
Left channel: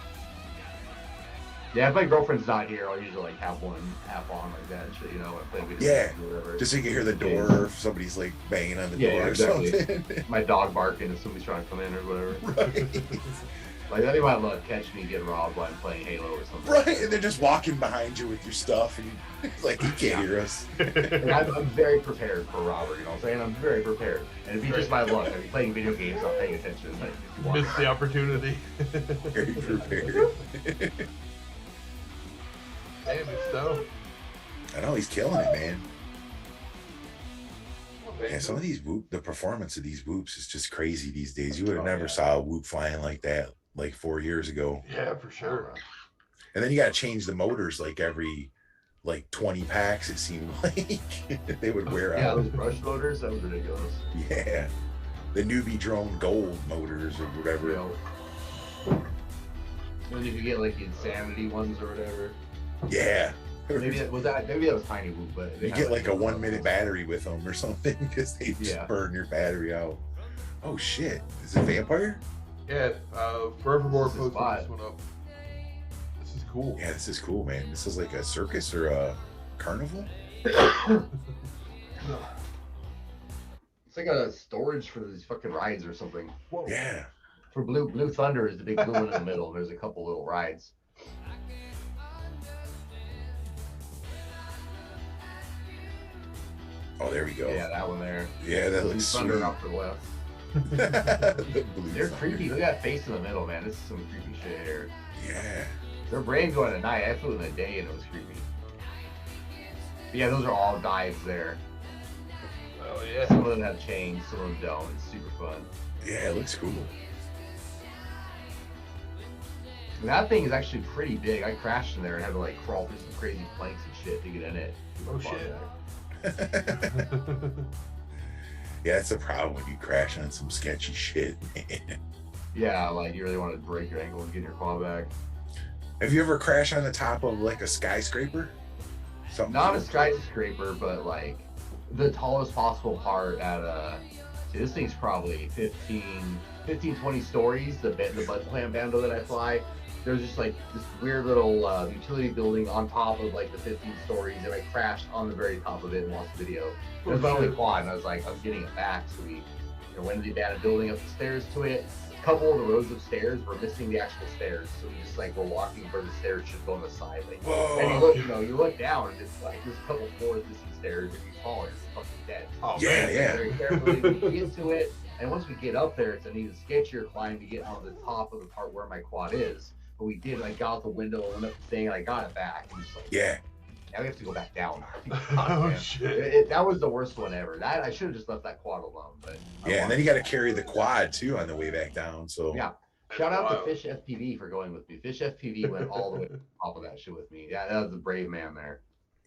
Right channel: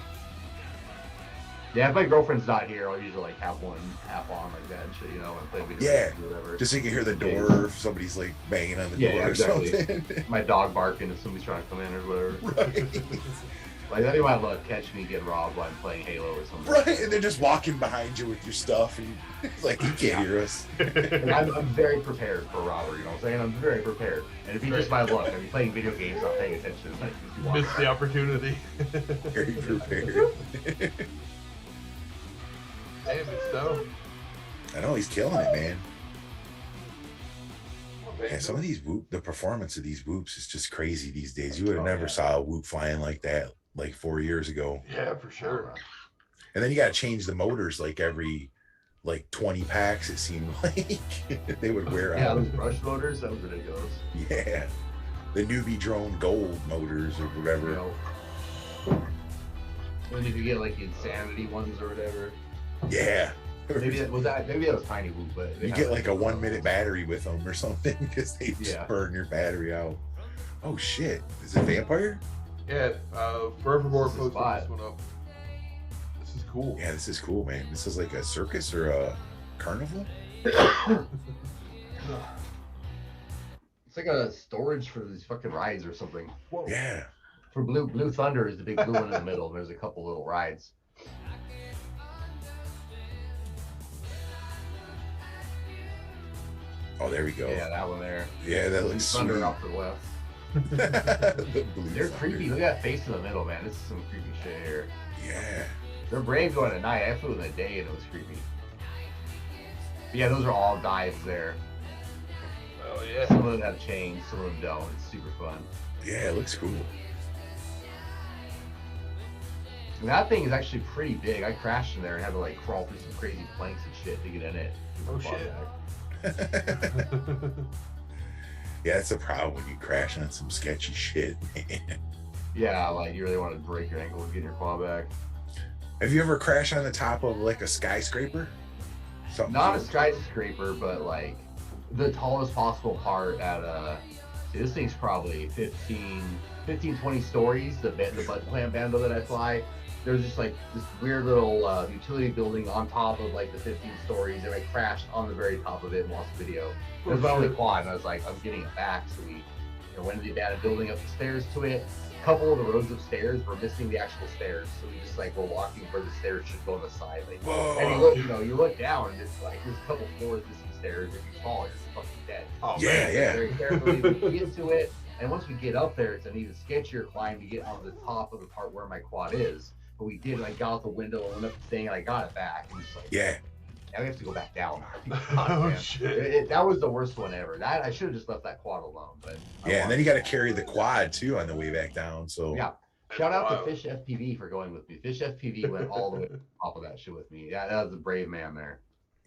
Yeah, if my girlfriend's not here, I'll usually like have one app on like that and shit, you know, and play video games or whatever. Just so you can hear the door if somebody's like banging on the door or something. My dog barking if somebody's trying to come in or whatever. Right. Like they might catch me get robbed while I'm playing Halo or something. Right, and they're just walking behind you with your stuff, and it's like you can't hear us. And I'm very prepared for a robbery. You know what I'm saying? I'm very prepared. And if you just my luck, I'm playing video games, not paying attention. Like if you miss the opportunity. Very prepared. Damn, it's dope. I know he's killing it, man. Yeah, some of these the performance of these whoops is just crazy these days. You would have never saw a whoop flying like that like 4 years ago. Yeah, for sure. And then you got to change the motors like every 20 packs. It seemed like they would wear out. Yeah, those brush motors, that was ridiculous. Yeah, the newbie drone gold motors or whatever. And then you could get like insanity ones or whatever. Yeah. Maybe that was tiny whoop, but you get like a 1 minute battery with them or something because they just burn your battery out. Oh shit! Is it Vampire? Yeah. Forevermore posted this one up. This is cool. Yeah, this is cool, man. This is like a circus or a carnival. It's like a storage for these fucking rides or something. Whoa. Yeah. For Blue Thunder is the big blue one in the middle, and there's a couple little rides. Oh, there we go. Yeah, that one there. Yeah, that looks sweet. Thunder off to the left. They're creepy. Look at that face in the middle, man. This is some creepy shit here. Yeah. Their brains going at night. I flew in the day and it was creepy. But yeah, those are all dives there. Oh yeah. Some of them have chains, some of them don't. It's super fun. Yeah, it looks cool. And that thing is actually pretty big. I crashed in there and had to like crawl through some crazy planks and shit to get in it. Oh shit. Yeah, that's the problem when you crash on some sketchy shit, man. Yeah, like you really want to break your ankle and get your claw back. Have you ever crashed on the top of like a skyscraper? Something not a skyscraper, but like the tallest possible part at see, this thing's probably 15, 20 stories, the butt clam Bando that I fly. There's just like this weird little utility building on top of like the 15 stories, and I crashed on the very top of it and lost video. It was my only quad, and I was like, I'm getting it back. So we went to the abandoned building up the stairs to it. A couple of the rows of stairs were missing the actual stairs, so we just like were walking where the stairs should go on the side. Like, and you look down, and it's like there's a couple floors missing stairs. If you fall, you're just fucking dead. Oh yeah, yeah. Very carefully we get to it, and once we get up there, it's an even sketchier climb to get on the top of the part where my quad is. But we did. I got out the window and went up the thing, and I got it back. And just like, yeah. Now we have to go back down. Oh shit! That was the worst one ever. That I should have just left that quad alone. But yeah, and then you got to carry the quad too on the way back down. So yeah, shout out to Fish FPV for going with me. Fish FPV went all the way to the top of that shit with me. Yeah, that was a brave man there.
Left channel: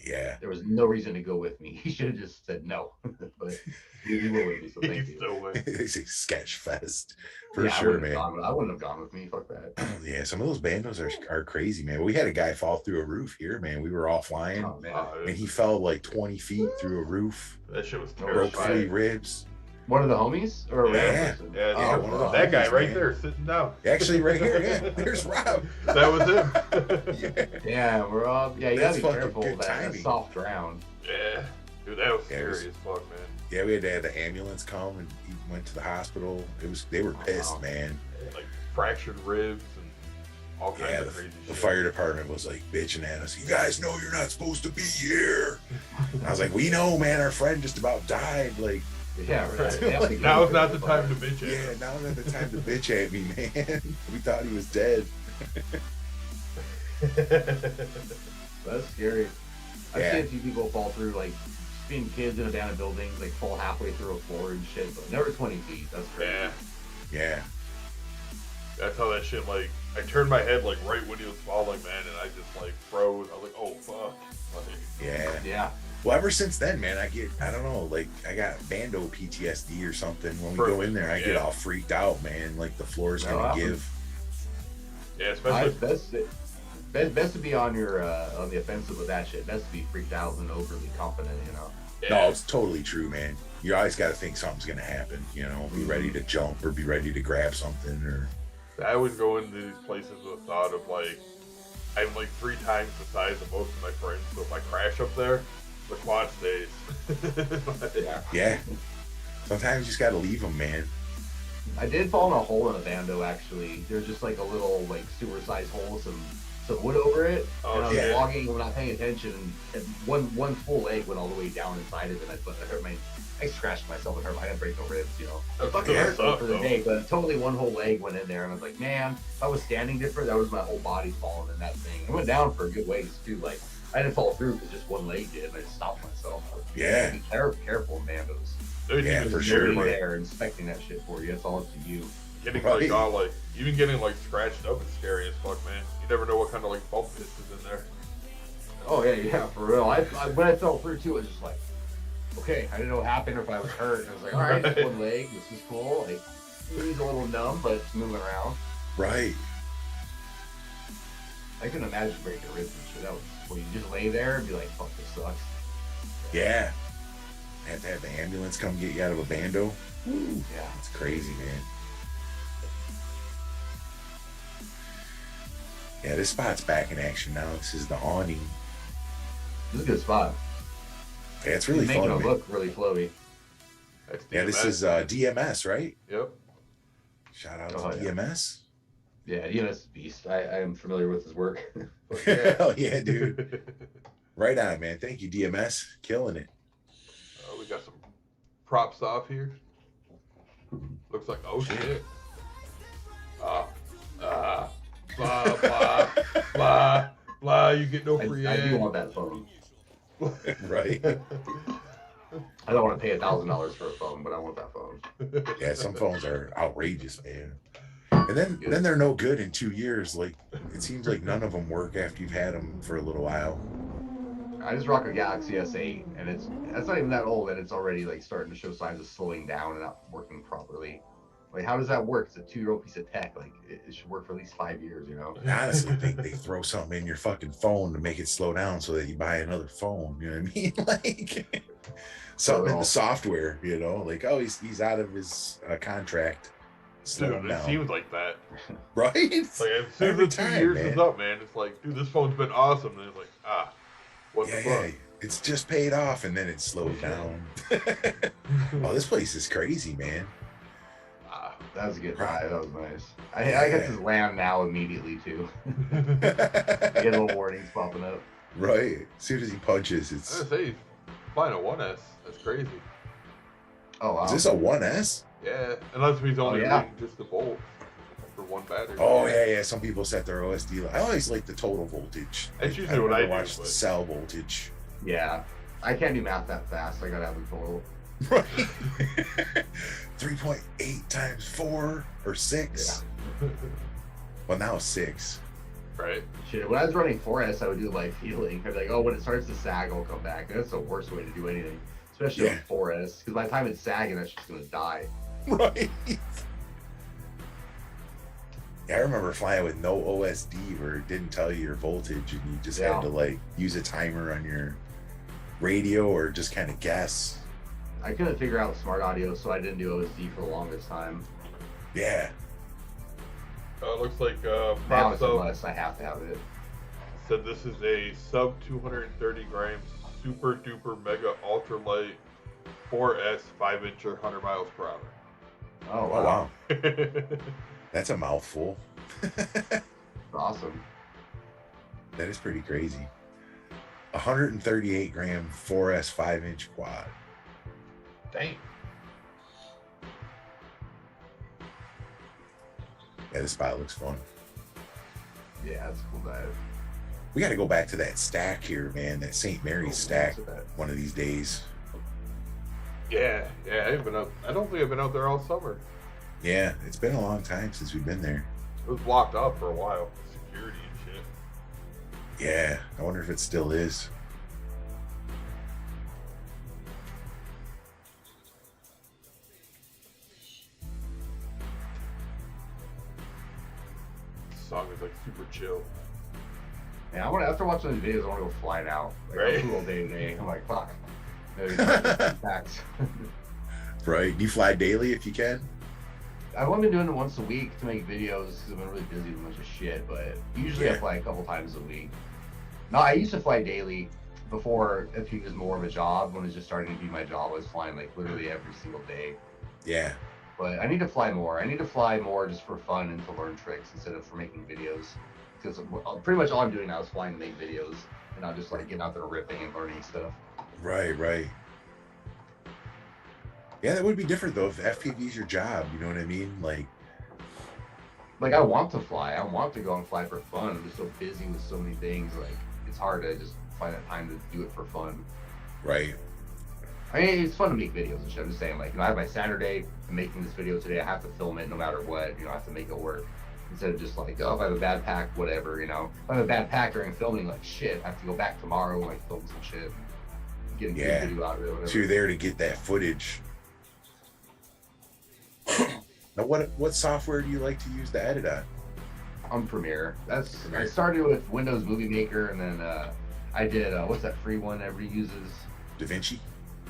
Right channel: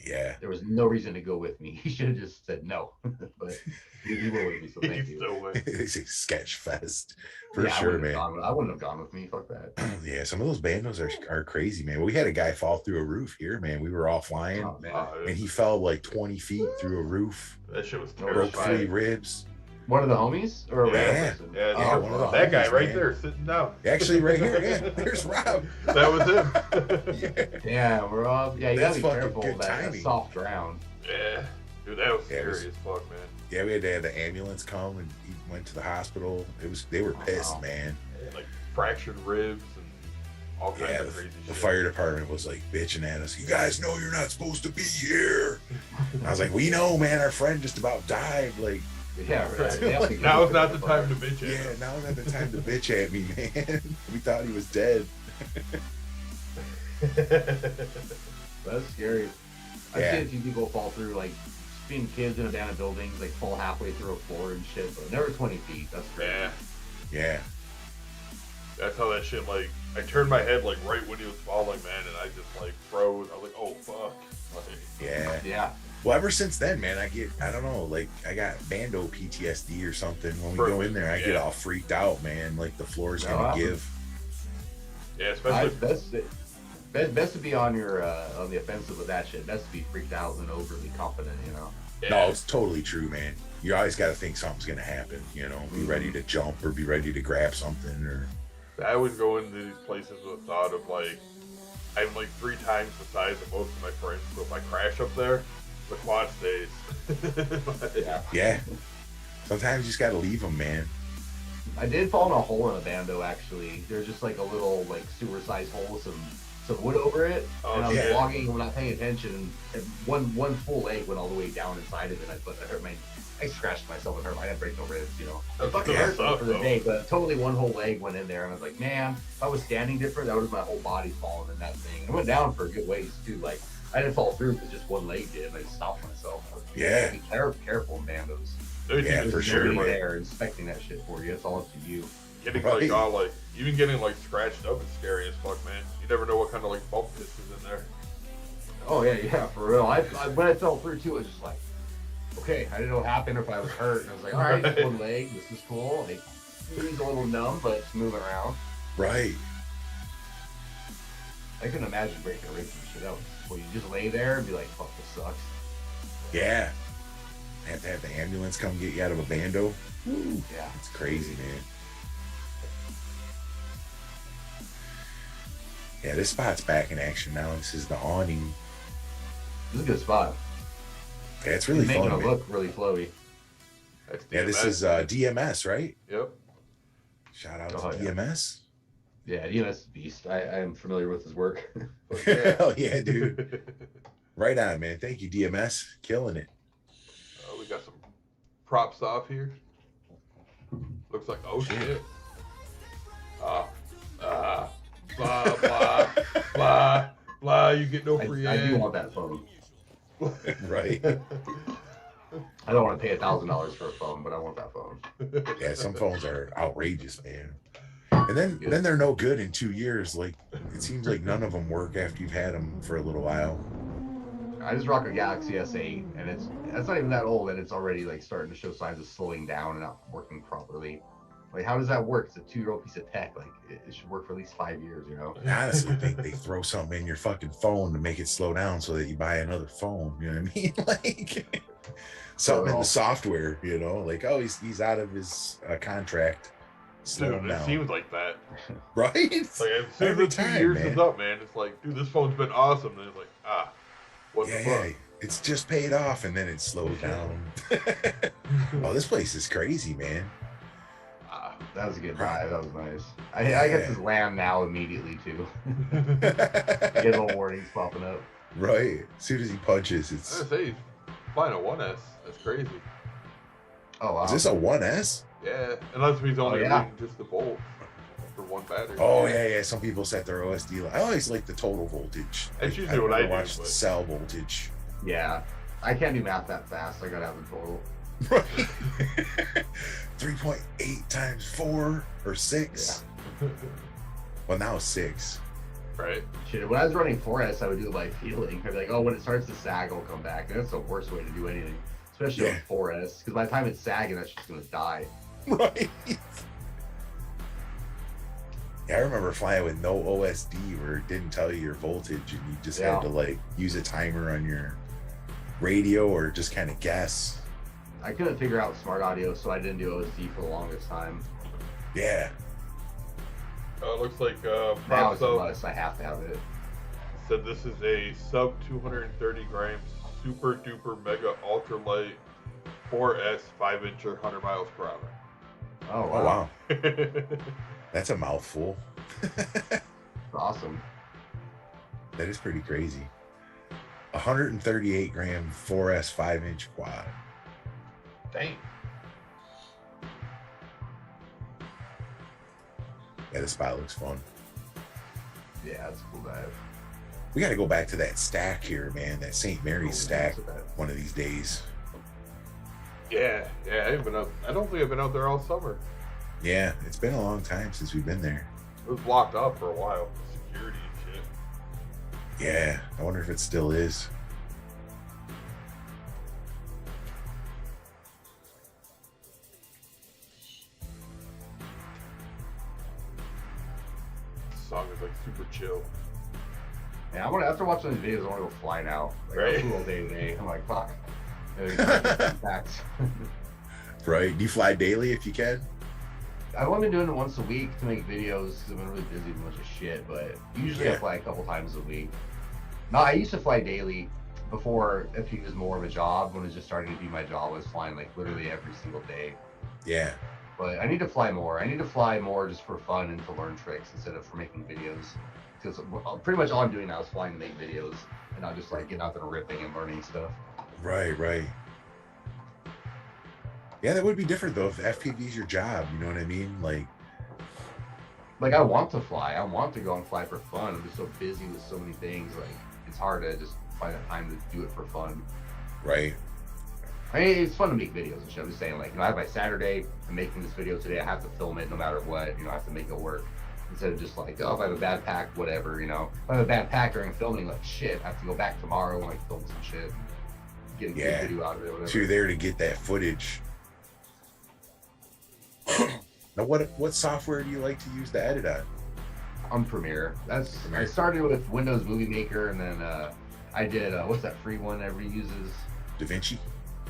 Yeah, there was no reason to go with me. He should have just said no. But You were with me, so thank He's you. still with. It's a sketch fest for Yeah, sure, man. I wouldn't have gone with me. Fuck that. Yeah, some of those bandos are crazy, man. We had a guy fall through a roof here, man. We were all flying, Oh, man. and he fell like 20 feet through a roof. That shit was Broke 3 terrifying. ribs. One of the homies? Or Yeah. Yeah, one of the that guy homies, right man. there sitting down. Actually, right here, yeah. There's Rob. That was him. Yeah. Yeah, Rob. Yeah, you That's gotta be fucking careful good of that timing. soft ground. Yeah. Dude, that was Yeah, scary it was- as fuck, man. Yeah, we had to have the ambulance come, and he went to the hospital. They were pissed, Wow. man. Like fractured ribs and all kinds Yeah, of crazy the shit. fire department was like bitching at us. You guys know you're not supposed to be here. And I was like, we know, man. Our friend just about died. Like, Yeah, right. Right. They have to Now go is not the with time to it. bitch at yeah, him. now is not the time to bitch at me, man. We thought he was dead. That's scary. I've Yeah. seen a few people fall through, like, being kids in abandoned buildings, like, fall halfway through a floor and shit, but never 20 feet. That's crazy. Yeah. Yeah. That's how that shit, like, I turned my head, like, right when he was falling, man, and I just, like, froze. I was like, oh, fuck. Like, Yeah. Yeah. Well, ever since then, man, I don't know, like, I got Bando PTSD or something. When we go in there, I get Yeah. all freaked out, man. Like, the floor's Oh, gonna wow. give. yeah, especially. Best to be on the offensive with that shit. Best to be freaked out and overly confident, you know? Yeah. No, it's totally true, man. You always got to think something's gonna happen. You know, be ready to jump or be ready to grab something or. I always go into these places with the thought of, like, I'm, like, 3 times the size of most of my friends, so if I crash up there, the quad stays. Yeah. Yeah. Sometimes you just got to leave them, man. I did fall in a hole in a Bando, actually. There's just, like, a little, like, sewer-sized hole with some wood over it. Oh, and I was shit. walking and not paying attention, and one full leg went all the way down inside of it. I scratched myself and hurt my head, break no ribs, you know. That It fucking still hurt me sucks, for the though. day, but totally one whole leg went in there, and I was like, man, if I was standing different, that was my whole body falling in that thing. I went down for a good ways too. Like, I didn't fall through because just one leg did, and I stopped myself. Yeah. Be careful in Bandos. There's Yeah, even for scary, sure. You're like, there inspecting that shit for you. It's all up to you. getting, Right. like, all, like, even getting, like, scratched up is scary as fuck, man. You never know what kind of, like, bump piss is in there. Oh yeah, for real. When I fell through too, it was just like, okay, I didn't know what happened or if I was hurt. And I was like, all right, just one leg. This is cool. Like, knee's a little numb, but it's moving around. Right. I couldn't imagine breaking a rib and shit. That was well, you just lay there and be like, fuck, this sucks. Yeah. Have to have the ambulance come get you out of a Bando. Woo. Yeah. It's crazy, man. Yeah, this spot's back in action now. This is the awning. This is a good spot. Yeah, it's really Making fun, it man. look really flowy. That's Yeah, this is DMS, right? Yep. Shout out Oh, to yeah. DMS. Yeah, Enos Beast. I am familiar with his work. Fuck yeah. Hell yeah, dude. Right on, man. Thank you, DMS. Killing it. We got some props off here. Looks like, oh shit. Blah, blah, blah, blah. You get no free I do ad. want that phone. Right. I don't want to pay $1,000 for a phone, but I want that phone. Yeah, some phones are outrageous, man. And then they're no good in 2 years. Like, it seems like none of them work after you've had them for a little while. I just rock a Galaxy S8, and that's not even that old, and it's already like starting to show signs of slowing down and not working properly. Like, how does that work? It's a 2-year-old piece of tech. Like, it should work for at least 5 years, you know? Honestly, they throw something in your fucking phone to make it slow down so that you buy another phone. You know what I mean? Like, something in the software, you know? Like, oh, he's out of his contract. Slow Dude, him it down. seems like that. Right? Like, as soon as Every the 2 time, years man. is up, man, it's like, dude, this phone's been awesome. And it's like, what the Yeah, fuck? it's just paid off and then it slowed down. Oh, this place is crazy, man. That was a good drive. That was nice. I get this land now immediately, too. Get little warnings popping up. Right. As soon as he punches, I it's. was gonna say, flying a 1S. That's crazy. Oh, wow. Is this a 1S? Yeah, unless he's only yeah. reading just the bolts for one battery. Oh, yeah. Some people set their OSD. I always like the total voltage. That's usually what I do, watch the but- cell voltage. Yeah. I can't do math that fast. I gotta have the total. Right. 3.8 times 4 or 6. Yeah. Well, now 6. Right. Shit, when I was running 4S, I would do it by feeling. I'd be like, oh, when it starts to sag, I'll come back. That's the worst way to do anything. especially on 4S, because by the time it's sagging, that's just gonna die. Right. Yeah, I remember flying with no OSD where it didn't tell you your voltage, and you just had to like use a timer on your radio or just kind of guess. I couldn't figure out smart audio, so I didn't do OSD for the longest time. Yeah. It looks like now it's a must. I have to have it. Said this is a sub 230 grams super duper mega ultralight 4S 5-incher 100 miles per hour. Oh wow. That's a mouthful. Awesome. That is pretty crazy. 138 gram 4S 5-inch quad. Dang. Yeah, this spot looks fun. Yeah, it's a cool dive. We got to go back to that stack here, man. That St. Mary's stack one of these days. Yeah, I haven't been out. I don't think I've been out there all summer. Yeah, it's been a long time since we've been there. It was blocked off for a while, security and shit. Yeah, I wonder if it still is. This song is like super chill. Yeah, after watching these videos, I want to go fly now. Like, right? All day today. I'm like, fuck. Right. Do you fly daily if you can? I've only been doing it once a week to make videos because I've been really busy with a bunch of shit, but usually I fly a couple times a week. No, I used to fly daily before FPV was more of a job. When it was just starting to be my job, I was flying like literally every single day. Yeah. But I need to fly more. I need to fly more just for fun and to learn tricks instead of for making videos. Because pretty much all I'm doing now is flying to make videos and not just like getting out there ripping and learning stuff. Right. Yeah, that would be different though if FPV is your job. You know what I mean? Like I want to fly. I want to go and fly for fun. I'm just so busy with so many things. Like it's hard to just find that time to do it for fun. Right. I mean, it's fun to make videos and shit. I'm just saying, like, I have my Saturday. I'm making this video today. I have to film it no matter what. I have to make it work. Instead of just like, oh, if I have a bad pack, whatever, If I have a bad pack during filming, like, shit, I have to go back tomorrow and like film some shit. Get a good video out of it, whatever. So you're there to get that footage. Now, what software do you like to use to edit on? Premiere. I started with Windows Movie Maker, and then I did what's that free one everybody uses? DaVinci.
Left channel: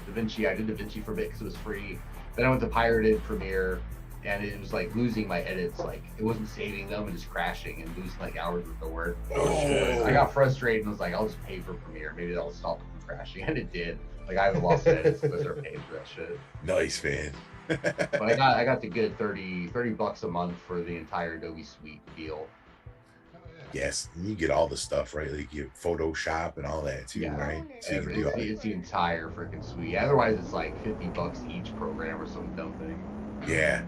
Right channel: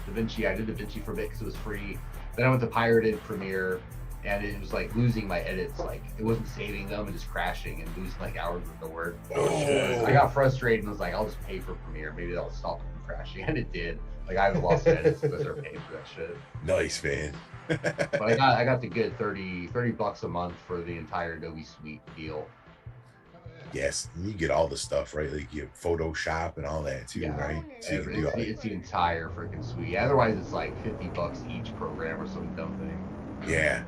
I did DaVinci for a bit because it was free. Then I went to pirated Premiere, and it was like losing my edits. Like it wasn't saving them and just crashing and losing like hours worth of work. Oh shit! I got frustrated and was like, I'll just pay for Premiere. Maybe that'll stop them from crashing, and it did. Like I haven't lost edits because I started paying for that shit. Nice, man. But I got the good $30 a month for the entire Adobe Suite deal. Yes, and you get all the stuff, right? Like you get Photoshop and all that too, right? So you can do it's the entire freaking suite. Otherwise, it's like $50 each program or some dumb thing. Yeah.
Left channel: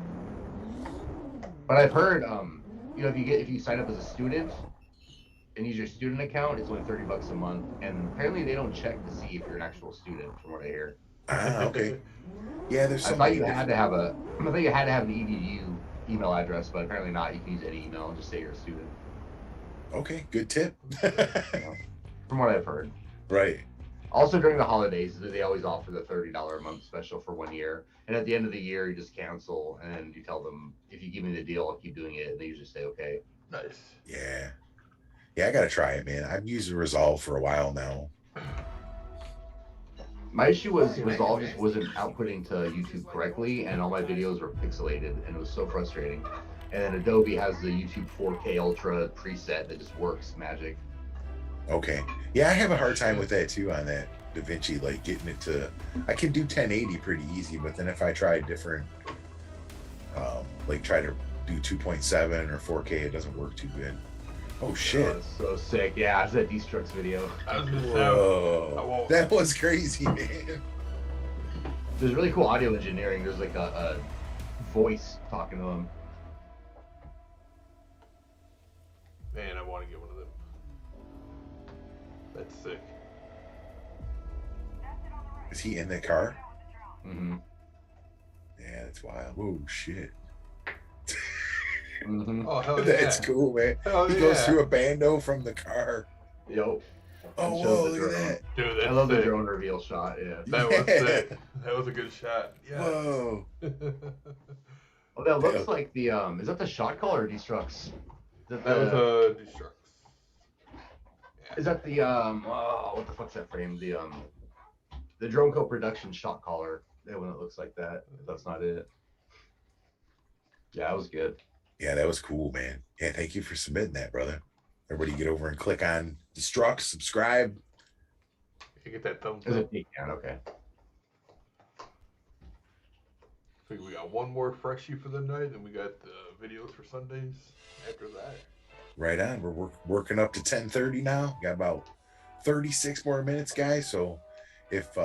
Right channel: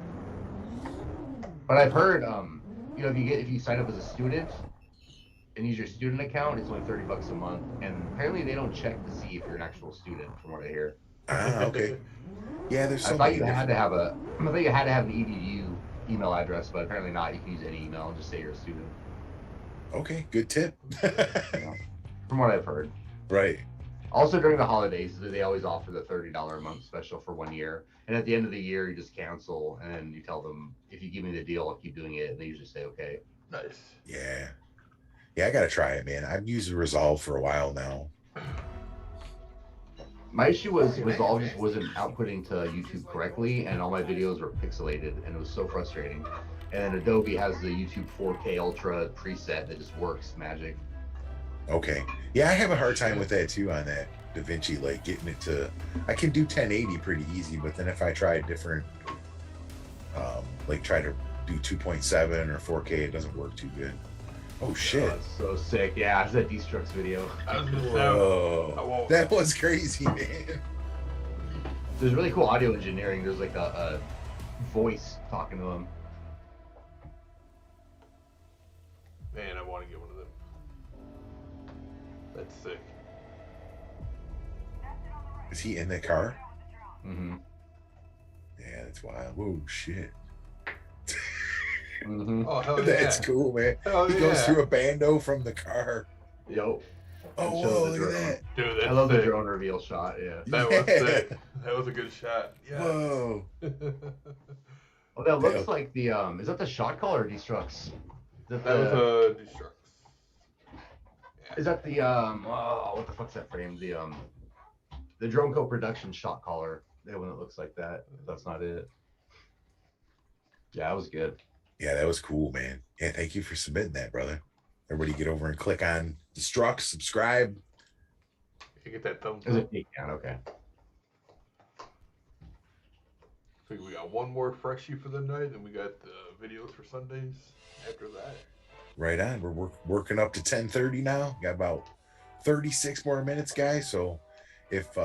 But I've heard, if you sign up as a student and use your student account, it's only $30 a month, and apparently they don't check to see if you're an actual student, from what I hear. Okay. Yeah, there's. I thought you had to have an EDU email address, but apparently not. You can use any email and just say you're a student. Okay, good tip. From what I've heard. Right. Also during the holidays, they always offer the $30 a month special for 1 year. And at the end of the year, you just cancel and you tell them, if you give me the deal, I'll keep doing it. And they usually say, okay. Nice. Yeah. Yeah, I got to try it, man. I've used Resolve for a while now. My issue was Resolve just wasn't outputting to YouTube correctly, and all my videos were pixelated, and it was so frustrating. And then Adobe has the YouTube 4K Ultra preset that just works magic. Okay. Yeah, I have a hard time with that too on that DaVinci, like getting it to, I can do 1080 pretty easy, but then if I try different, like try to do 2.7 or 4K, it doesn't work too good. Oh shit. That's so sick. Yeah, it's that Destructs video. I was gonna Whoa. That was crazy, man. There's really cool audio engineering. There's like a voice talking to him. Man, I want to get one of them. That's sick. Is he in the car? Mm-hmm. Yeah, that's wild. Whoa, shit. Mm-hmm. Oh, hell yeah. That's cool, man. Hell he yeah. goes through a Bando from the car. Yo. Oh, whoa, look at that. Dude, that's I love sick. the drone reveal shot, yeah. That was sick. That was a good shot. Yeah. Whoa. Oh, that looks like the, is that the shot call or Destructs? That was a Destructs. Yeah. Is that the, oh, what the fuck's that frame? The Drone Co. production shot caller. That one that looks like that. If that's not it. Yeah, that was good. Yeah, that was cool, man. Yeah, thank you for submitting that, brother. Everybody get over and click on Destruct, subscribe. You get that thumbs up. Yeah, okay. I think we got one more freshie for the night, and we got the videos for Sundays after that. Right on. We're working up to 10:30 now. Got about 36 more minutes, guys. So if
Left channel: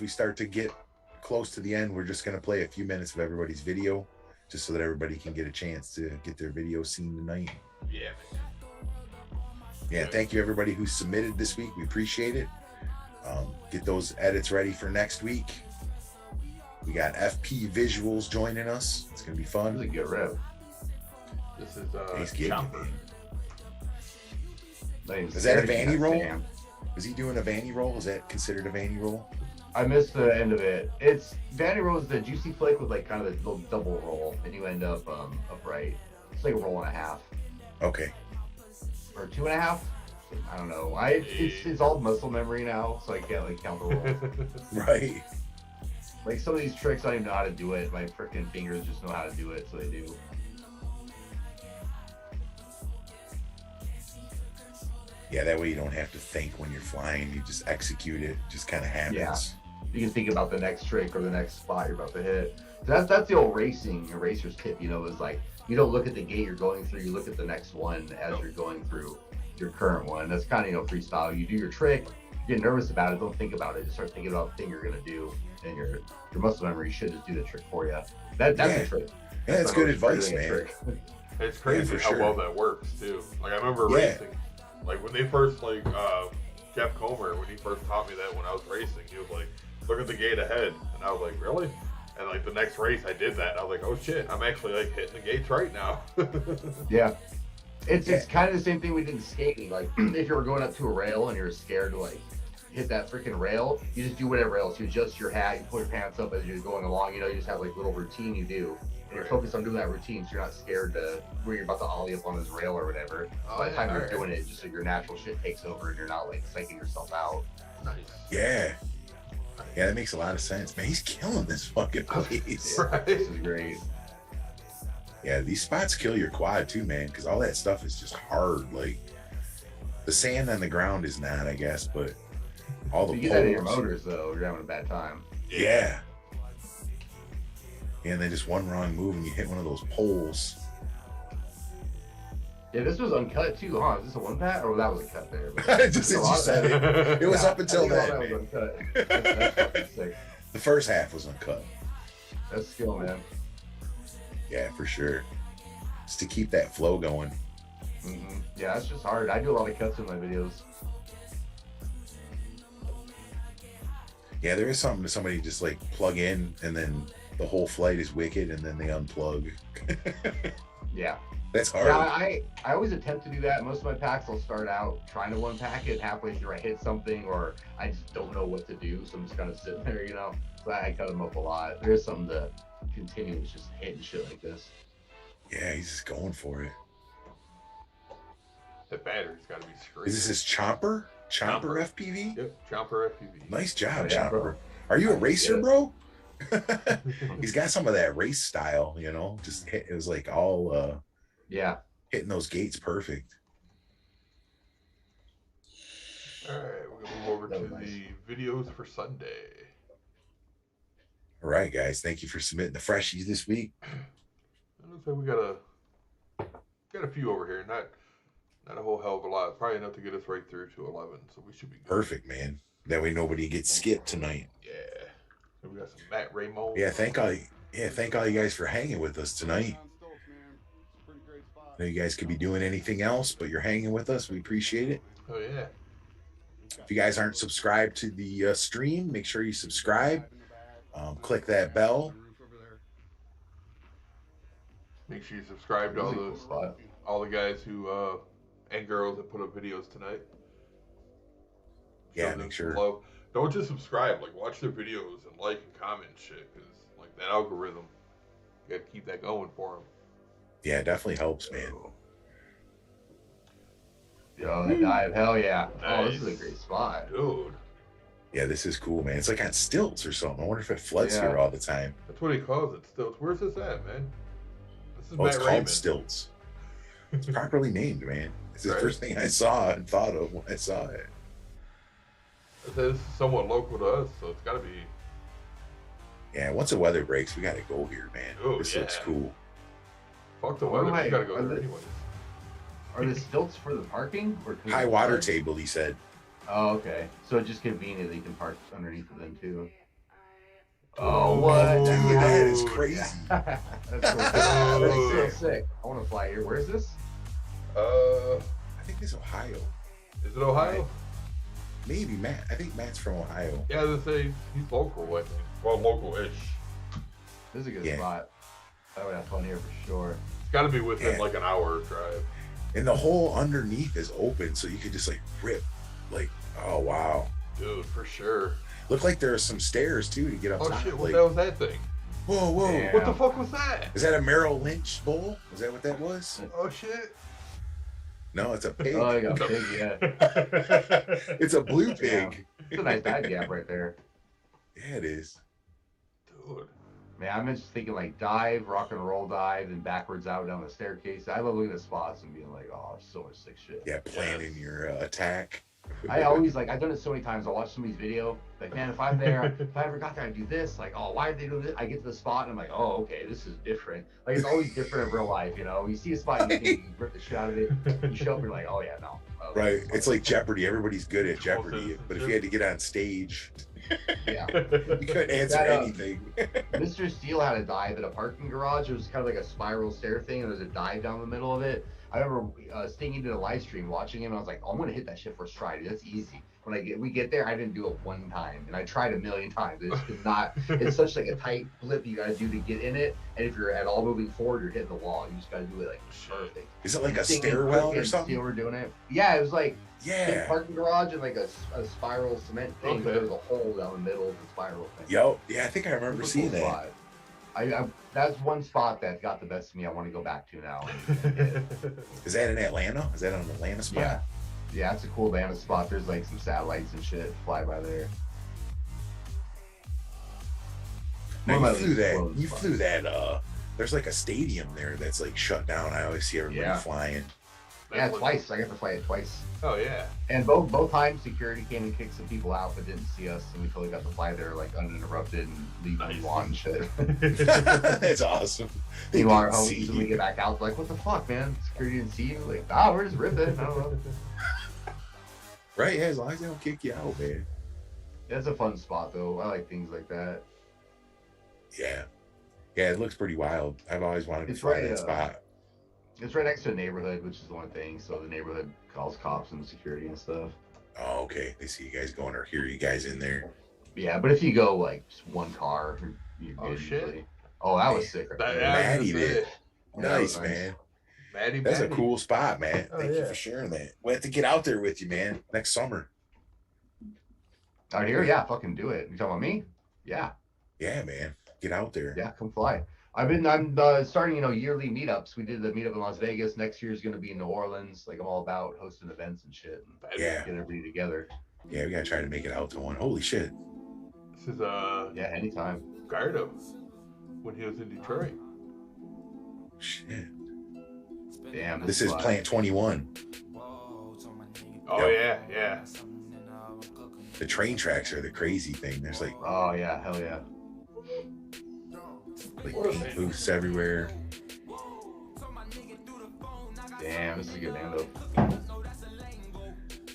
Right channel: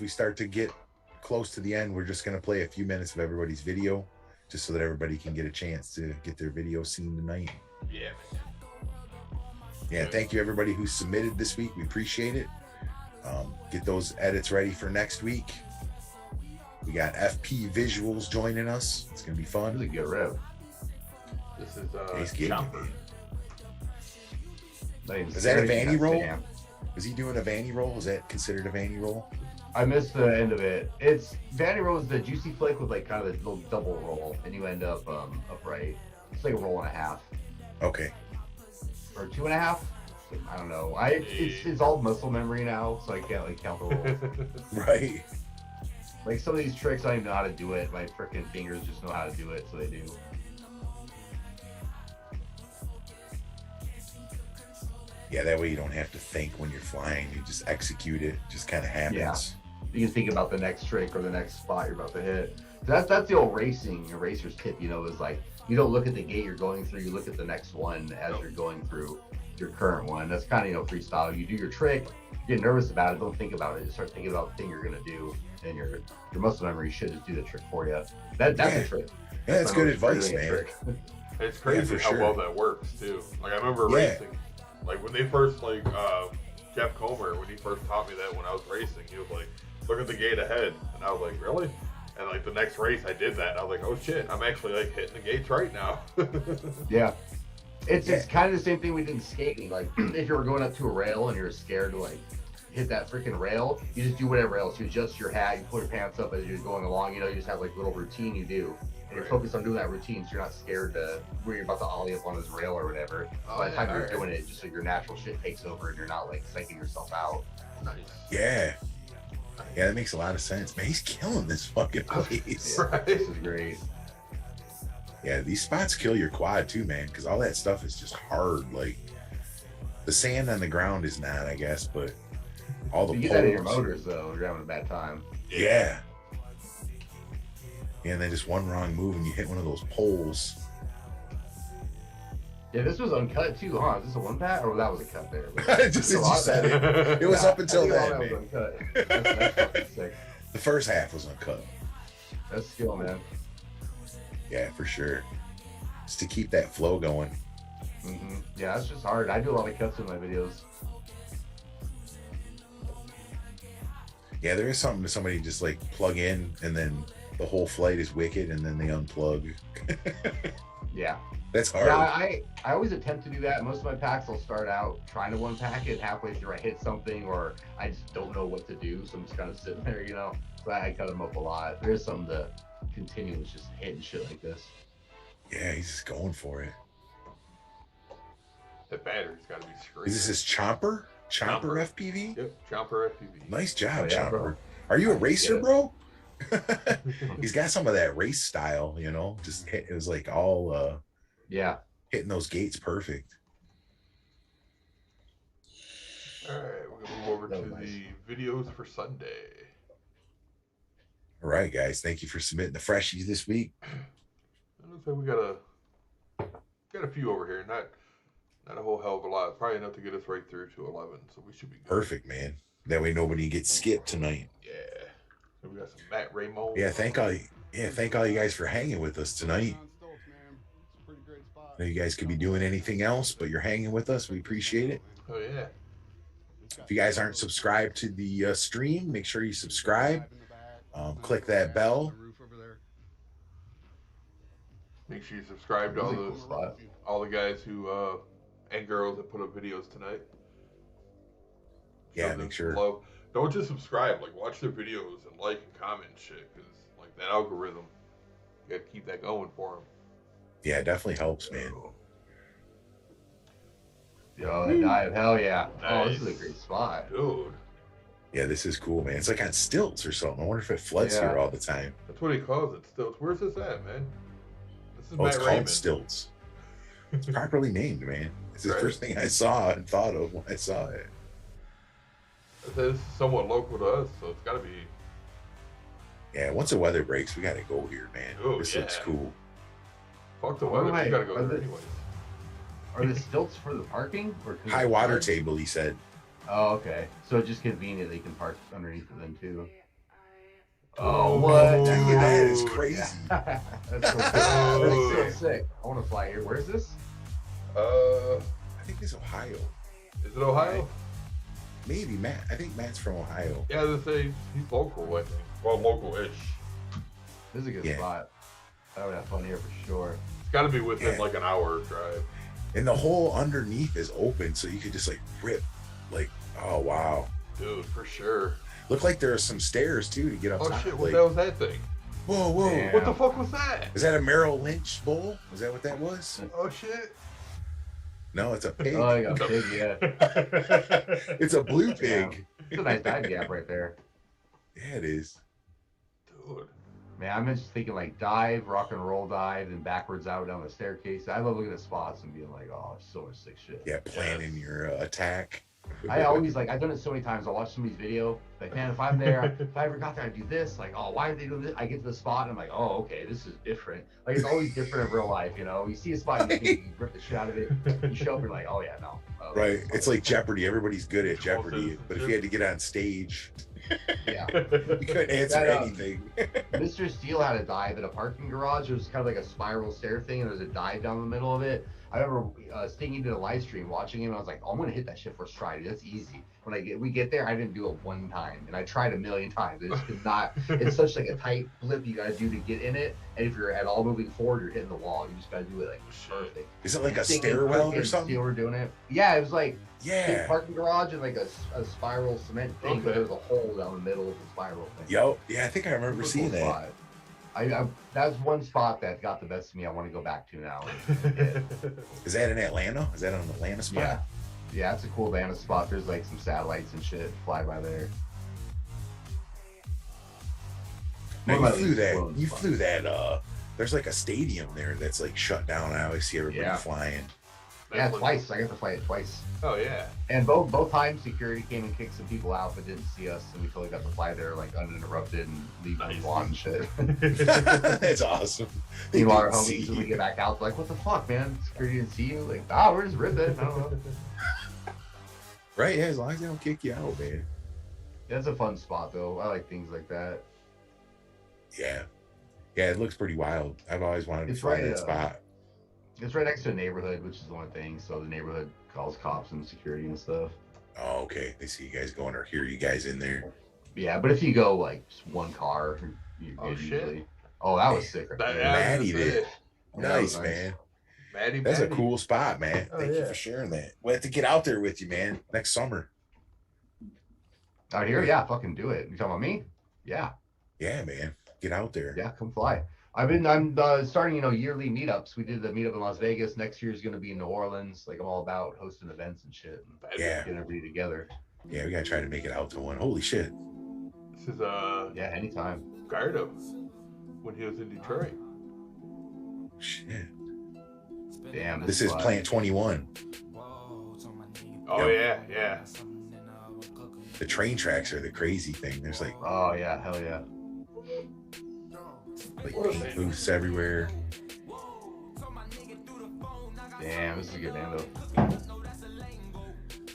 we start to get close to the end, we're just gonna play a few minutes of everybody's video, just so that everybody can get a chance to get their video seen tonight. Yeah, man. Yeah, thank you everybody who submitted this week. We appreciate it. Get those edits ready for next week. We got FP Visuals joining us. It's gonna be fun. This is a good rep. This is Chopper. Is that a Vanny roll? Is he doing a Vanny roll? Is that considered a Vanny roll? I missed the end of it. It's Vanny roll is the juicy flick with like kind of a little double roll, and you end up upright. It's like a roll and a half. Okay. Or 2.5. I don't know. It's all muscle memory now, so I can't like count the rolls. Right. Like some of these tricks, I don't even know how to do it. My freaking fingers just know how to do it, so they do. Yeah, that way you don't have to think when you're flying. You just execute it. It just kind of happens. Yeah. You can think about the next trick or the next spot you're about to hit. That's the old racer's tip, you know, is like you don't look at the gate you're going through, you look at the next one as you're going through your current one. That's kind of, you know, freestyle. You do your trick, you get nervous about it, don't think about it. Just start thinking about the thing you're gonna do, and your muscle memory should just do the trick for you. That's a trick. Yeah, that's good advice, man. It's crazy how well that works too. Like I remember racing, like when they first Jeff Comer, when he first taught me that when I was racing, he was like, look at the gate ahead, and I was like, really? And like the next race I did that, and I was like, oh shit, I'm actually like hitting the gates right now. Yeah. It's kind of the same thing we did in skating. Like if you were going up to a rail and you're scared to like hit that freaking rail, you just do whatever else. You adjust your hat, you pull your pants up as you're going along, you know, you just have like little routine you do. And you're focused on doing that routine, so you're not scared to where you're about to ollie up on this rail or whatever. By the time you're doing it, just so your natural shit takes over and you're not like psyching yourself out. Nice. Yeah. Yeah, that makes a lot of sense. Man, he's killing this fucking place. Right. This is great. Yeah, these spots kill your quad too, man, because all that stuff is just hard. Like the sand on the ground is not, I guess, but all the you get that in your motors though, you're having a bad time. Yeah. And then just one wrong move and you hit one of those poles. Yeah, this was uncut too, huh? Is this a one pat or that was a cut there? Just as you said it, it was up until then. That was uncut. That's fucking sick. The first half was uncut. That's skill, man. Yeah, for sure. Just to keep that flow going. Mm-hmm. Yeah, it's just hard. I do a lot of cuts in my videos. Yeah, there is something to somebody just like plug in and then the whole flight is wicked and then they unplug. Yeah. That's hard. Yeah, I always attempt to do that. Most of my packs, I'll start out trying to unpack it. Halfway through, I hit something or I just don't know what to do. So I'm just kind of sitting there, you know. So I cut them up a lot. There's something to continue with just hitting shit like this. Yeah, he's just going for it. The battery's got to be screwed. Is this his Chomper? Chomper FPV? Yep, Chomper FPV. Nice job, yeah, Chomper. bro. Are you a racer, bro? He's got some of that race style, you know. Just it was like all yeah, hitting those gates perfect. All right, we're gonna move over to the videos for Sunday. All right, guys, thank you for submitting the freshies this week. It looks like we got a few over here, not a whole hell of a lot. Probably enough to get us right through to 11, so we should be good. Perfect, man. That way nobody gets skipped tonight. Yeah. So we got some Matt Raymond. Yeah, thank all you guys for hanging with us tonight. I know you guys could be doing anything else, but you're hanging with us. We appreciate it. Oh yeah. If you guys aren't subscribed to the stream, make sure you subscribe. Click that bell. Make sure you subscribe to all the guys who and girls that put up videos tonight. Yeah, them make sure. love. Don't just subscribe. Like, watch their videos and like and comment and shit. Because, like, that algorithm, you got to keep that going for them. Yeah, it definitely helps, man. Yo, that dive, hell yeah. Nice. Oh, this is a great spot. Dude. Yeah, this is cool, man. It's like on stilts or something. I wonder if it floods here all the time. That's what he calls it, Stilts. Where's this at, man? This is Matt it's Raymond. called Stilts. It's properly named, man. It's the first thing I saw and thought of when I saw it. This is somewhat local to us, so it's got to be. Yeah, once the weather breaks, we got to go here, man. Oh, this looks cool. Fuck the weather. We got to go there anyways. Are the stilts for the parking? Or high water table, he said. Oh, okay. So just convenient that you can park underneath of them, too. Oh, what? Dude, that is crazy. That's so sick. Sick. I want to fly here. Where's this? I think it's Ohio. Is it Ohio? Maybe Matt. I think Matt's from Ohio. Yeah, they say he's local, I think. Well, local-ish. This is a good spot. I would have fun here for sure. It's got to be within like an hour drive. And the hole underneath is open, so you could just like rip. Like, oh wow. Dude, for sure. Looked like there are some stairs too to get up. Oh top. shit, what like, the hell was that thing? Whoa, whoa. Damn. What the fuck was that? Is that a Merrill Lynch bowl? Is that what that was? Oh shit. No, it's a pig. Oh, you got a pig, yeah. It's a blue pig. It's a nice dive gap right there. Yeah, it is. Dude. Man, I'm just thinking like dive, rock and roll dive, and backwards out down the staircase. I love looking at spots and being like, oh, so much sick shit. Yeah, planning your attack. I always I've done it so many times. I'll watch somebody's video. Like, man, if I'm there, if I ever got there, I'd do this. Like, oh, why did they do this? I get to the spot and I'm like, oh, okay, this is different. Like, it's always different in real life, you know? You see a spot, you think you can rip the shit out of it. You show up, you're like, oh, yeah, no. Right. It's like Jeopardy. Everybody's good at Jeopardy. But if you had to get on stage, yeah, you couldn't answer anything. Mr. Steele had a dive at a parking garage. It was kind of like a spiral stair thing, and there was a dive down the middle of it. I remember staying into the live stream, watching him, and I was like, oh, I'm going to hit that shit first try. Dude, that's easy. When we get there, I didn't do it one time, and I tried a million times. It's just not. It's such like a tight blip you got to do to get in it, and if you're at all moving forward, you're hitting the wall. You just got to do it like perfect. Is it like a stairwell or something? Steele were doing it. Yeah, it was like big parking garage and like a spiral cement thing. Okay. There was a hole down the middle of the spiral thing. Yo, yeah, I think I remember seeing that. Spot. I that's one spot that got the best of me. I want to go back to now. Is that in Atlanta? Is that an Atlanta spot? Yeah, it's a cool Atlanta spot. There's like some satellites and shit fly by there. Now you flew that. There's like a stadium there that's like shut down. I always see everybody flying. Yeah, twice. I got to fly it twice. Oh yeah. And both times security came and kicked some people out, but didn't see us, and we totally got to fly there like uninterrupted and leave when we want and shit. That's awesome. Meanwhile, our homies, when we get back out, like, what the fuck, man? Security didn't see you. Like, we're just ripping. I don't know. Right? Yeah, as long as they don't kick you out, man. Yeah, it's a fun spot though. I like things like that. Yeah. Yeah, it looks pretty wild. I've always wanted to fly that spot. It's right next to a neighborhood, which is the only thing. So the neighborhood calls cops and security and stuff. Oh, okay. They see you guys going or hear you guys in there. Yeah, but if you go like just one car, shit. Oh, that was sick. Maddie did. Nice, man. Maddie. That's a cool spot, man. Thank you for sharing that. We'll have to get out there with you, man, next summer. Out here? Yeah, fucking do it. You talking about me? Yeah. Yeah, man. Get out there. Yeah, come fly. I'm starting, yearly meetups. We did the meetup in Las Vegas. Next year is going to be in New Orleans. Like, I'm all about hosting events and shit. And get everybody together. Yeah, we got to try to make it out to one. Holy shit. This is, anytime. Gardo, when he was in Detroit. Shit. Damn. This is Plant 21. Oh, yeah. The train tracks are the crazy thing. There's like... Oh, yeah. Hell yeah. Like paint booths everywhere. Damn, this is a good Bando.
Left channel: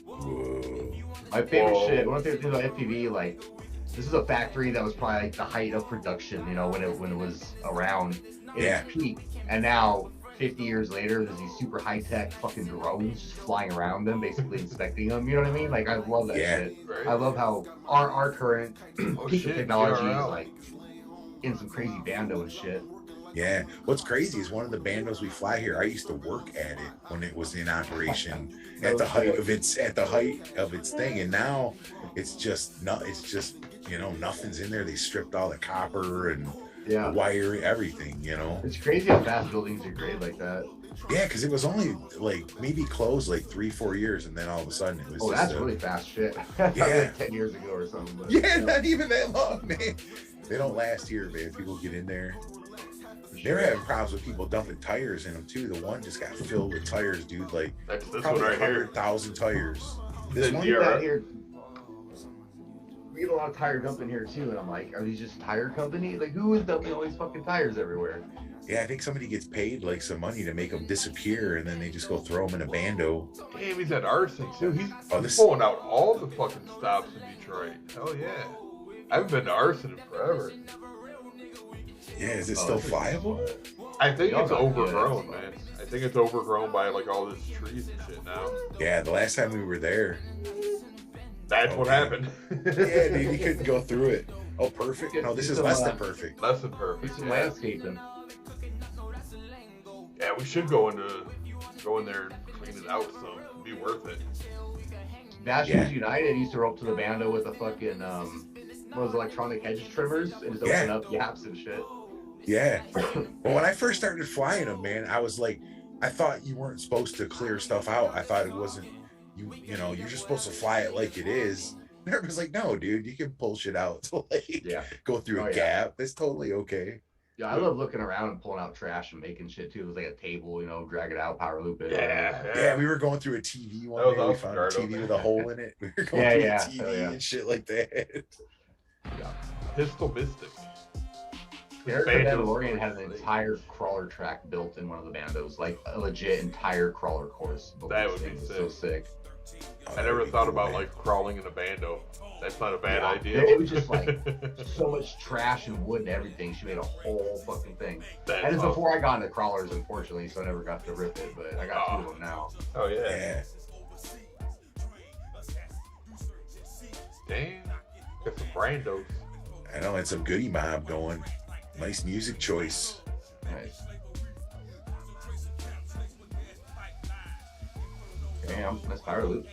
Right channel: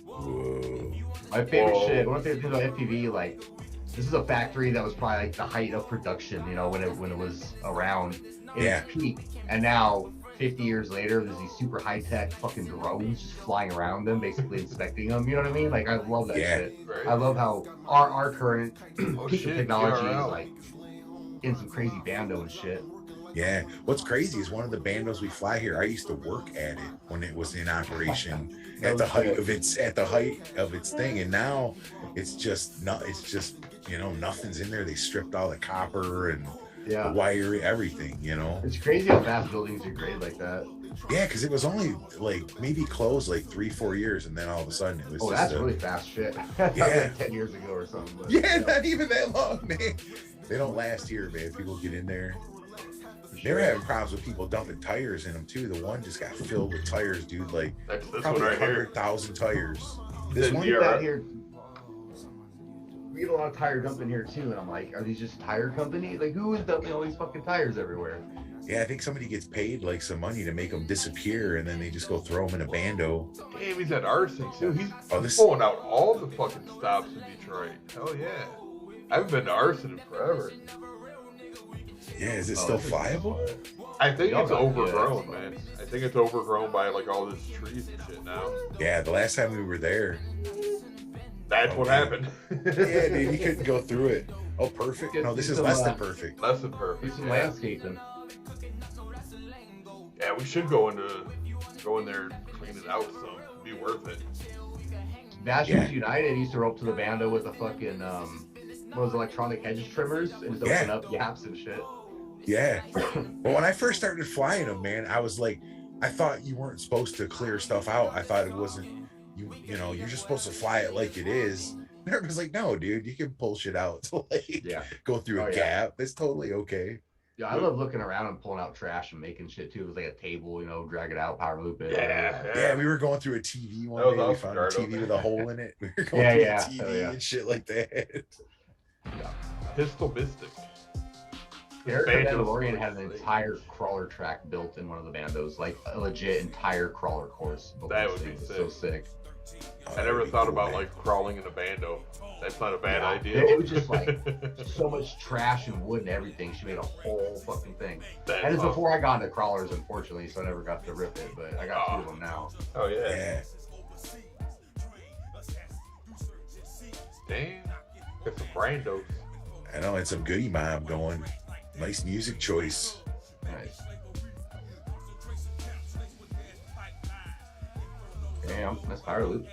Whoa. My favorite shit. When I think about FPV, like, this is a factory that was probably like the height of production, when it was around in its peak. And now, 50 years later, there's these super high-tech fucking drones just flying around them, basically inspecting them. You know what I mean? Like, I love that shit. Right. I love how our current peak of technology is like in some crazy Bando and shit. Yeah. What's crazy is one of the bandos we fly here, I used to work at it when it was in operation at the height of its thing. And now it's just nothing's in there. They stripped all the copper and the wire, everything, It's crazy how fast buildings degrade like that. Yeah, because it was only like maybe closed like 3-4 years, and then all of a sudden it was. Oh, that's really fast shit. Yeah, like 10 years ago or something. But, yeah, not even that long, man. They don't last here, man. People get in there. They're having problems with people dumping tires in them too. The one just got filled with tires, dude. Like that's this one right here. 100,000 tires. This one out here. We get a lot of tire dumping here too, and I'm like, are these just tire companies? Like, who is dumping all these fucking tires everywhere? Yeah, I think somebody gets paid like some money to make them disappear, and then they just go throw them in a bando. Damn, he's at arson too. He's pulling out all the fucking stops in Detroit. Hell yeah. I haven't been to arson in forever. Yeah, is it still flyable? I think it's overgrown, man. I think it's overgrown by like all this trees and shit now. Yeah, the last time we were there. That's what happened. Yeah, dude, you couldn't go through it. Oh, perfect. No, this is less than perfect. Less than perfect. It's landscaping. Yeah, we should go in there and clean it out some. It'd be worth it. Nationals United used to rope to the Bando with the fucking those electronic hedge trimmers and just open up yaps and shit. Yeah. Well, when I first started flying them, man, I was like, I thought you weren't supposed to clear stuff out. I thought it wasn't, you're just supposed to fly it like it is. And everybody's like, no, dude, you can pull shit out to go through a gap. That's totally okay. Yeah, I love looking around and pulling out trash and making shit too. It was like a table, drag it out, power loop it. Yeah, we were going through a TV one day. We found a TV with a hole in it. We were going through a TV and shit like that. Yeah. Pistol Mystic. Mandalorian had an entire crawler track built in one of the Bandos, like a legit entire crawler course. That would be sick. So sick. I never thought about like crawling in a Bando. That's not a bad idea. It was just like so much trash and wood and everything. She made a whole fucking thing. And it's before I got into crawlers, unfortunately, so I never got to rip it, but I got two of them now. Oh yeah. Damn. Got some Bandos. I know, it's some Goody Mob going. Nice music choice. Nice. Damn, that's power loop.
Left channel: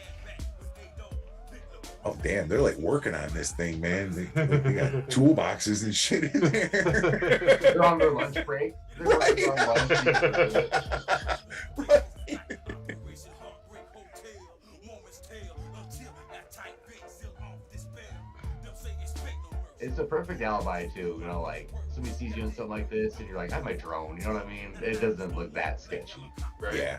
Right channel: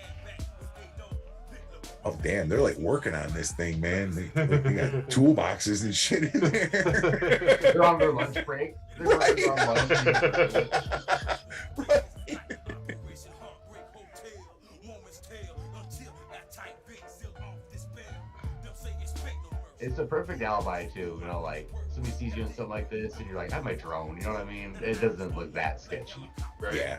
Oh damn, they're like working on this thing, man. They got toolboxes and shit in there. They're on their lunch break. They're on lunch. Right. It's a perfect alibi too, like somebody sees you doing something like this and you're like, I have my drone, you know what I mean? It doesn't look that sketchy. Right. Yeah.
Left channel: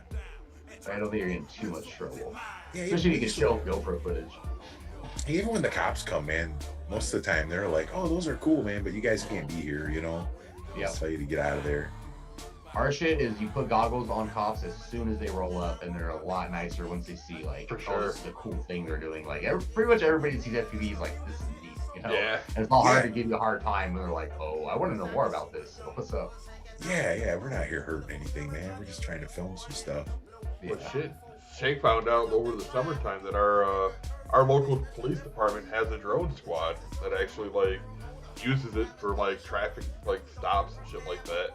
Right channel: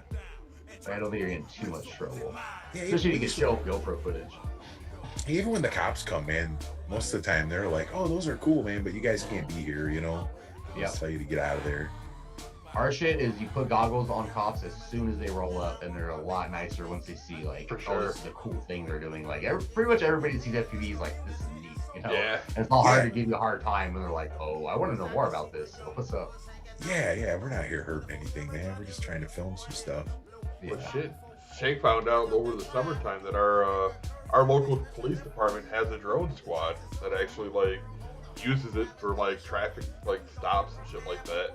I don't think you're in too much trouble. Yeah, especially if you can show GoPro footage. Even when the cops come, man, most of the time they're like, oh, those are cool, man, but you guys can't be here, Yeah. Just tell you to get out of there. Our shit is you put goggles on cops as soon as they roll up, and they're a lot nicer once they see, like, for sure, this is a cool thing they're doing. Like, pretty much everybody that sees FPV is like, this is neat, Yeah. And it's not hard to give you a hard time, and they're like, oh, I want to know more about this, so what's up? Yeah, we're not here hurting anything, man. We're just trying to film some stuff. Well, shit. Shake found out over the summertime that our local police department has a drone squad that actually like uses it for like traffic like stops and shit like that,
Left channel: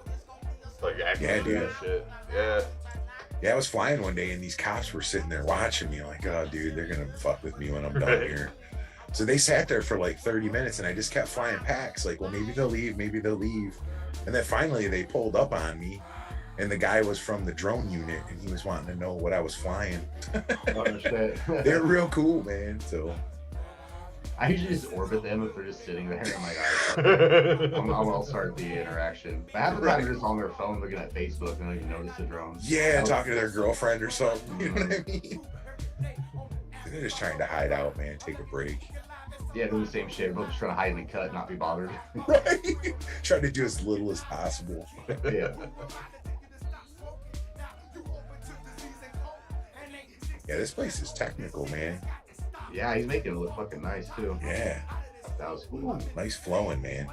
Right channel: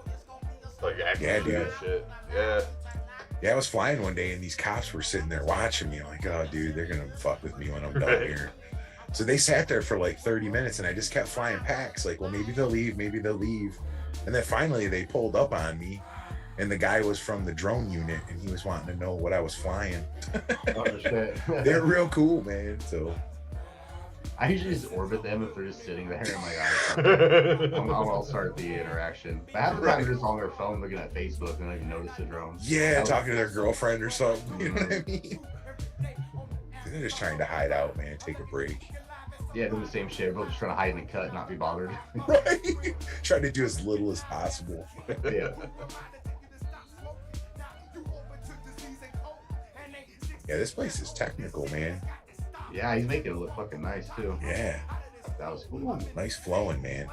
like accidents and shit. Yeah, I was flying one day and these cops were sitting there watching me like, oh dude, they're gonna fuck with me when I'm done here. So they sat there for like 30 minutes and I just kept flying packs like, well, maybe they'll leave, and then finally they pulled up on me. And the guy was from the drone unit, and he was wanting to know what I was flying. Oh, shit. They're real cool, man. So I usually just orbit them if they're just sitting there. I'm like, I'll start the interaction. But half the time they're just on their phone looking at Facebook and they don't even notice the drone. Yeah, talking to their girlfriend or something. You know what I mean? They're just trying to hide out, man. Take a break. Yeah, do the same shit. We're just trying to hide in the cut, not be bothered. Right. Trying to do as little as possible. Yeah. Yeah, this place is technical, man. Yeah, he's making it look fucking nice too. Yeah. That was cool. Nice flowing, man.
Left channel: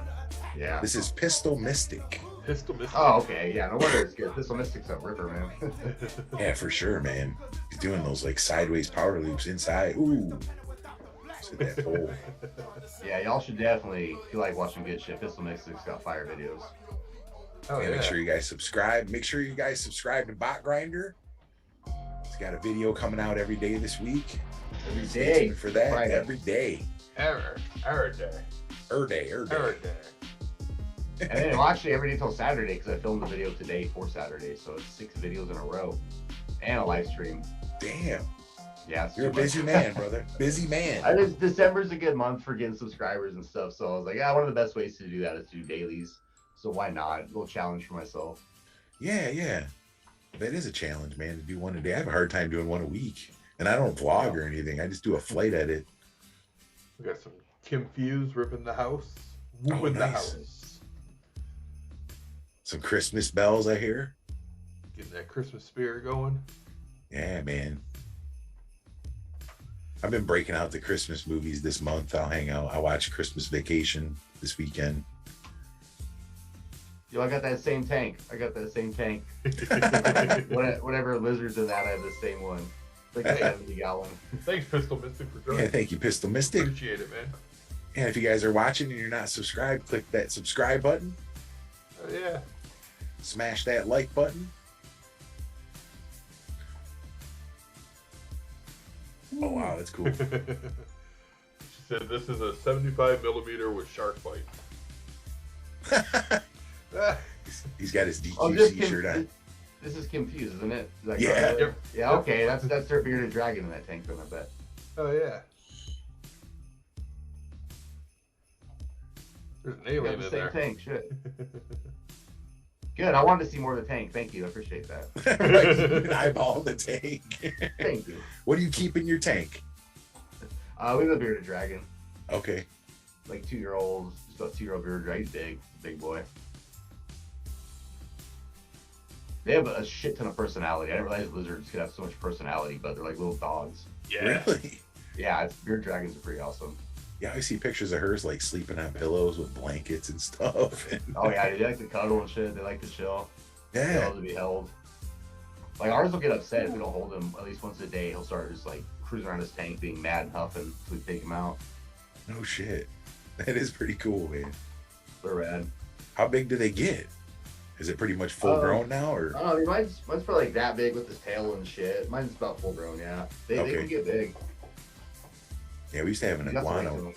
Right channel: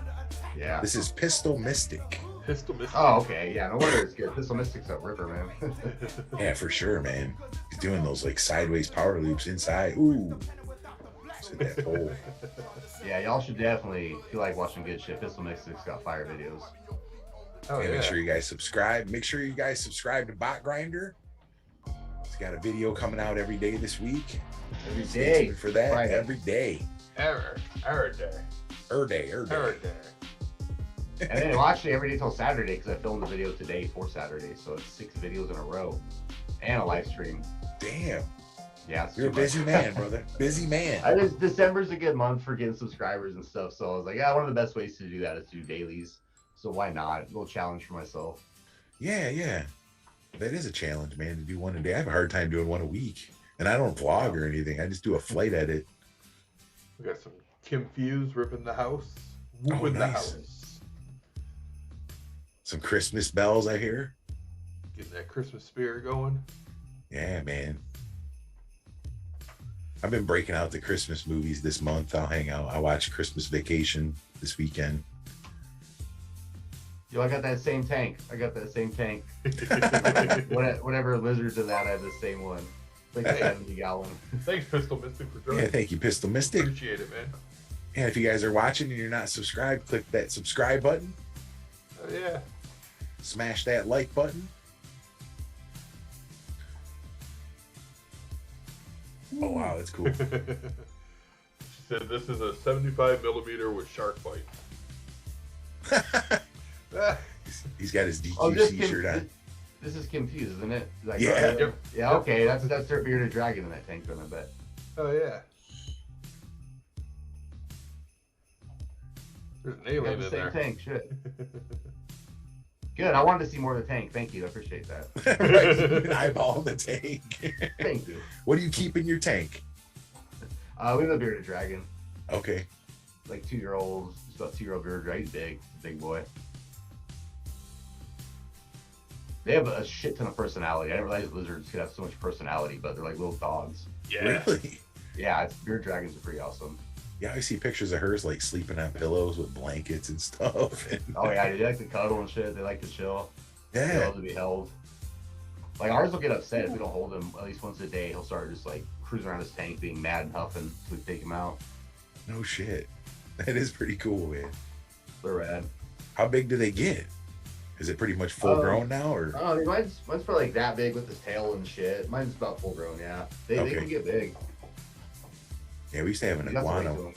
Yeah. This is Pistol Mystic. Pistol Mystic. Oh, okay. Yeah, no wonder it's good. Pistol Mystic's a ripper, man. Yeah, for sure, man. He's doing those like sideways power loops inside. Ooh. That hole. Yeah, y'all should definitely, if you like watching good shit, Pistol Mystic's got fire videos. Oh, and make sure you guys subscribe. Make sure you guys subscribe to BOTGRINDEER. He's got a video coming out every day this week. Every day for that. Friday. Every day. Every day. And then, well, actually, every day till Saturday, because I filmed the video today for Saturday, so it's 6 videos in a row and a live stream. Damn. Yeah, you're a busy man, brother. Busy man. December's a good month for getting subscribers and stuff, so I was like, yeah, one of the best ways to do that is to do dailies. So why not? A little challenge for myself. Yeah. That is a challenge, man, to do one a day. I have a hard time doing one a week. And I don't vlog or anything. I just do a flight edit. We got some Kim Fuse ripping the house. Whooping the house. Some Christmas bells, I hear. Getting that Christmas spirit going. Yeah, man. I've been breaking out the Christmas movies this month. I'll hang out. I watch Christmas Vacation this weekend. Yo, I got that same tank. Whatever lizards in that, I have the same one. Like a 70 gallon. Thanks, Pistol Mystic, for joining. Yeah, thank you, Pistol Mystic. Appreciate it, man. And if you guys are watching and you're not subscribed, click that subscribe button. Oh, yeah. Smash that like button. Oh, wow, that's cool. She said this is a 75 millimeter with shark bite. He's got his DQC shirt on. This is confused, isn't it? Yeah. Yep. Yeah, okay. That's their bearded dragon in that tank, then, I bet. Oh, yeah. There's an alien in there. Tank, shit. Good. I wanted to see more of the tank. Thank you. I appreciate that. Eyeball the tank. Thank you. What do you keep in your tank? We have a bearded dragon. Okay. Like 2-year-old, just about 2-year-old bearded dragon. He's big boy. They have a shit ton of personality. I didn't realize lizards could have so much personality, but they're like little dogs. Yeah. Really? Yeah, bearded dragons are pretty awesome. Yeah, I see pictures of hers like sleeping on pillows with blankets and stuff. Oh yeah, they like to cuddle and shit. They like to chill. Yeah. They love to be held. Like ours will get upset if we don't hold him at least once a day. He'll start just like cruising around his tank, being mad and huffing until we take him out. No shit. That is pretty cool, man. They're rad. How big do they get? Is it pretty much full grown now, or? I don't know. Mine's probably like that big with his tail and shit. Mine's about full grown. Yeah, they can get big. Yeah, we used to have an iguana,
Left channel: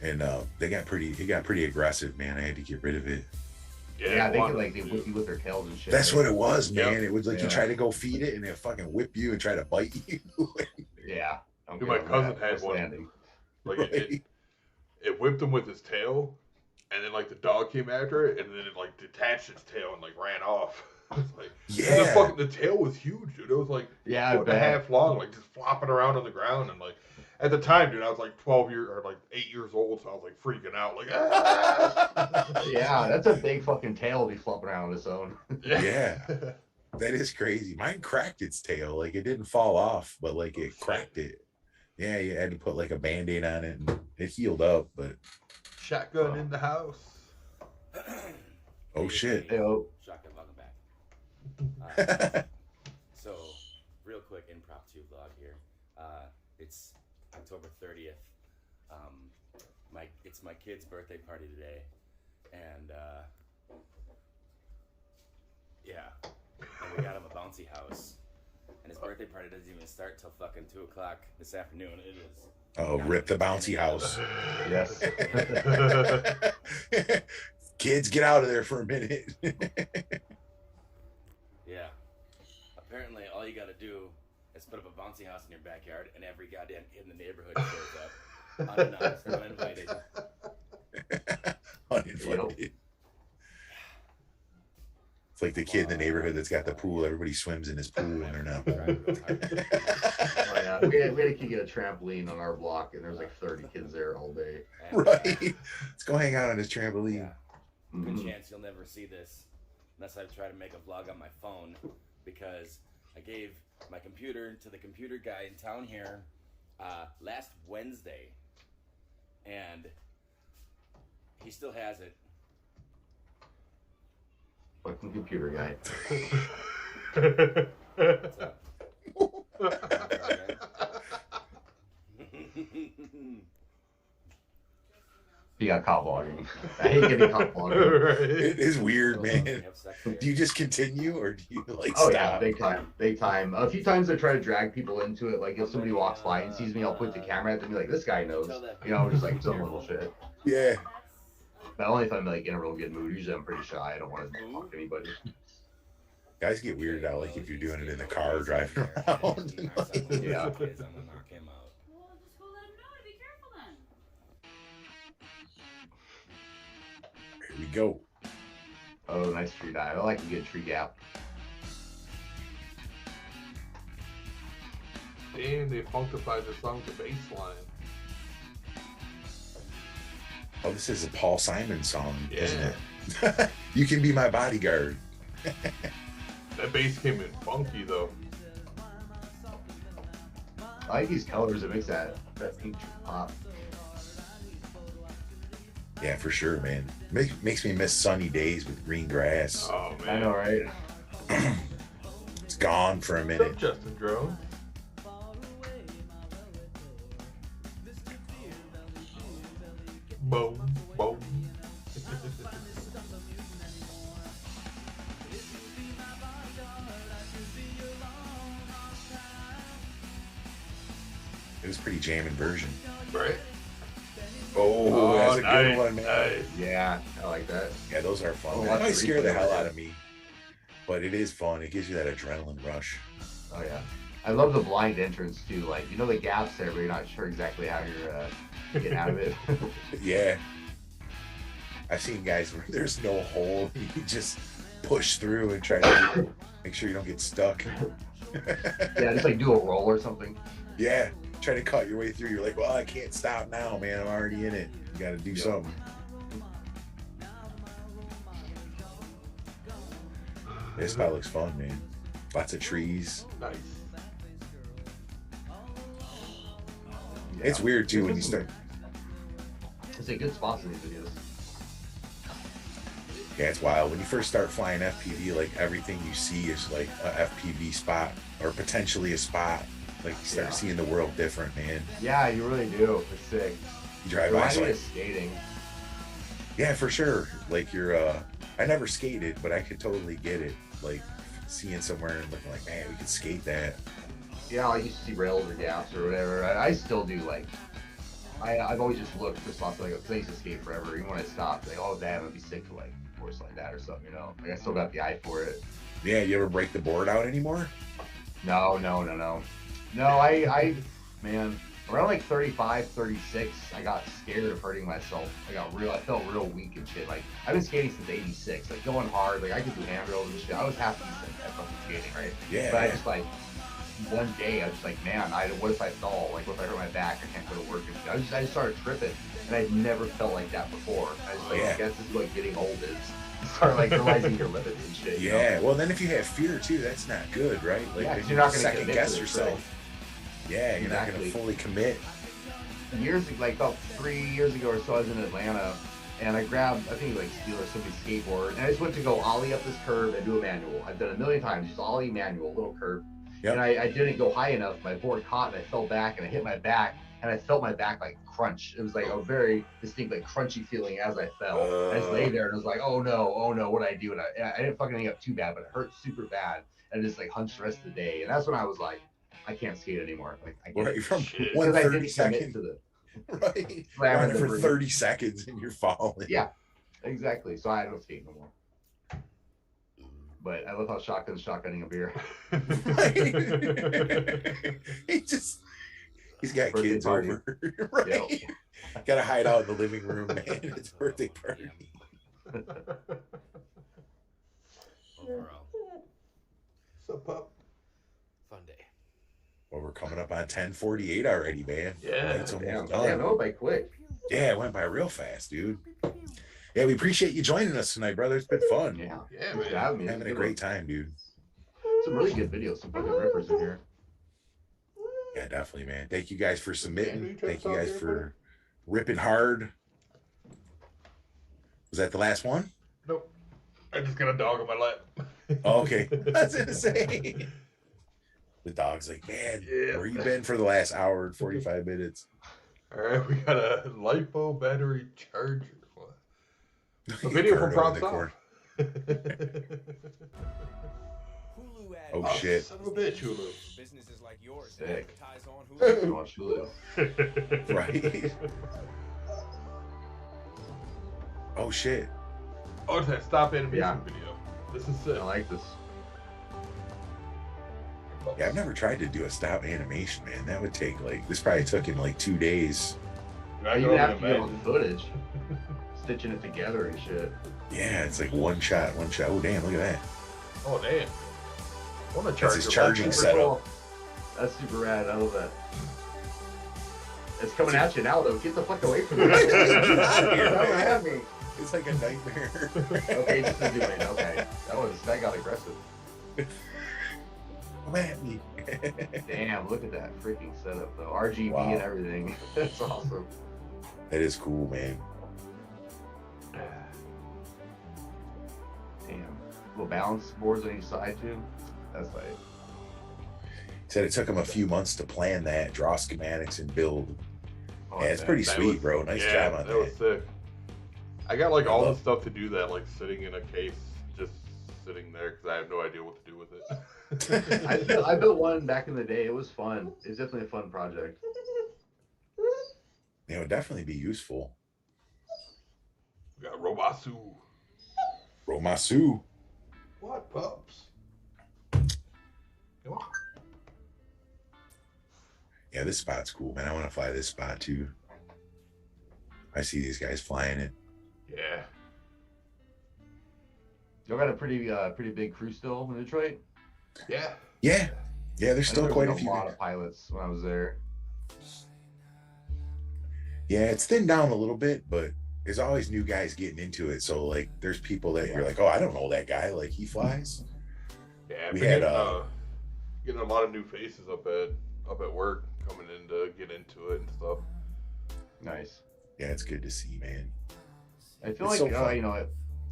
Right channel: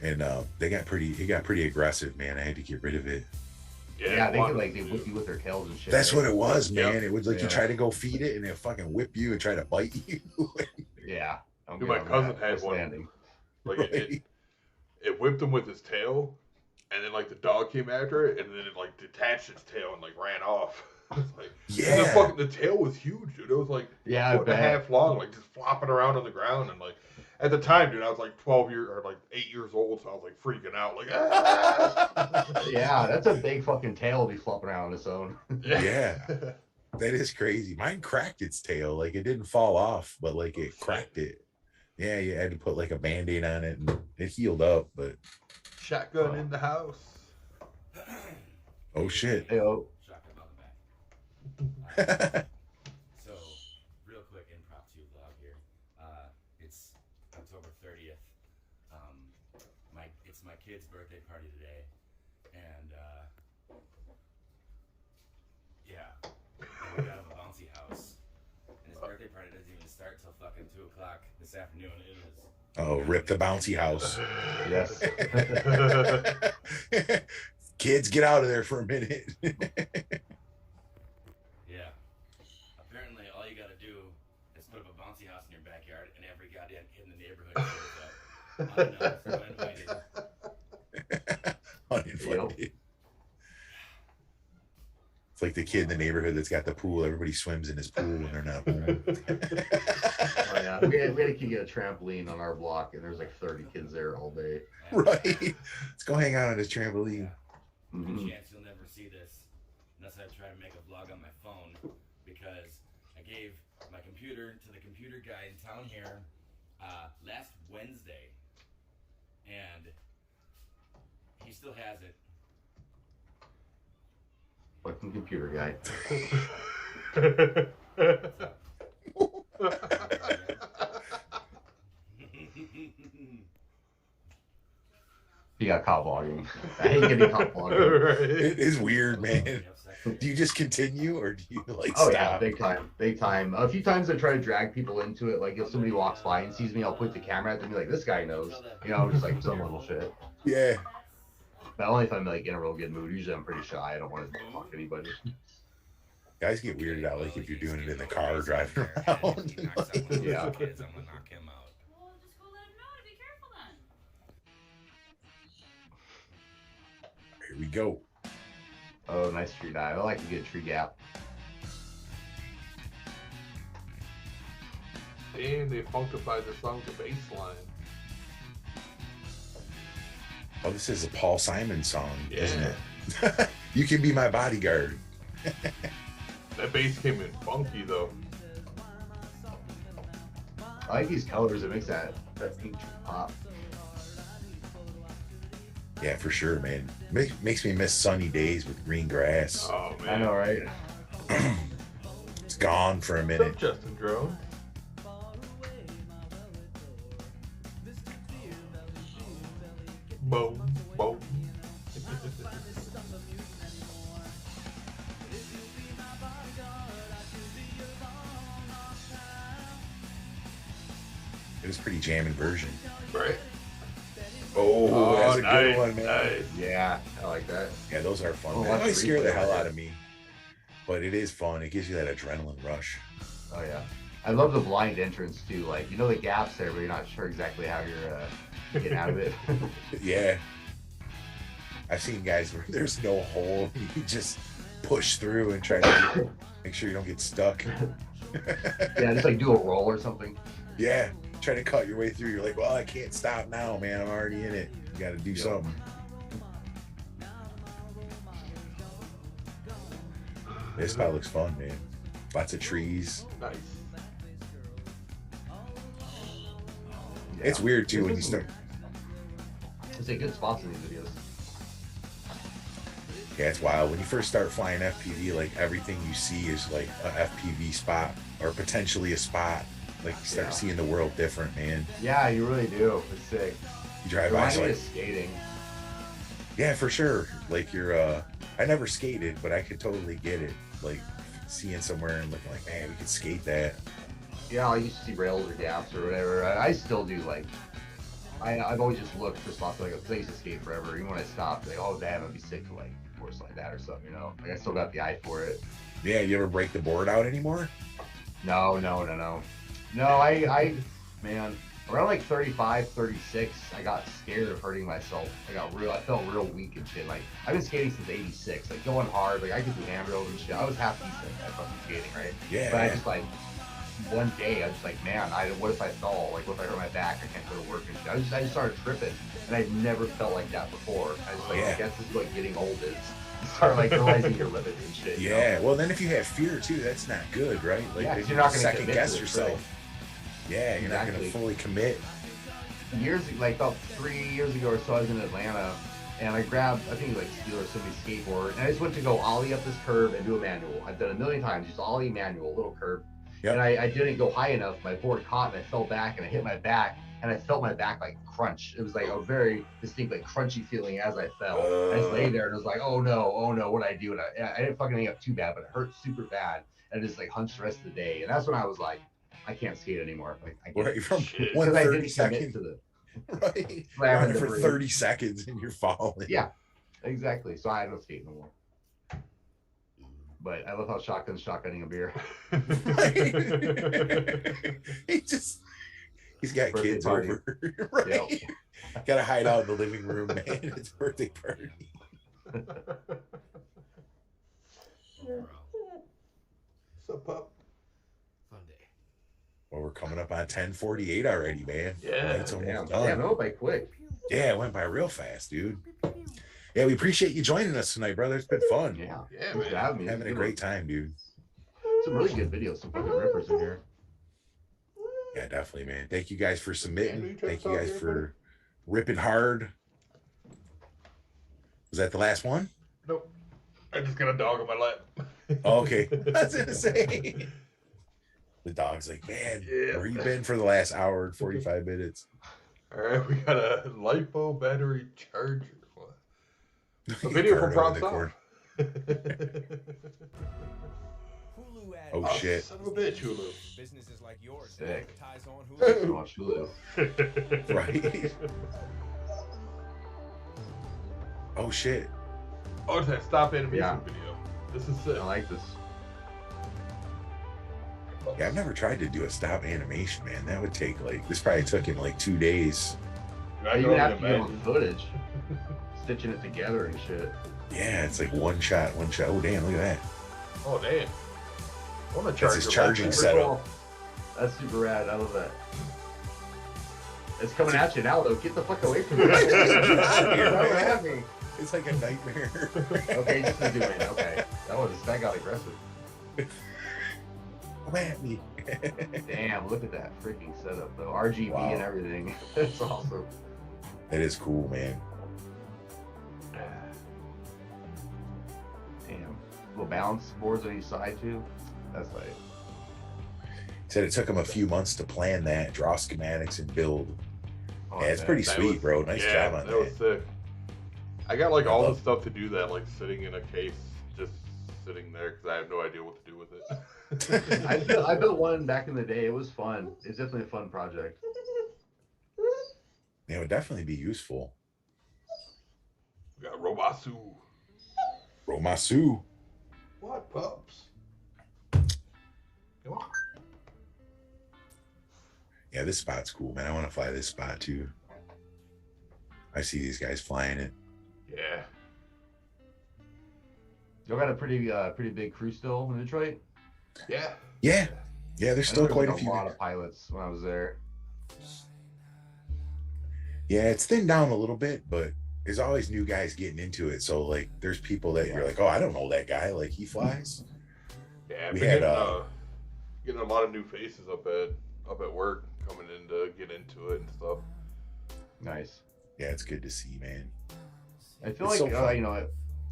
and it got pretty aggressive, man. I had to get rid of it. Yeah, they can like they whip you with their tails and shit. That's what it was, man. Yep. It was like you try to go feed it, and it fucking whip you and try to bite you. Yeah. Dude, my cousin had one. Like it whipped him with his tail, and then like the dog came after it, and then it like detached its tail and like ran off. Like, yeah. The tail was huge, dude. It was like a foot and a half long, like just flopping around on the ground, and like at the time, dude, I was like 8 years old, so I was like freaking out, like ah! Yeah, that's a big fucking tail to be flopping around on its own. Yeah. That is crazy. Mine cracked its tail. Like it didn't fall off, but like it cracked it. Yeah, you had to put like a Band-Aid on it and it healed up, but shotgun in the house. Oh shit. Hey-o. Shotgun, welcome back. So, real quick impromptu vlog here. It's October 30th. It's my kid's birthday party today, and yeah, we have a bouncy house, and his birthday party doesn't even start till fucking 2 o'clock this afternoon. It is. Oh, rip the bouncy house. Yes. Kids, get out of there for a minute. Yeah. Apparently, all you gotta do is put up a bouncy house in your backyard, and every goddamn kid in the neighborhood shows up. Uninvited. It's like the kid in the neighborhood that's got the pool. Everybody swims in his pool, and they're not. Oh, yeah. We had a kid get a trampoline on our block, and there's like 30 kids there all day. Right. Let's go hang out on this trampoline. Yeah. Good chance you'll never see this unless I try to make a vlog on my phone, because I gave my computer to the computer guy in town here last Wednesday, and he still has it. Fucking computer guy. He got caught vlogging. I hate getting caught vlogging. Right. It is weird, man. Do you just continue or do you like Oh stop? yeah, big time, big time. A few times I try to drag people into it. Like if somebody walks by and sees me, I'll put the camera at them and be like, "This guy knows," you know, just like some little shit. Yeah. But only if I'm like in a real good mood. Usually I'm pretty shy. I don't want to talk to anybody. Guys get weirded out like if you're doing it in the car or driving around. Yeah. Here we go. Oh, nice tree dive. I like a good tree gap. And they funkified the song to bass line. Oh, this is a Paul Simon song, isn't Yeah. it? You Can Be My Bodyguard. That bass came in funky though. I like these colors. It makes that pink pop. Yeah, for sure, man. Makes me miss sunny days with green grass. Oh man. I know, right? It's gone for a What's minute. up, Justin Drone? Boom, boom. It was a pretty jamming version. Right? Oh, that's a nice, good one, man. nice. Yeah, I like that. Yeah, those are fun. Oh, They that's might scare the replay hell right out of me, but it is fun. It gives you that adrenaline rush. Oh yeah. I love the blind entrance too. Like you know the gaps there, but you're not sure exactly how you're getting out of it. Yeah. I've seen guys where there's no hole. You just push through and try to make sure you don't get stuck. Yeah, just like do a roll or something. Yeah. Try to cut your way through. You're like, well, I can't stop now, man. I'm already in it. You got to do something. This spot looks fun, man. Lots of trees. Nice. Yeah. It's weird too when you start. It's a good spots in these videos. Yeah, it's wild. When you first start flying FPV, like everything you see is like a FPV spot or potentially a spot. Like you start seeing the world different, man. Yeah, you really do. It's sick. You drive It by, reminds me like, of skating. yeah, for sure. Like you're, I never skated, but I could totally get it. Like seeing somewhere and looking like, man, we could skate that. Yeah, I used to see rails or gaps or whatever. I still do. Like, I've always just looked for spots like, because I used to skate forever. Even when I stopped, like, oh damn, I'd be sick to like course like that or something, you know. Like I still got the eye for it. Yeah, you ever break the board out anymore? No, I man, around like 35, 36, I got scared of hurting myself. I felt real weak and shit. Like I've been skating since '86, like going hard. Like I could do handrails and shit. I was half decent at fucking skating, right? Yeah. But I just like one day I was just like, man, what if I fall? Like what if I hurt my back? I can't go to work and shit. I just started tripping, and I'd never felt like that before. I just like, I guess this is what getting old is. You start like realizing your limits and shit. Yeah. You know? Well, then if you have fear too, that's not good, right? Like Yeah, then you're not gonna second commit guess to it, yourself. right? Yeah, you're not Exactly. gonna fully commit. Like about 3 years ago or so, I was in Atlanta, and I grabbed, I think like Steel or somebody's skateboard, and I just went to go ollie up this curve and do a manual. I've done it a million times, just ollie manual, little curve. Yep. And I didn't go high enough. My board caught and I fell back and I hit my back, and I felt my back like crunch. It was like a very distinct like crunchy feeling as I fell. I just lay there and I was like, oh no, what did I do? And I didn't fucking hang up too bad, but it hurt super bad. And I just like hunched the rest of the day. And that's when I was like, I can't skate anymore. Like I can't. Right, from Shit. one Because I 30 didn't second, commit to the right? slamming Running the for brake. 30 seconds and you're falling. Yeah, exactly. So I don't skate no more. But I love how shotgun's shotgunning a beer. he's got Birthday kids party. over. Right. Gotta hide out in the living room, man. It's a birthday party. What's up, pup? Fun day. Well, we're coming up on 10:48 already, man. Yeah, It's almost Damn, done. no, by quick. Yeah, it went by real fast, dude. Yeah, we appreciate you joining us tonight, brother. It's been fun. Yeah. Yeah, Thanks for man. having me. Having a great time, dude. Some really good videos, some fucking rippers in here. Yeah, definitely, man. Thank you guys for submitting. Andrew, you trying to Thank you talk guys here, buddy? for ripping hard. Was that the last one? Nope. I just got a dog on my lap. Oh, okay. I was gonna say. The dog's like, man, Yeah. where you been for the last hour and 45 minutes? All right, we got a LiPo battery charger. What? A video from Props Off. Oh shit! Son of a bitch, Hulu. Businesses like yours. Sick. Watch Hulu. Right. Oh shit! Oh, it's that stop animation video. This is sick. I like this. Yeah, I've never tried to do a stop animation, man. That would take like, this probably took him like 2 days. I You can have only to get imagine. footage, stitching it together and shit. Yeah, it's like one shot. Oh damn, look at that. Oh damn. What a That's charger. his charging Super setup. cool. That's super rad. I love that. It's coming at you now, though. Get the fuck away from me. Don't Have me. It's like a nightmare. Okay, just do it. Okay, that got aggressive. Come at me. Damn, look at that freaking setup though. RGB Wow. and everything. That's awesome. That is cool, man. Damn. Little balance boards on each side too. That's like. Said it took him a few months to plan that, draw schematics, and build. Oh, Yeah, it's man. pretty That sweet, was- bro. Nice yeah, job on that was sick. I got like I all the love- stuff to do that, like sitting in a case, just sitting there because I have no idea what to do with it. I built one back in the day. It was fun. It's definitely a fun project. It would definitely be useful. We got Robasu. Romasu. What pups? Come on. Yeah, this spot's cool, man. I want to fly this spot too. I see these guys flying it. Yeah. Y'all got a pretty big crew still in Detroit. Yeah. Yeah. Yeah, there's still quite a a few. lot of pilots when I was there. Yeah, it's thinned down a little bit, but there's always new guys getting into it. So like there's people that you're like, oh, I don't know that guy. Like he flies. Yeah, I've We been had, getting a lot of new faces up at work coming in to get into it and stuff. Nice. Yeah, it's good to see, man. I feel It's like so fun. you know,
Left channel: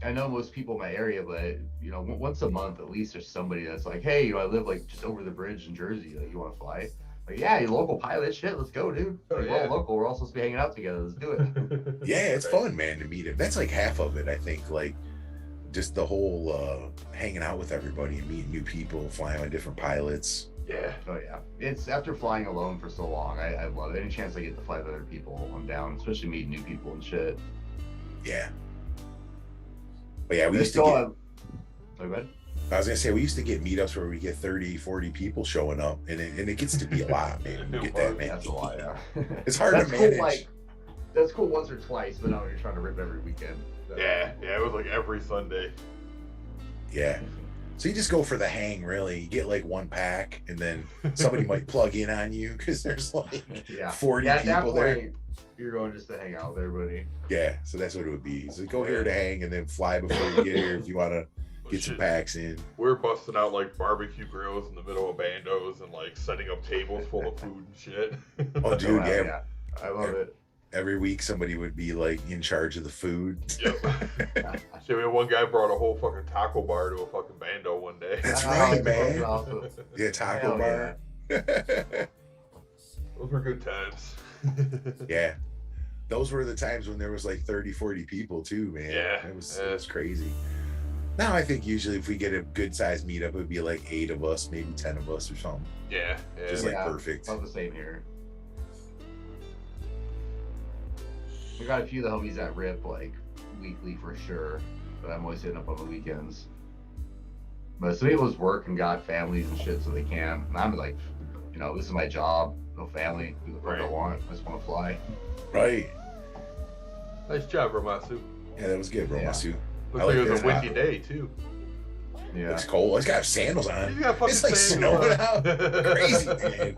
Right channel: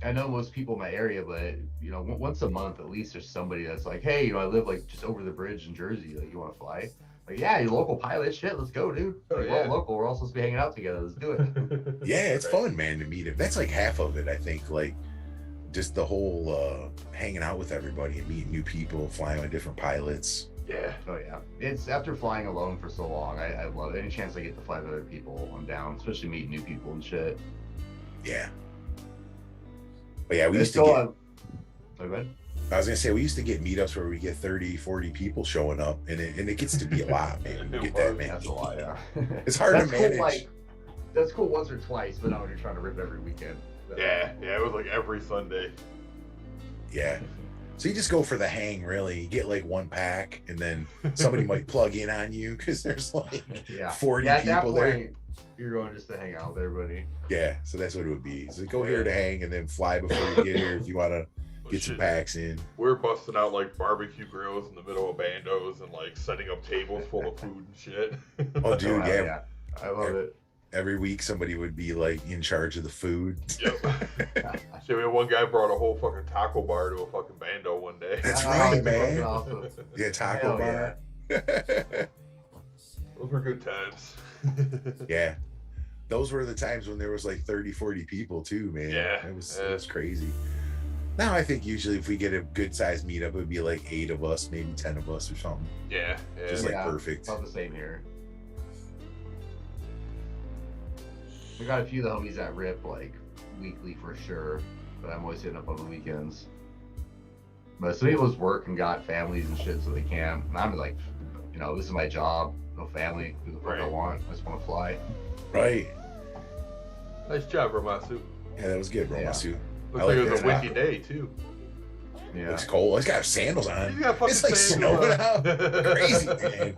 I know most people in my area, but you know, once a month at least, there's somebody that's like, hey, you know, I live like just over the bridge in Jersey. Like, you want to fly? Like, yeah, you local pilot. Shit, let's go, dude. Oh, Like, yeah. we're all local. We're all supposed to be hanging out together. Let's do it. Yeah, it's Right. fun, man, to meet him. That's like half of it, I think. Like just the whole hanging out with everybody and meeting new people, flying with different pilots. Yeah. Oh yeah, it's after flying alone for so long. I love it. Any chance I get to fly with other people, I'm down. Especially meeting new people and shit. Yeah. But yeah, we There's used to still get, oh, go ahead. I was gonna say, we used to get meetups where we get 30, 40 people showing up, and it gets to be a lot, man. You get that, man. That's a lot. Yeah. It's hard That's to cool, manage. like, that's cool once or twice, but not when you're trying to rip every weekend. Yeah. Yeah. It was like every Sunday. Yeah. So you just go for the hang, really. You get like one pack, and then somebody might plug in on you because there's like Yeah. 40 At that people there. point, you're going just to hang out with everybody. Yeah, so that's what it would be. So go here to hang, and then fly before you get here if you want to But get some shit, packs in. we're busting out like barbecue grills in the middle of Bandos and like setting up tables full of food and shit. Oh, dude, Wow, yeah. I love it. Every week somebody would be like in charge of the food. Yep. Shit, we had one guy brought a whole fucking taco bar to a fucking Bando one day. That's Oh, right, that's man. awesome. Yeah, taco Hell bar. Those were good times. Yeah. Those were the times when there was like 30, 40 people too, man. Yeah, It was yeah. crazy. Now I think usually if we get a good sized meetup, it would be like 8 of us, maybe 10 of us or something. Yeah, yeah. Just like Yeah. perfect. About the same here. We got a few of the homies that rip like weekly for sure, but I'm always hitting up on the weekends. But some people just work and got families and shit, so they can. And I'm like, you know, this is my job, no family, do the fuck I Right. want. I just want to fly. Right. Nice job, Romasu. Yeah, that was good, Romasu. Looks I like like it was a that. windy day too. Yeah. It's cold. It's got sandals on. He's got fucking It's like sandals snowing on. out. Crazy, man.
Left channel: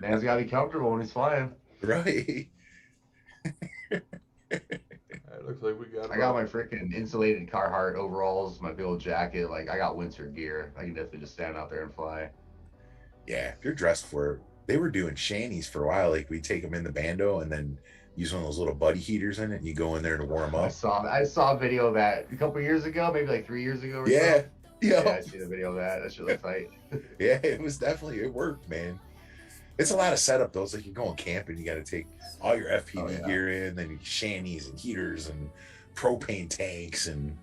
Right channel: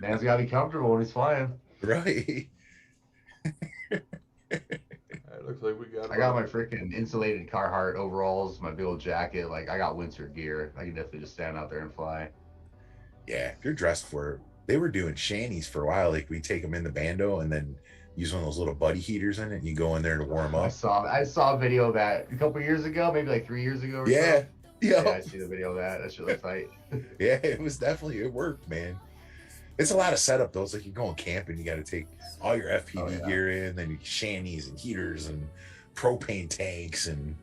Man's gotta be comfortable when he's flying. Right. It looks like we got. I got my freaking insulated Carhartt overalls, my big old jacket. Like, I got winter gear. I can definitely just stand out there and fly. Yeah, if you're dressed for it. They were doing shanties for a while. Like we take them in the Bando and then use one of those little buddy heaters in it, and you go in there to warm I up. saw a video of that a couple years ago, maybe like 3 years ago or Yeah. so. Yeah. Yeah, I see the video of that. That shit looks tight. Yeah, it was definitely, it worked, man. It's a lot of setup though. It's like you're going camping, you got to take all your FPV gear in, then shanties and heaters and propane tanks, and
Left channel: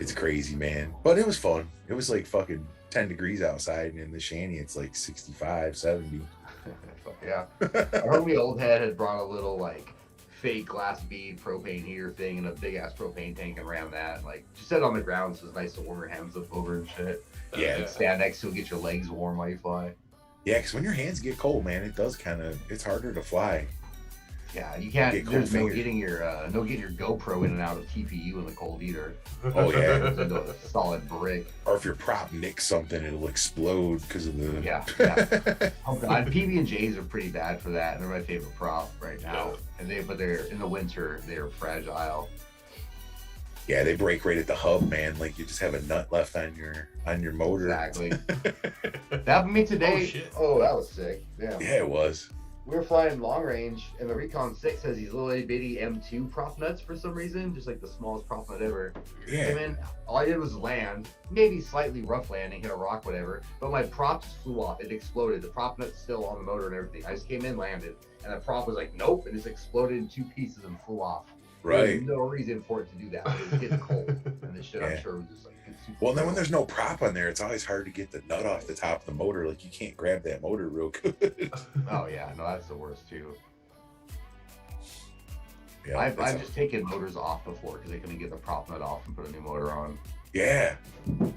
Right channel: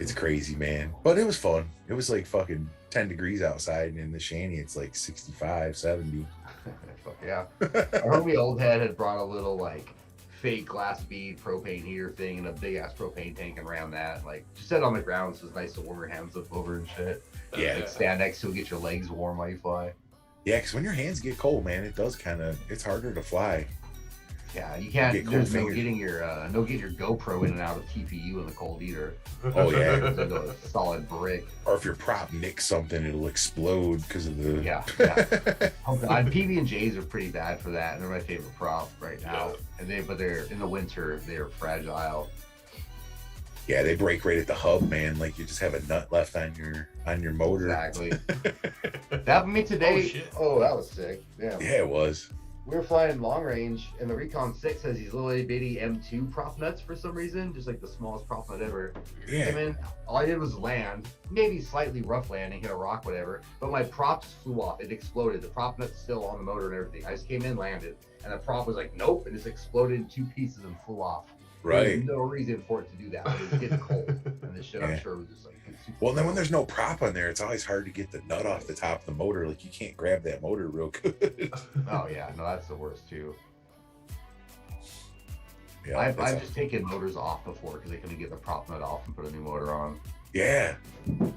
it's crazy, man. But it was fun. It was like fucking 10 degrees outside, and in the shanty it's like 65, 70. Yeah. Our homie old head had brought a little like fake glass bead propane heater thing and a big ass propane tank and ran that. Like just set it on the ground so it's nice to warm your hands up over and shit. Yeah. Stand next to it, get your legs warm while you fly. Yeah, because when your hands get cold, man, it does it's harder to fly. Yeah, you can't. There's no getting your GoPro in and out of TPU in the cold either. Oh yeah, it's into a solid brick. Or if your prop nicks something, it'll explode because of the. Yeah. PB&Js are pretty bad for that, and they're my favorite prop right now. And they're in the winter, they're fragile. Yeah, they break right at the hub, man. Like you just have a nut left on your motor. Exactly. That happened to me today. Oh shit! Oh, that was sick. Yeah. Yeah, it was. We were flying long range, and the Recon 6 has these little itty bitty M2 prop nuts for some reason, just like the smallest prop nut ever. Yeah. And then all I did was land, maybe slightly rough landing, hit a rock, whatever, but my prop just flew off. It exploded. The prop nut's still on the motor and everything. I just came in, landed, and the prop was like, nope, and just exploded in 2 pieces and flew off. Right. There's no reason for it to do that. It was getting cold, and this shit, I'm sure, was just like. Well, then when there's no prop on there, it's always hard to get the nut off the top of the motor. Like you can't grab that motor real good. Oh yeah, no, that's the worst too. Yeah, I've just taken motors off before because I couldn't get the prop nut off and put a new motor on. Yeah,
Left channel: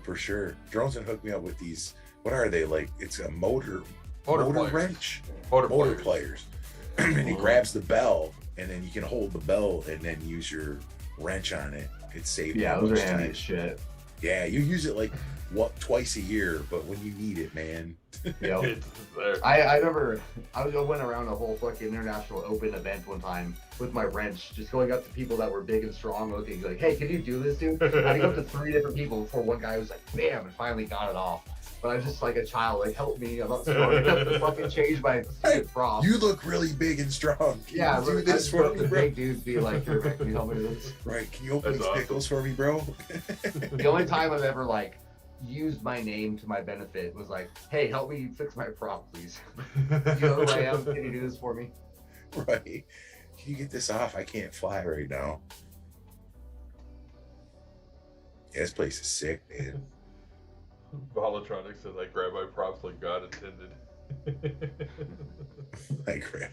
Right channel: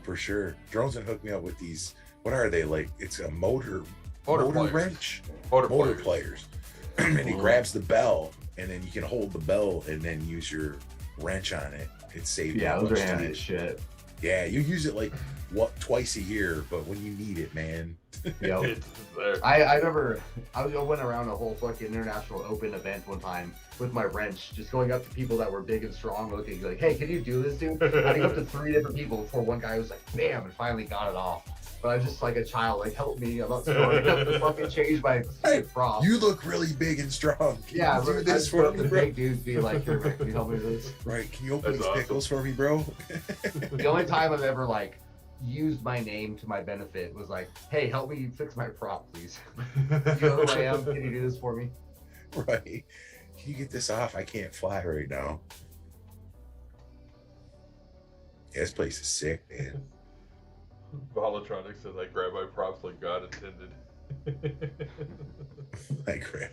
for sure. Drones have hooked me up with these. What are they like? It's a motor wrench. Motor players. Yeah. And it grabs the bell, and then you can hold the bell and then use your wrench on it. It's safe. Yeah, those are handy as shit. Yeah, you use it like twice a year, but when you need it, man. Yep. It's there. I remember I went around a whole fucking international open event one time with my wrench, just going up to people that were big and strong looking, like, hey, can you do this, dude? I had to go up to 3 different people before one guy was like, bam, and finally got it off. But I'm just like a child, like, help me. I'm not strong enough to fucking change my prop. You look really big and strong. Can you do this for me, bro? Big dudes be like, here, can you help me with this? Right, can you open these pickles for me, bro? The only time I've ever, like, used my name to my benefit was like, hey, help me fix my prop, please. You know who I am? Can you do this for me? Right. Can you get this off? I can't fly right now. Yeah, this place is sick, man. Volatronic says I grab my props like God intended. I grab.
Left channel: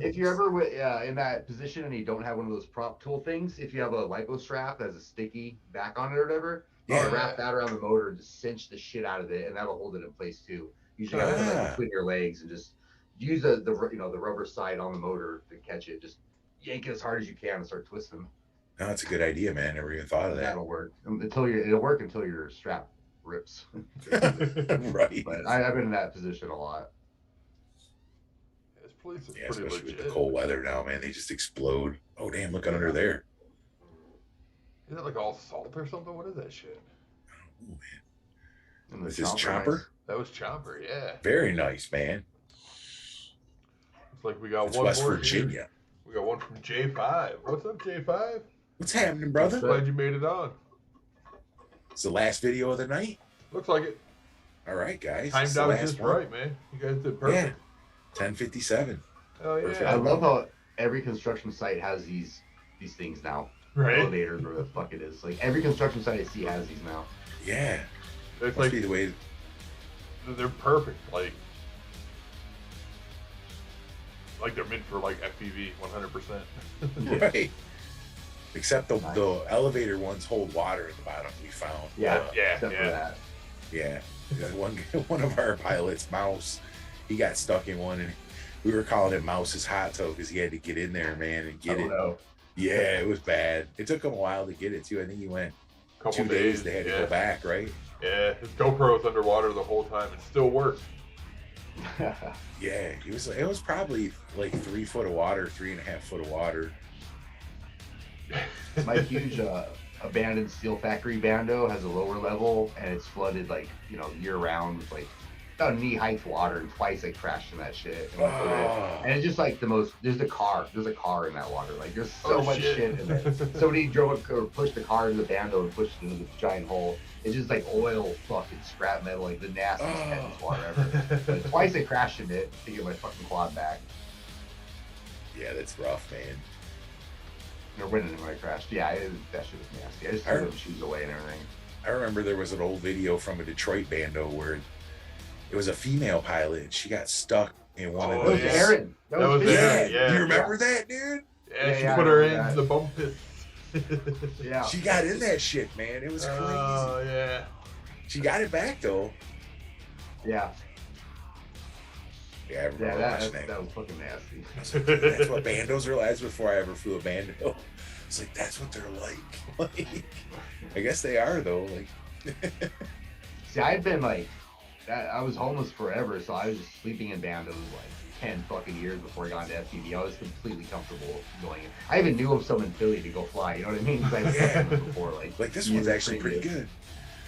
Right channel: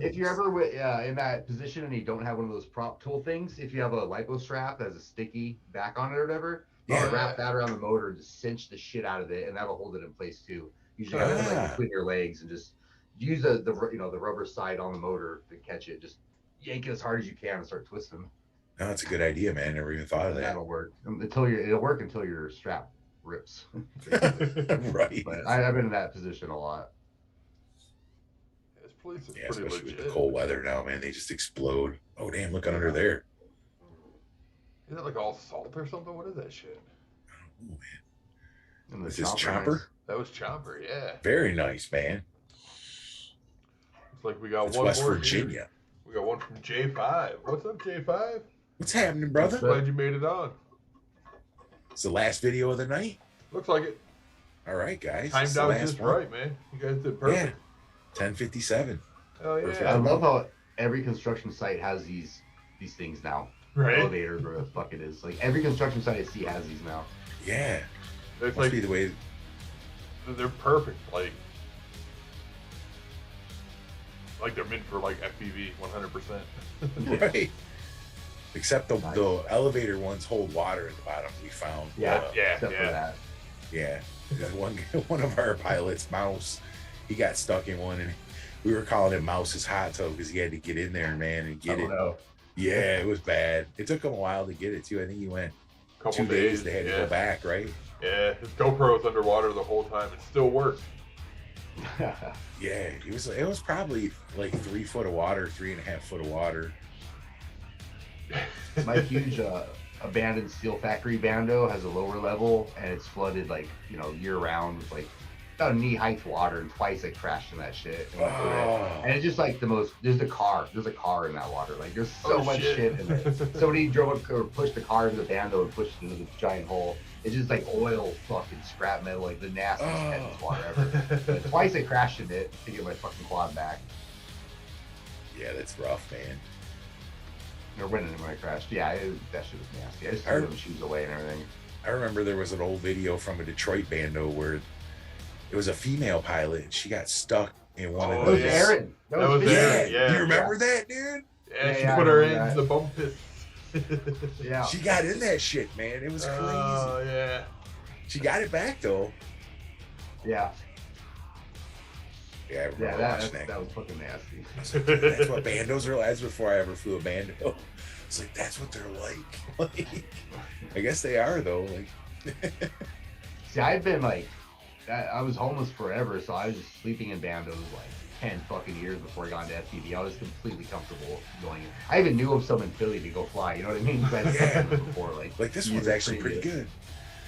If you're ever in that position and you don't have one of those prop tool things, if you have a lipo strap that has a sticky back on it or whatever, wrap that around the motor and just cinch the shit out of it, and that'll hold it in place too. You just have it like between your legs and just use the rubber side on the motor to catch it. Just yank it as hard as you can and start twisting. No, that's a good idea, man. Never even thought of that. That'll work it'll work until your strap rips. Right. But I've been in that position a lot. This place is pretty especially legit. with the cold weather now, man. They just explode. Oh damn! Look under there. Is that like all salt or something? What is that shit? Oh man. Is this Chopper? That was Chopper, yeah. Very nice, man. It's like we got It's one West more Virginia. here. We got one from J5. What's up, J5? What's happening, brother? Glad you made it on. It's the last video of the night. Looks like it. All right, guys. Timed out just right, man. You guys did perfect. Yeah. 10:57. Oh yeah. Perfect. I love how every construction site has these things now. Right. Elevators, where the fuck it is. Like every construction site I see has these now. Yeah. It's Must like be the way. they're perfect. Like they're meant for like FPV 100%. Right. Except the elevator ones hold water at the bottom. We found. Yeah. Yeah. One of our pilots, Mouse, he got stuck in one, and we were calling it Mouse's hot tub because he had to get in there, man, and get it. Know. Yeah, it was bad. It took him a while to get it too. I think he went Couple 2 days. They had to go back, right? Yeah, his GoPro was underwater the whole time. It still worked. Yeah, it was probably like 3 foot of water, 3.5 foot of water. My huge abandoned steel factory Bando has a lower level, and it's flooded like year round with like about knee-height water, and twice I crashed in that shit. And it's just like the most. There's a car in that water. Like there's so much shit in it. Somebody drove or pushed the car into the Bando and pushed it into the giant hole. It's just like oil, fucking scrap metal, like the nastiest tennis water ever. And twice I crashed in it to get my fucking quad back. Yeah, that's rough, man. Or when I crashed, that shit was nasty. I just threw the shoes away and everything. I remember there was an old video from a Detroit Bando where it was a female pilot. She got stuck in one of those. Aaron. That was Aaron. Yeah. Do you remember that, dude? Yeah, she put her in the bump pit. Yeah. She got in that shit, man. It was crazy. Oh, yeah. She got it back, though. Yeah. Yeah, I remember watching that. That was fucking nasty. I was like, that's what Bandos are like. That's before I ever flew a Bando. It's like, that's what they're like. I guess they are, though. Like, see, I've been like, I was homeless forever, so I was just sleeping in Bandos like 10 fucking years before I got into FPV. I was completely comfortable going in. I even knew of some in Philly to go fly, you know what I mean? Because I've seen them before. Like this one's actually pretty good.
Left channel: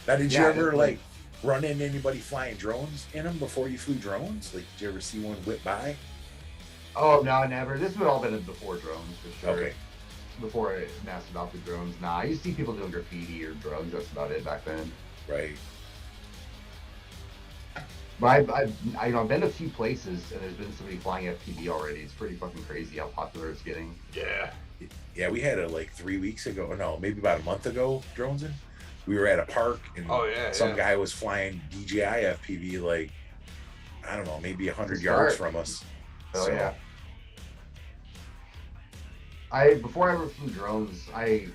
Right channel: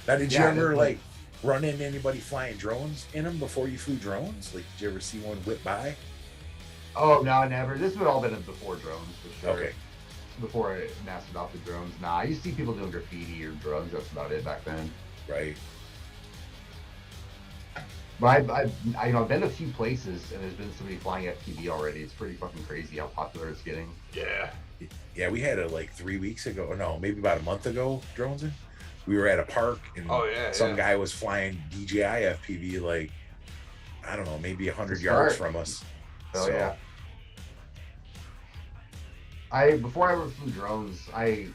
Now, did you ever, like, run into anybody flying drones in them before you flew drones? Like, did you ever see one whip by? Oh, no, never. This would all been before drones, for sure. Okay. Before I mastered adopted drones. Nah, I used to see people doing graffiti or drugs. That's about it back then. Right. But I've been to a few places and there's been somebody flying FPV already. It's pretty fucking crazy how popular it's getting. Yeah. Yeah, we had it like 3 weeks ago. No, maybe about a month ago, drones in. We were at a park and some guy was flying DJI FPV like, I don't know, maybe 100 yards from us. Oh, yeah. Before I ever flew drones, I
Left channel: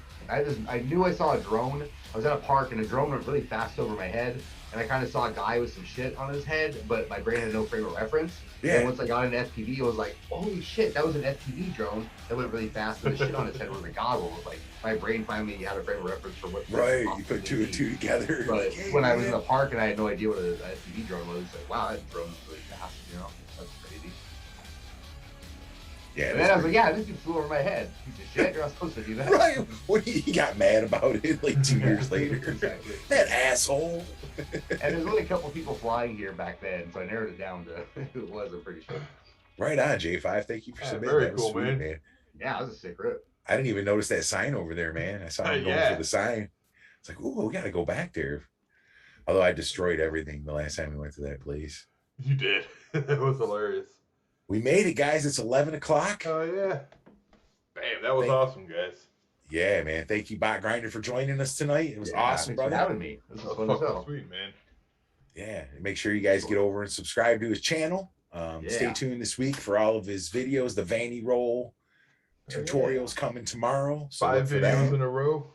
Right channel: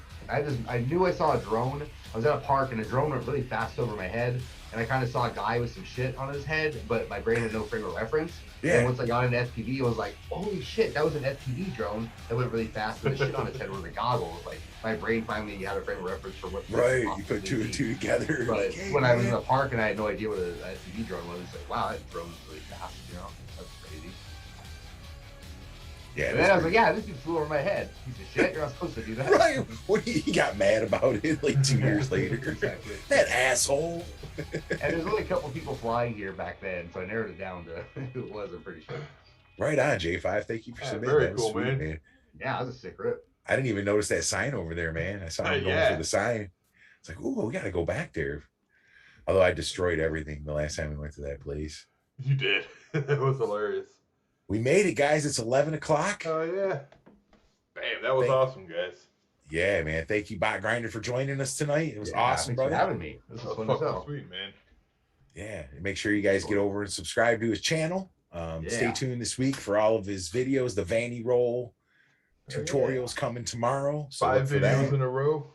knew I saw a drone. I was at a park and a drone went really fast over my head, and I kind of saw a guy with some shit on his head, but my brain had no frame of reference. Yeah. And once I got an FPV, I was like, holy shit, that was an FPV drone that went really fast, and the shit on his head were the goggles. Like, my brain finally had a frame of reference for what. Right, you put two and two together. But when I was in the park and I had no idea what an FPV drone was, like, wow, that drone's really fast, you know? That's crazy. Yeah, and then I was like, yeah, this dude flew over my head. Piece of shit, you're not supposed to do that. Right, when he got mad about it like 2 years later. Exactly. That asshole. And there's only a couple people flying here back then, so I narrowed it down to who it was, I'm pretty sure. Right on, J5. Thank you for submitting. Very cool, sweet, man. Yeah, that was a sick rip. I didn't even notice that sign over there, man. I saw him going for the sign. It's like, ooh, we got to go back there. Although I destroyed everything the last time we went to that place. You did. That was hilarious. We made it, guys. It's 11 o'clock. Oh, yeah. Bam, that was awesome, guys. Yeah, man. Thank you, BotGrinder, for joining us tonight. It was awesome, brother. Thanks for having me. This was fucking sweet, man. Yeah. Make sure you guys get over and subscribe to his channel. Stay tuned this week for all of his videos. The Vanny Roll tutorials coming tomorrow. So 5 videos in a row.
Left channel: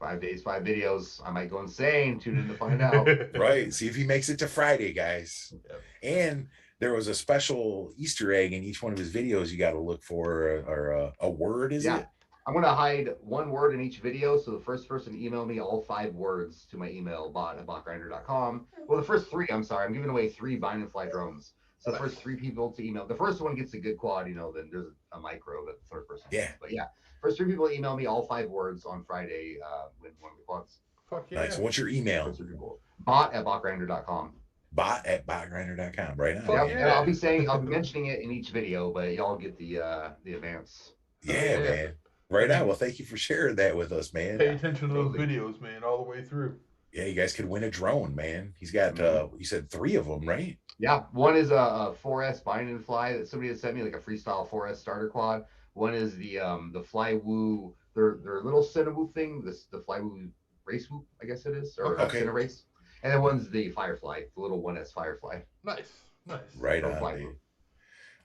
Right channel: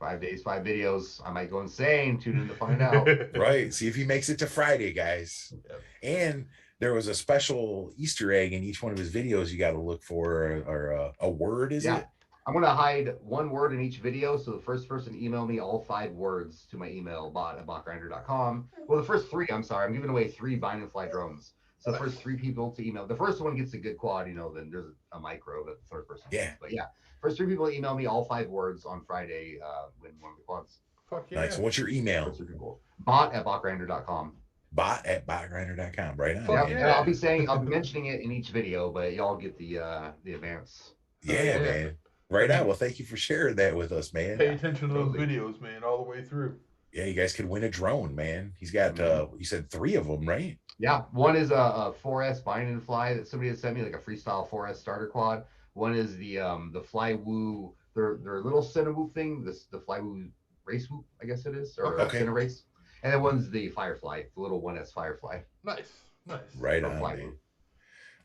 5 days, 5 videos. I might go insane. Tune in to find out. Right. See if he makes it to Friday, guys. Yep. And there was a special Easter egg in each one of his videos you got to look for, or a word, is it? I'm going to hide one word in each video. So the first person to email me all 5 words to my email, bot@botgrinder.com. Well, the first 3, I'm sorry. I'm giving away 3 Bind and Fly drones. So the first 3 people to email. The first one gets a good quad, then there's a micro, but the third person. Yeah. But yeah, first 3 people email me all 5 words on Friday win one of the quads. Fuck yeah. Nice. What's your email? Bot@botgrinder.com. Bot@botgrinder.com. Right on. Yeah. I'll be mentioning it in each video, but y'all get the advance. Yeah, man. Right on. Well, thank you for sharing that with us, man. Pay attention to those videos, man, all the way through. Yeah, you guys could win a drone, man. He's got you said 3 of them, right? Yeah, one is a 4S Bind and Fly that somebody had sent me, like a freestyle 4S starter quad. One is the Flywoo, their little Cinnamoo thing, the Flywoo Race Whoop, I guess it is, or Cinna Race. And then one's the Firefly, the little 1S Firefly. Nice. Right on, man.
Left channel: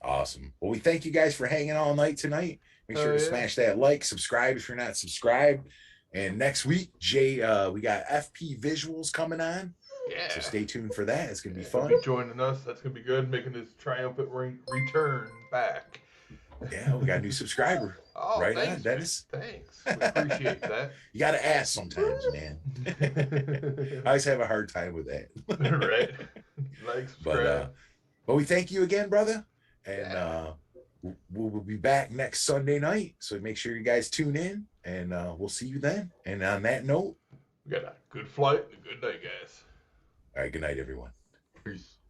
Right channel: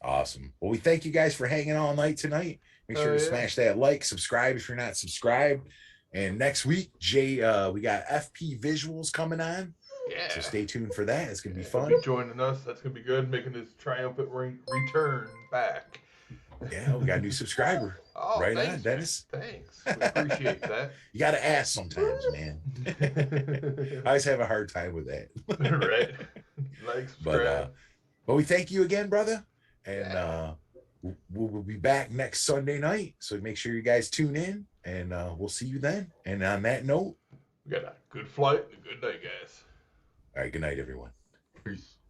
Awesome. Well, we thank you guys for hanging all night tonight. Make sure to smash that like, subscribe if you're not subscribed. And next week, Jay, we got FP Visuals coming on. Yeah. So stay tuned for that. It's going to be fun. Joining us. That's going to be good. Making this triumphant return back. Yeah, we got a new subscriber. Oh, right thanks, on, Dennis. Thanks. We appreciate that. You got to ask sometimes, man. I always have a hard time with that. Right. Like, subscribe. But we thank you again, brother. And we'll be back next Sunday night. So make sure you guys tune in, and we'll see you then. And on that note, we got a good flight and a good night, guys. All right. Good night, everyone. Peace.